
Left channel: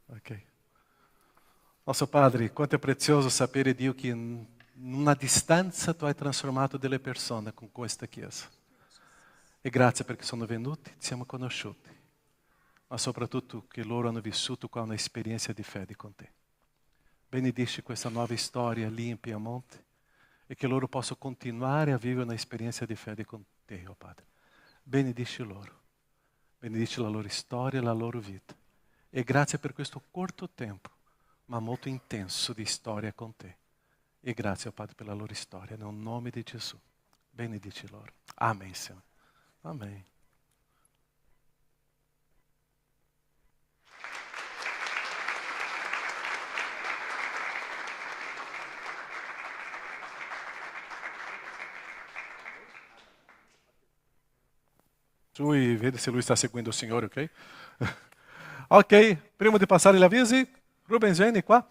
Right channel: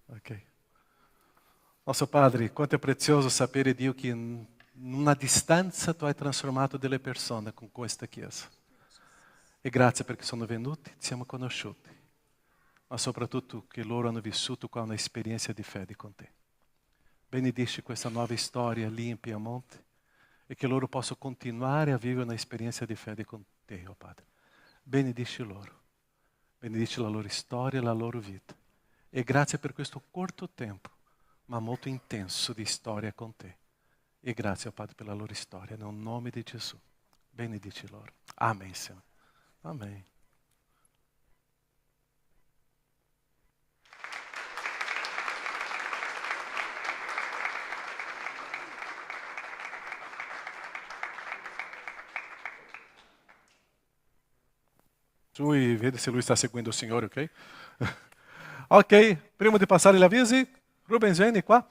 Ok. Nostro Padre, quanto è prezioso sapere, Dio, che in una distanza tu hai trasformato delle persone con questa chiesa. E grazie perché sono venuti, ci siamo conosciuti, ma soprattutto che loro hanno vissuto qua un'esperienza di fede con te. Benedici questa nuova storia lì in Piemonte e che loro possano continuare a vivere un'esperienza di fede con te, oh Padre. Benedici loro, benedici la loro storia e la loro vita. E grazie per questo corto tempo, ma molto intenso di storia con te. E grazie, oh Padre, per la loro storia, nel nome di Gesù. Benedici loro. Amen, Signore. Amen. Lui, vede se lui sta seguendo il Signore, ok? Ok, prima di passare gli avvisi, Rubens, vieni qua.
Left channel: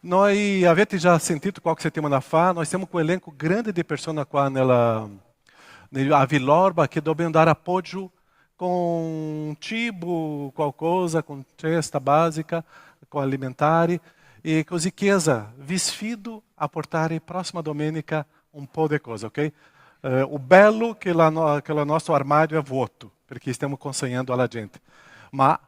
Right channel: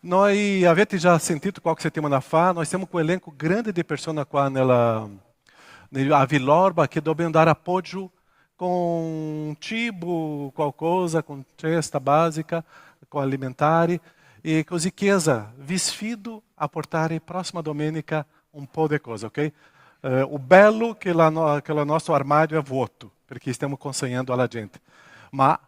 Noi avete già sentito qualche settimana fa, noi siamo com um elenco grande di persone qua a Villorba che dobbiamo dare appoggio con cibo, qualcosa, con cesta básica, com alimentari. E così Chiesa, vi sfido a portare prossima domenica un po' di cose, ok? O bello che il nostro armadio è vuoto, perché stiamo consegnando alla gente. Ma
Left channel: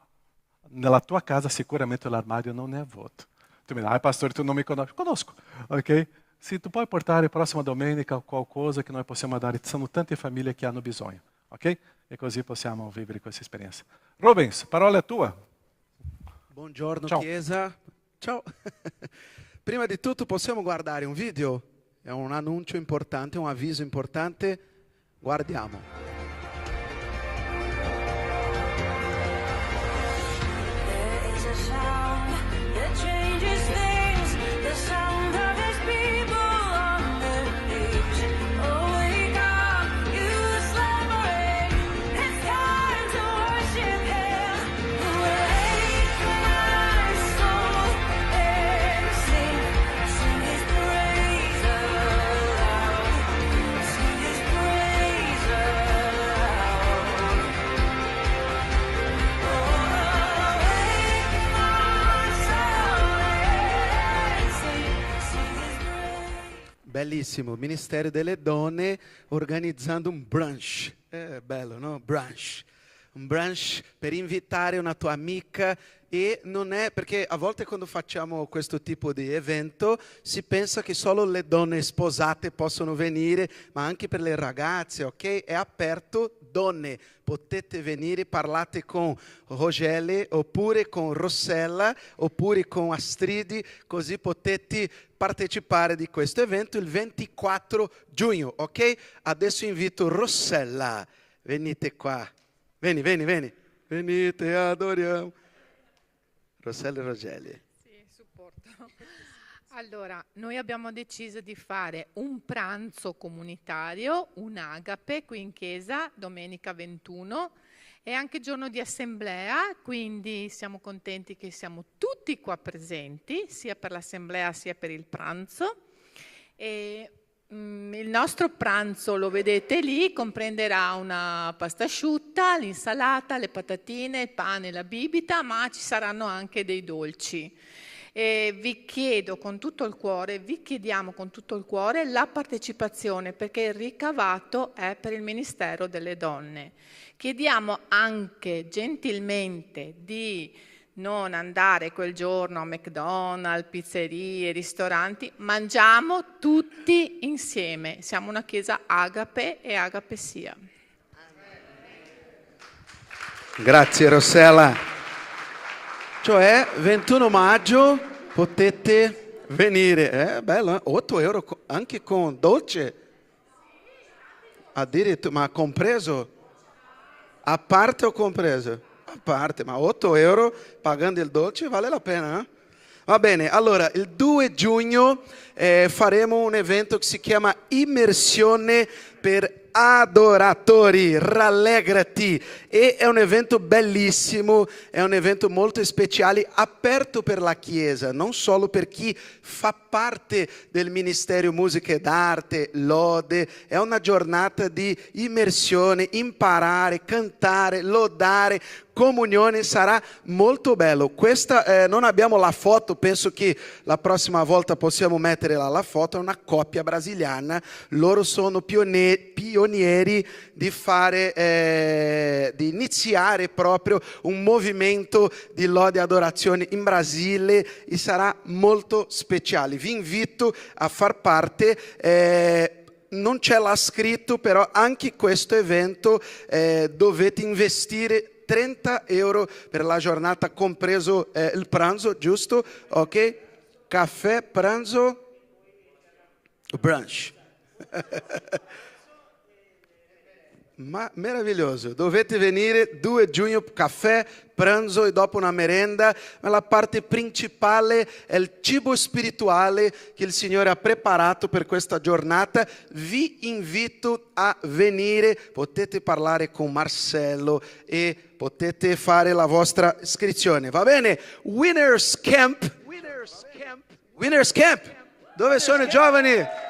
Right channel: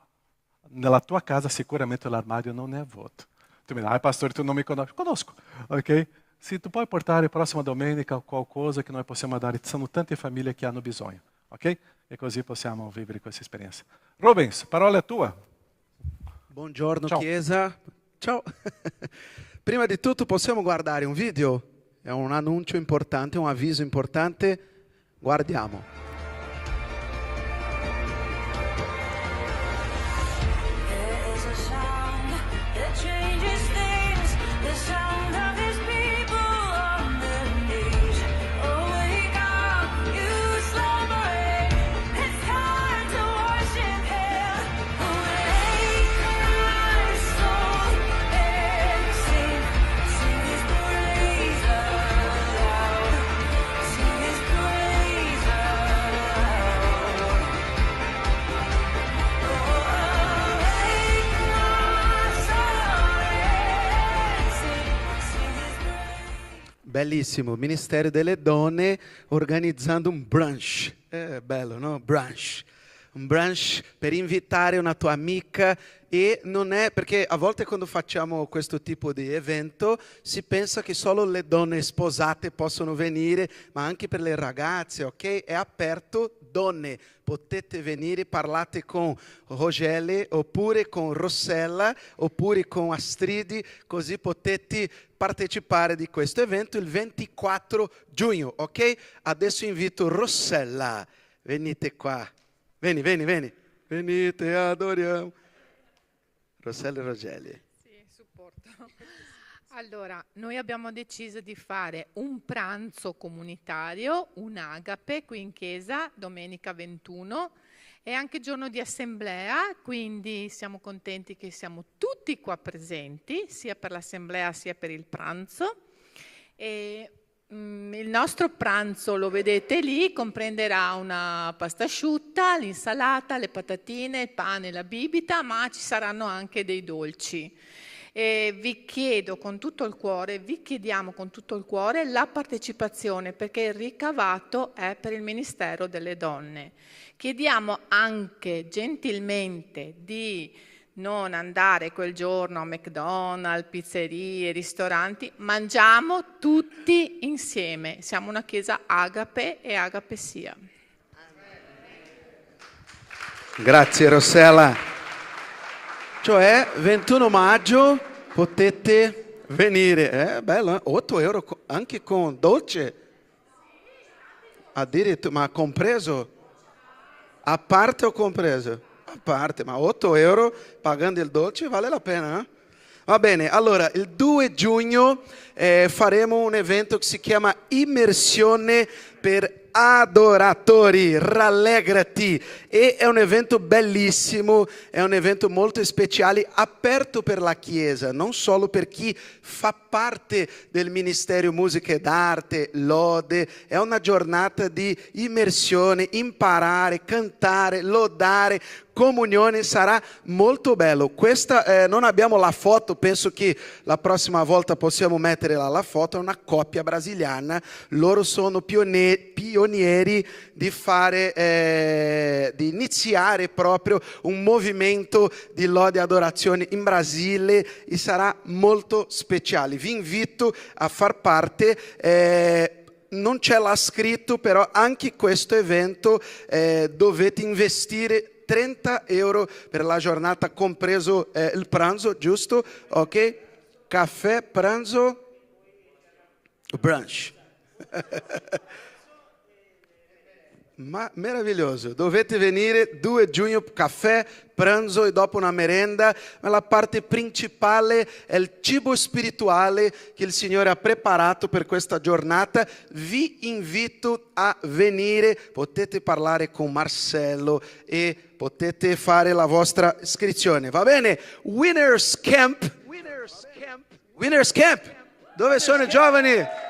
nella tua casa sicuramente l'armadio non è vuoto. Tu mi dici, pastore, tu non mi conosci? Conosco, ok? Se tu puoi portare prossima domenica qualcosa che noi possiamo dare, sono tante famiglie che hanno bisogno, ok? E così possiamo vivere questa esperienza. Rubens, parola è tua. Buongiorno Ciao. Chiesa. Ciao. Prima di tutto possiamo guardare un video? È un annuncio importante, un avviso importante. Guardiamo. Bellissimo, Ministero delle Donne organizzando un brunch. Bello, no? Brunch. Un brunch per invitare una tua amica. E non è perché a volte quando facciamo questo tipo di evento si pensa che solo le donne sposate possono venire, ma anche per le ragazze, ok? È aperto, donne, potete venire, parlate con Rogele oppure con Rossella oppure con Astridi, così potete partecipare di questo evento il 24 giugno, ok? Adesso invito Rossella, venite qua, vieni, venite, adoriamo. Rossella e Rogeli. Sì, supporto. Allora, noi abbiamo deciso di fare un pranzo comunitario, un agape qui in chiesa, domenica 21, e anche giorno di assemblea, quindi siamo contenti che siamo tutti qua presenti, sia per l'assemblea sia per il pranzo. E il nostro pranzo, lo vedete lì, comprenderà una pasta asciutta, l'insalata, le patatine, il pane, la bibita, ma ci saranno anche dei dolci. E vi chiediamo con tutto il cuore la partecipazione, perché il ricavato è per il Ministero delle Donne. Chiediamo anche gentilmente di non andare quel giorno a McDonald's, pizzerie, ristoranti, mangiamo tutti insieme. Siamo una chiesa agape e agape sia. Grazie Rossella. Cioè 21 maggio potete venire, bello, 8 euro anche con dolce, addirittura, ma compreso, a parte o compreso? A parte, ma 8 euro pagando il dolce vale la pena, eh? Va bene, allora il 2 giugno faremo un evento che si chiama Immersione per adoratori, rallegrati, e è un evento bellissimo, è un evento molto speciale, aperto per la Chiesa, non solo per chi fa parte del Ministero Musica ed Arte, lode, è una giornata di immersione, imparare, cantare, lodare, comunione, sarà molto bello. Questa non abbiamo la foto, penso che la prossima volta possiamo mettere la foto, è una coppia brasiliana, loro sono pionieri di fare, di iniziare proprio un movimento di lode e adorazione in Brasile e sarà molto speciale. Vi invito a far parte. Non c'è là scritto, però anche questo evento dovete investire 30 euro per la giornata, compreso il pranzo, giusto? Ok? Caffè, pranzo, brunch. Ma meraviglioso, dovete venire 2 giugno, caffè, pranzo e dopo una merenda. Ma la parte principale è il cibo spirituale che il Signore ha preparato per questa giornata. Vi invito a venire, potete parlare con Marcello e potete fare la vostra iscrizione, va bene? Winners Camp. Dove sono i giovani?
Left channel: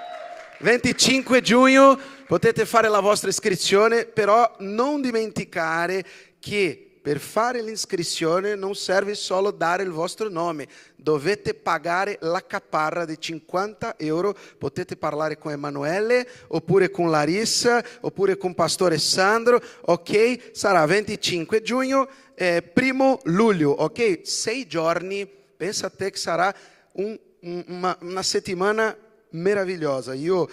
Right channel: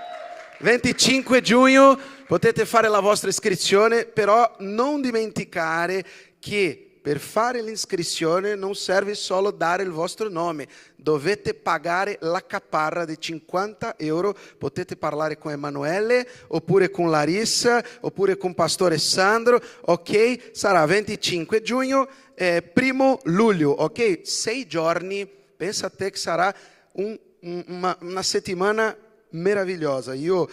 25 giugno potete fare la vostra iscrizione, però non dimenticare che per fare l'iscrizione non serve solo dare il vostro nome, dovete pagare la caparra di 50 euro, potete parlare con Emanuele, oppure con Larissa, oppure con Pastore Sandro, ok? Sarà 25 giugno, 1 luglio, ok? 6 giorni, pensa a te che sarà una settimana meravigliosa. Io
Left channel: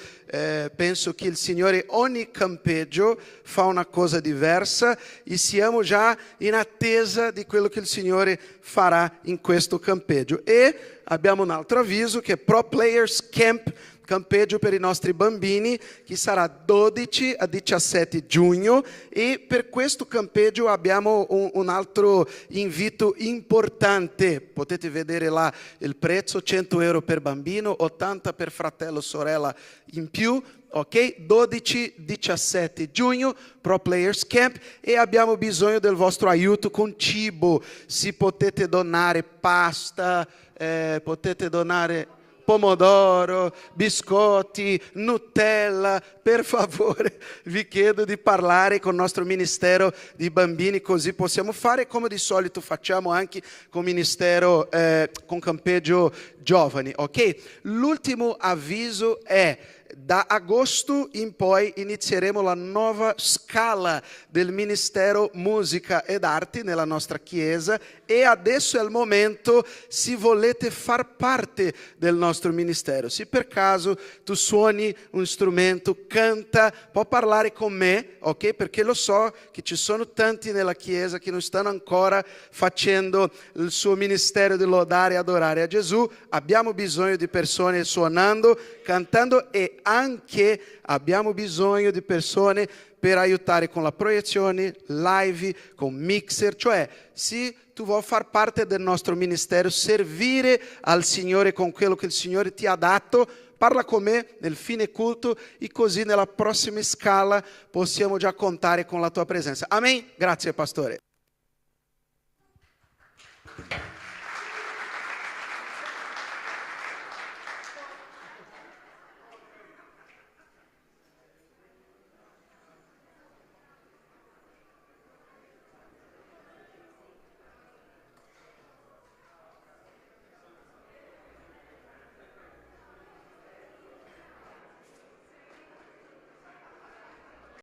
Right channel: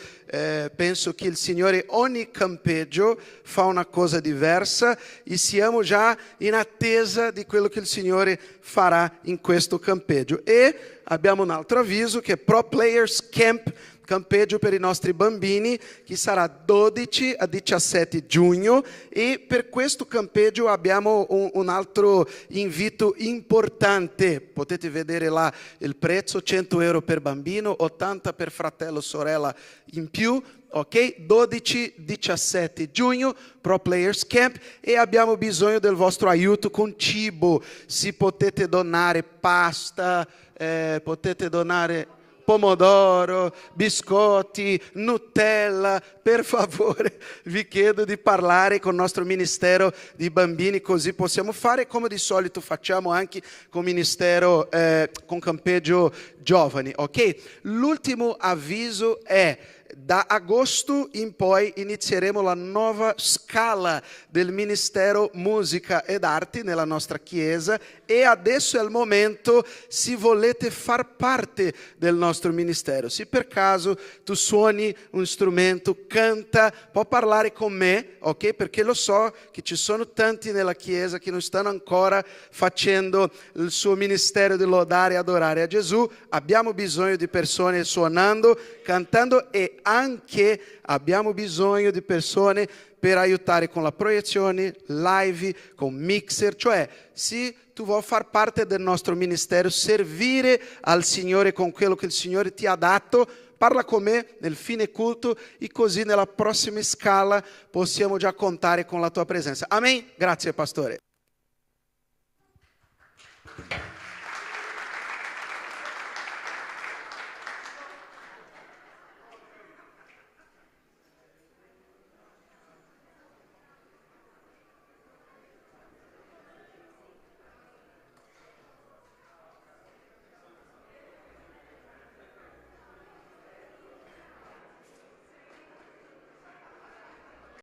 penso che il Signore ogni campeggio fa una cosa diversa e siamo già in attesa di quello che il Signore farà in questo campeggio. E abbiamo un altro avviso che è Pro Players Camp, campeggio per i nostri bambini, che sarà 12 a 17 giugno, e per questo campeggio abbiamo un altro invito importante. Potete vedere là il prezzo, 100 euro per bambino, 80 per fratello sorella in più, ok? 12-17 giugno, Pro Players Camp, e abbiamo bisogno del vostro aiuto con cibo. Si potete donare pasta, potete donare pomodoro, biscotti, Nutella. Per favore vi chiedo di parlare con il nostro ministero di bambini, così possiamo fare come di solito facciamo anche con ministero, con campeggio giovani, ok? L'ultimo avviso è: da agosto in poi inizieremo la nuova scala del Ministero Musica ed Arti nella nostra chiesa, e adesso è il momento, se volete far parte del nostro ministero. Se per caso tu suoni un strumento, canta, può parlare con me, ok? Perché lo so che ci sono tanti nella chiesa che non stanno ancora facendo il suo ministero di lodare e adorare a Gesù. Abbiamo bisogno di persone suonando, cantando, e anche abbiamo bisogno di persone per aiutare con la proiezione, live, con mixer, cioè se tu vuoi far parte del nostro ministero, servire al Signore con quello che il Signore ti ha dato, parla con me nel fine culto e così nella prossima scala possiamo già contare con la tua presenza. Amen? Grazie pastore.